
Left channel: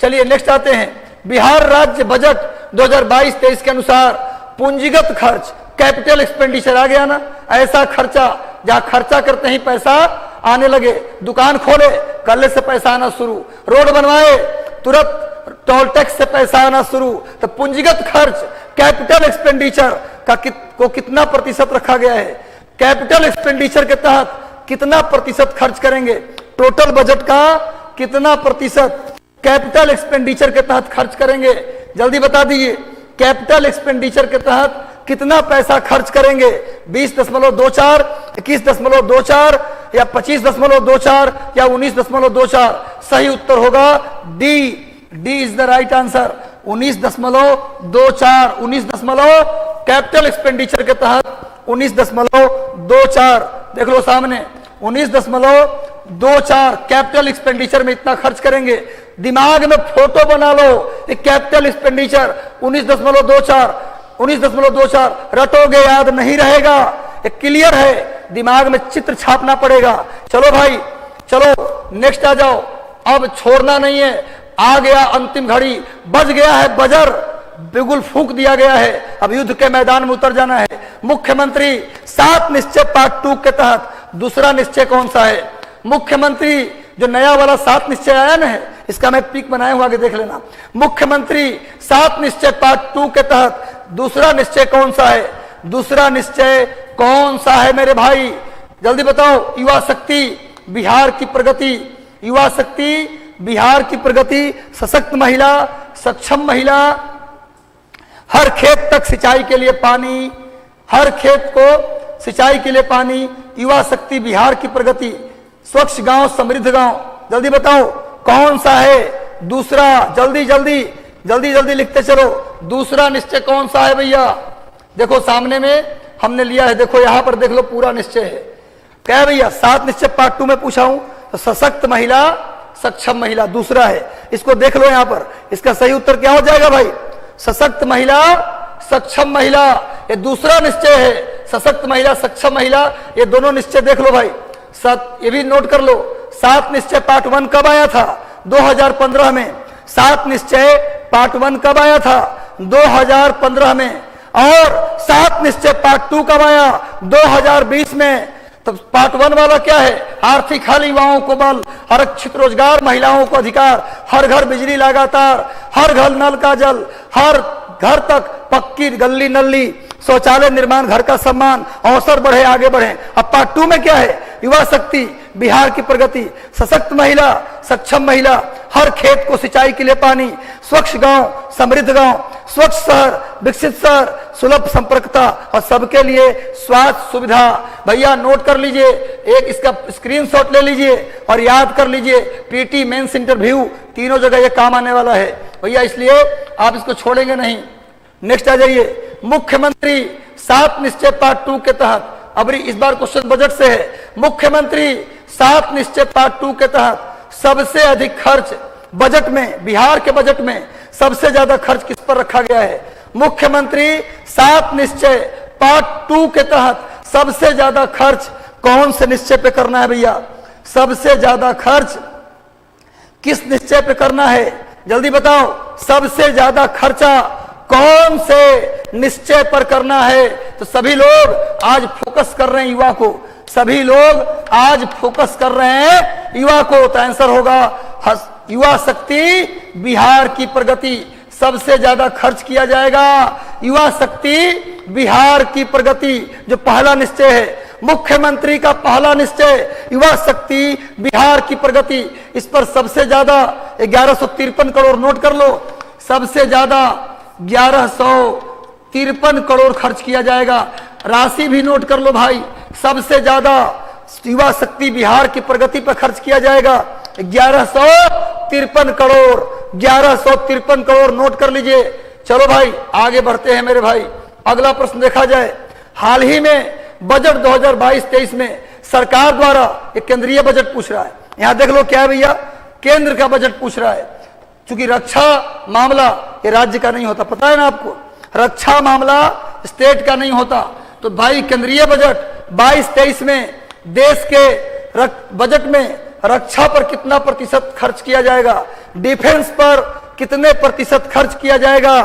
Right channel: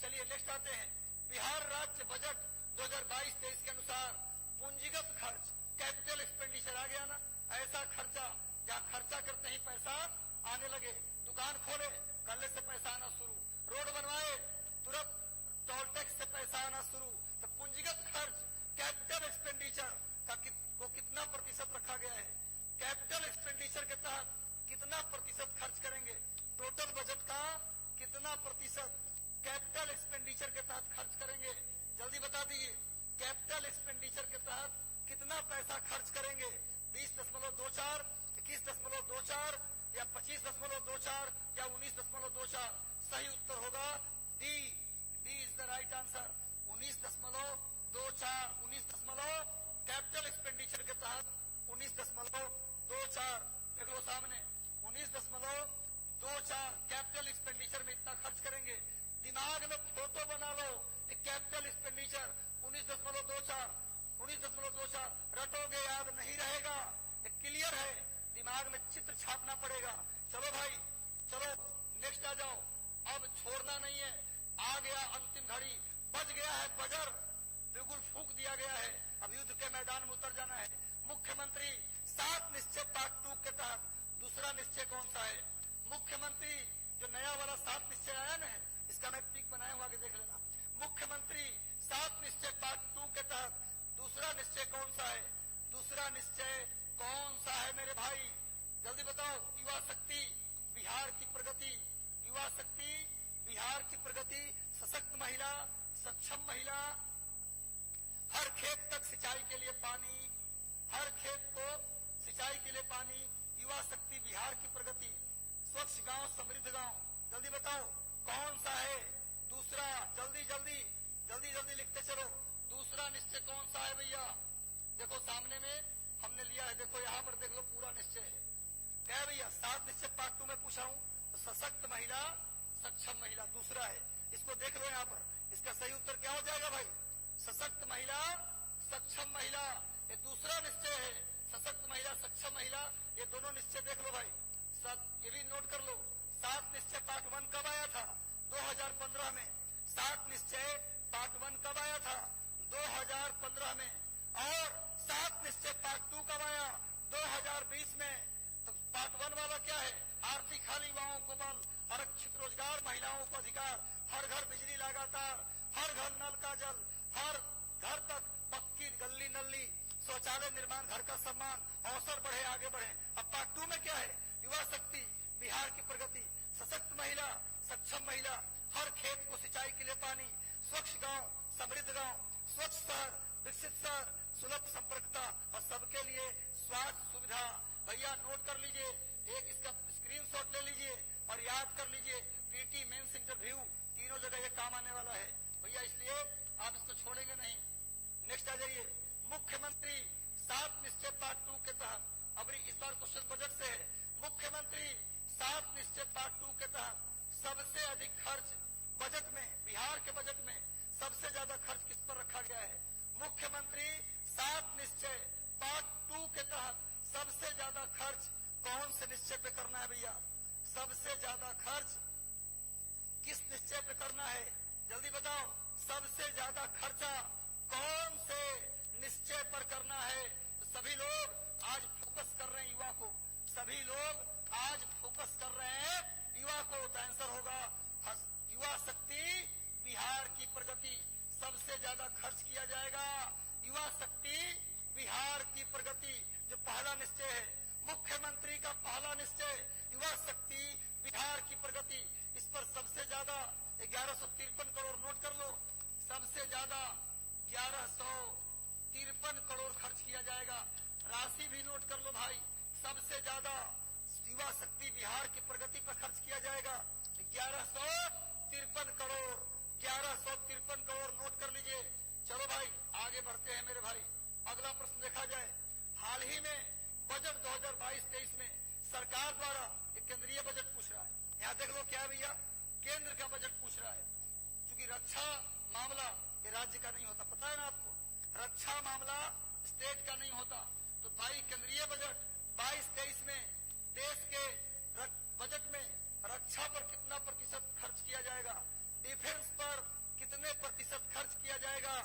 चलिए नेक्स्ट आते हैं। बिहार राज्य बजट 2022-23 के अनुसार पूंजीगत खर्च, कैपिटल एक्सपेंडिचर आ गया ना, ऐसा खर्चा जहां खर्चा करते ही पैसा आने लगे। दुकान खोले, कल से पैसा आना शुरू, रोड बनवाए, तुरंत टोल टैक्स से पैसा आना शुरू। तो पूंजीगत खर्च, कैपिटल एक्सपेंडिचर को कितना प्रतिशत रखा गया है? कैपिटल एक्सपेंडिचर के तहत कितना प्रतिशत खर्च करेंगे? टोटल बजट का कितना प्रतिशत कैपिटल एक्सपेंडिचर के तहत खर्च करेंगे? जल्दी बता दीजिए। कैपिटल एक्सपेंडिचर के तहत कितना पैसा खर्च करेंगे? 20.24, 21.24 या 25.24 या 19.24? सही उत्तर होगा D. D is the right answer. 19.24, 19 capital expenditure के तहत 19.24। देख लो सामने, 19.24 कैपिटल एक्सपेंडिचर में इतना खर्च करेंगे। दिमाग में फोटो बना लो, कैपिटल एक्सपेंडिचर 19.24, 19.24 रटोगे याद नहीं रहेगा। एक क्लियर है, दिमाग में चित्र छापना पड़ेगा। चलो भाई, चलो नेक्स्ट आ जाओ। अब छोड़ना नहीं है, आ गया अंतिम घड़ी, बज गया है बजर, बिगुल फूंक दिया गया है। अब युद्ध के मैदान में उतर जाना है। मुख्यमंत्री 7 निश्चय पार्ट 2 के तहत दूसरा निश्चय कौन सा है? मुख्यमंत्री जो नया वाला 7 निश्चय आया ना है, इसका मैं पिक बनाया हुआ, आगे देख लेना। मुख्यमंत्री 7 निश्चय पार्ट 2 के तहत दूसरा निश्चय कौन सा है? दूसरा निश्चय कौन सा है मेरे भाई? जल्दी बताओ। युवा शक्ति बिहार की प्रगति, युवा शक्ति बिहार की प्रगति, सशक्त महिला, सक्षम महिला, हर खेत तक सिंचाई के लिए पानी, हर खेत को सिंचाई के लिए पानी, युवा शक्ति बिहार की प्रगति, स्वच्छ गांव समृद्ध गांव। जल्दी बताओ कौन सा है दूसरा? जल्दी जल्दी जल्दी जल्दी लिखते चलो। दूसरा निश्चय कौन सा है भैया? देखो सामने में हमने लिया है, देखो यहां पर देख लो, पूरा निश्चय है। क्या भैया? 7 निश्चय पार्ट 2 में पूछा हूं तो सशक्त महिला, सक्षम महिला दूसरा है। इसको देख लो यहां पर, इसका सही उत्तर क्या हो जाएगा भाई? सशक्त महिला, सक्षम महिला, ये दूसरा निश्चय है। सशक्त महिला, सक्षम महिला, ये दोनों निश्चय देख लो भाई। ये भी नोट कर लो। 7 निश्चय पार्ट 1 कब आया था? 2015 में। 7 निश्चय पार्ट 1 कब आया था? 2015 में। और 7 निश्चय पार्ट 2 कब आया? 2020 में। तो पार्ट 1 वाला क्या है? आर्थिक हल, युवाओं को बल, आरक्षित रोजगार, महिलाओं को अधिकार, हर घर बिजली लगातार, हर घर नल का जल, हर घर तक पक्की गली नली, शौचालय निर्माण, घर का सम्मान, अवसर बढ़े, आगे बढ़े। अब पार्ट 2 में क्या है? युवा शक्ति बिहार की प्रगति, सशक्त महिला, सक्षम महिला, हर खेत को सिंचाई के लिए पानी, स्वच्छ गांव, समृद्ध गांव, स्वच्छ शहर, विकसित शहर, सुलभ संपर्कता और सबके लिए स्वास्थ्य सुविधा। भैया नोट कर लीजिए, एक इसका स्क्रीनशॉट ले लीजिए और याद कर लीजिए, पीटी मेंस इंटरव्यू तीनों जगह ये काम आने वाला है भैया, इसलिए आप इसको छोड़ेंगे नहीं। नेक्स्ट आ जाइए, मुख्यमंत्री 7 निश्चय पार्ट 2 के तहत, अब इस बार क्वेश्चन बजट से है, मुख्यमंत्री 7 निश्चय पार्ट 2 के तहत सबसे अधिक खर्च बजट में, बिहार के बजट में सबसे ज्यादा खर्च किस पर रखा गया है? मुख्यमंत्री 7 निश्चय पार्ट 2 के तहत सबसे ज्यादा खर्च कौन से निश्चय पे करना है भैया? सबसे ज्यादा खर्च किस निश्चय पे करना है? जल्दी बताओ, सबसे ज्यादा खर्चा कौन से निश्चय पर करना है? तो सभी लोग आज फोकस कर रहे हैं युवा को, सभी लोग आज फोकस कर रहे हैं युवा को। तो आंसर होगा युवा शक्ति बिहार की प्रगति, सबसे ज्यादा खर्च किया जाएगा युवा शक्ति बिहार की प्रगति, जो पहला निश्चय है। मुख्यमंत्री का पहला निश्चय युवा शक्ति बिहार की प्रगति, इस पर सबसे ज्यादा 1153 करोड़, नोट कर लो, सबसे ज्यादा 1153 करोड़ खर्च किया जाएगा। राशि भी नोट कर लो भाई, सबसे ज्यादा युवा शक्ति बिहार की प्रगति पर खर्च किया जाएगा 1153 करोड़, 1153 करोड़ नोट कर लीजिए। चलो भाई आगे बढ़ते हैं मेरे भाई, अगला प्रश्न देखा जाए। हाल ही में बजट 2022-23 में सरकार द्वारा एक केंद्रीय बजट पूछ रहा है, यहां देख लो क्या है भैया, केंद्र का बजट पूछ रहा है। क्योंकि रक्षा मामला ये राज्य का नहीं होता, पता है ना आपको, रक्षा मामला स्टेट का नहीं होता। तो भाई केंद्रीय बजट 22-23 में देश के बजट में रक्षा पर कितना प्रतिशत खर्च किया जाएगा, डिफेंस पर कितने प्रतिशत खर्च किया जाएगा?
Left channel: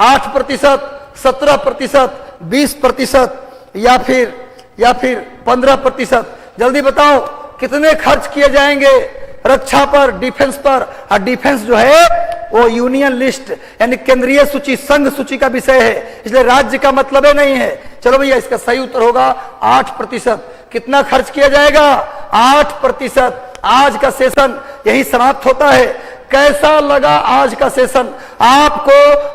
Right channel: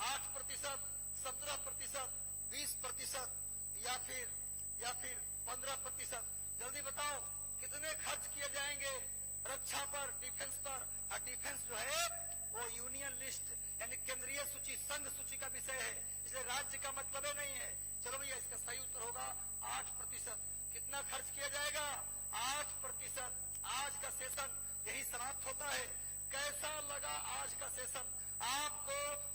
8%, 17%, 20% या फिर 15%? जल्दी बताओ कितने खर्च किए जाएंगे रक्षा पर, डिफेंस पर? और डिफेंस जो है वो यूनियन लिस्ट यानी केंद्रीय सूची, संघ सूची का विषय है, इसलिए राज्य का मतलब है नहीं है। चलो भैया इसका सही उत्तर होगा 8%। कितना खर्च किया जाएगा? 8%। आज का सेशन यही समाप्त होता है। कैसा लगा आज का सेशन? आपको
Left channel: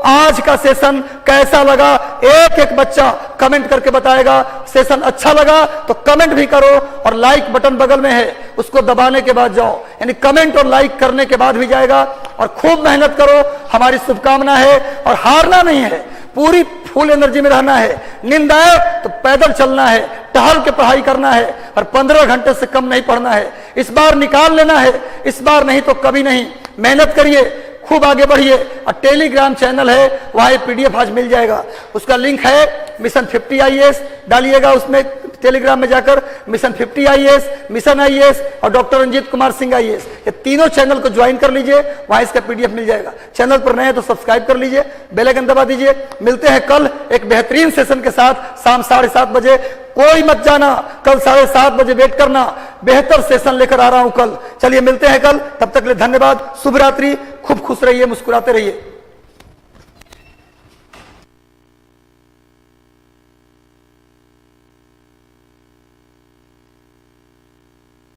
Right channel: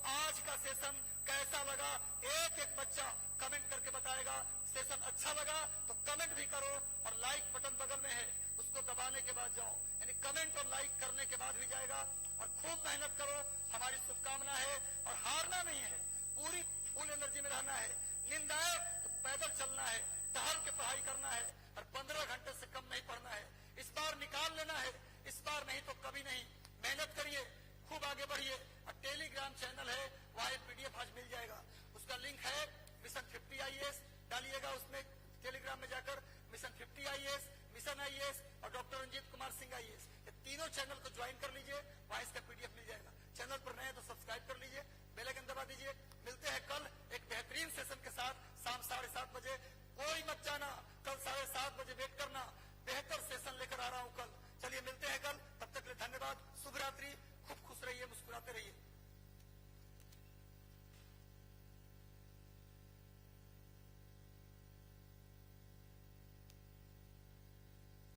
आज का सेशन कैसा लगा? एक एक बच्चा कमेंट करके बताएगा। सेशन अच्छा लगा तो कमेंट भी करो और लाइक बटन बगल में है उसको दबाने के बाद जाओ, यानी कमेंट और लाइक करने के बाद भी जाएगा। और खूब मेहनत करो, हमारी शुभकामना है। और हारना नहीं है, पूरी फुल एनर्जी में रहना है। नींद आए तो पैदल चलना है, टहल के पढ़ाई करना है और 15 घंटे से कम नहीं पढ़ना है। इस बार निकाल लेना है, इस बार नहीं तो कभी नहीं। मेहनत करिए, खूब आगे बढ़िए। और टेलीग्राम चैनल है, वहां ये पीडीएफ आज मिल जाएगा, उसका लिंक है मिशन 50 IAS, डालिएगा उसमें टेलीग्राम में जाकर। मिशन 50 IAS, मिशन IAS और डॉक्टर रंजीत कुमार सिंह IAS, ये तीनों चैनल को ज्वाइन कर लीजिए, वहां इसका पीडीएफ मिल जाएगा। चैनल पर नए हैं तो सब्सक्राइब कर लीजिए, बेल आइकन दबा दीजिए। मिलते हैं कल एक बेहतरीन सेशन के साथ शाम 7:30 बजे। कोई मत जाना, कल 7:30 बजे वेट करना, बेहतर सेशन लेकर आ रहा हूं कल। चलिए मिलते हैं कल, तब तक के लिए धन्यवाद, शुभ रात्रि, खूब खुश रहिए, मुस्कुराते रहिए।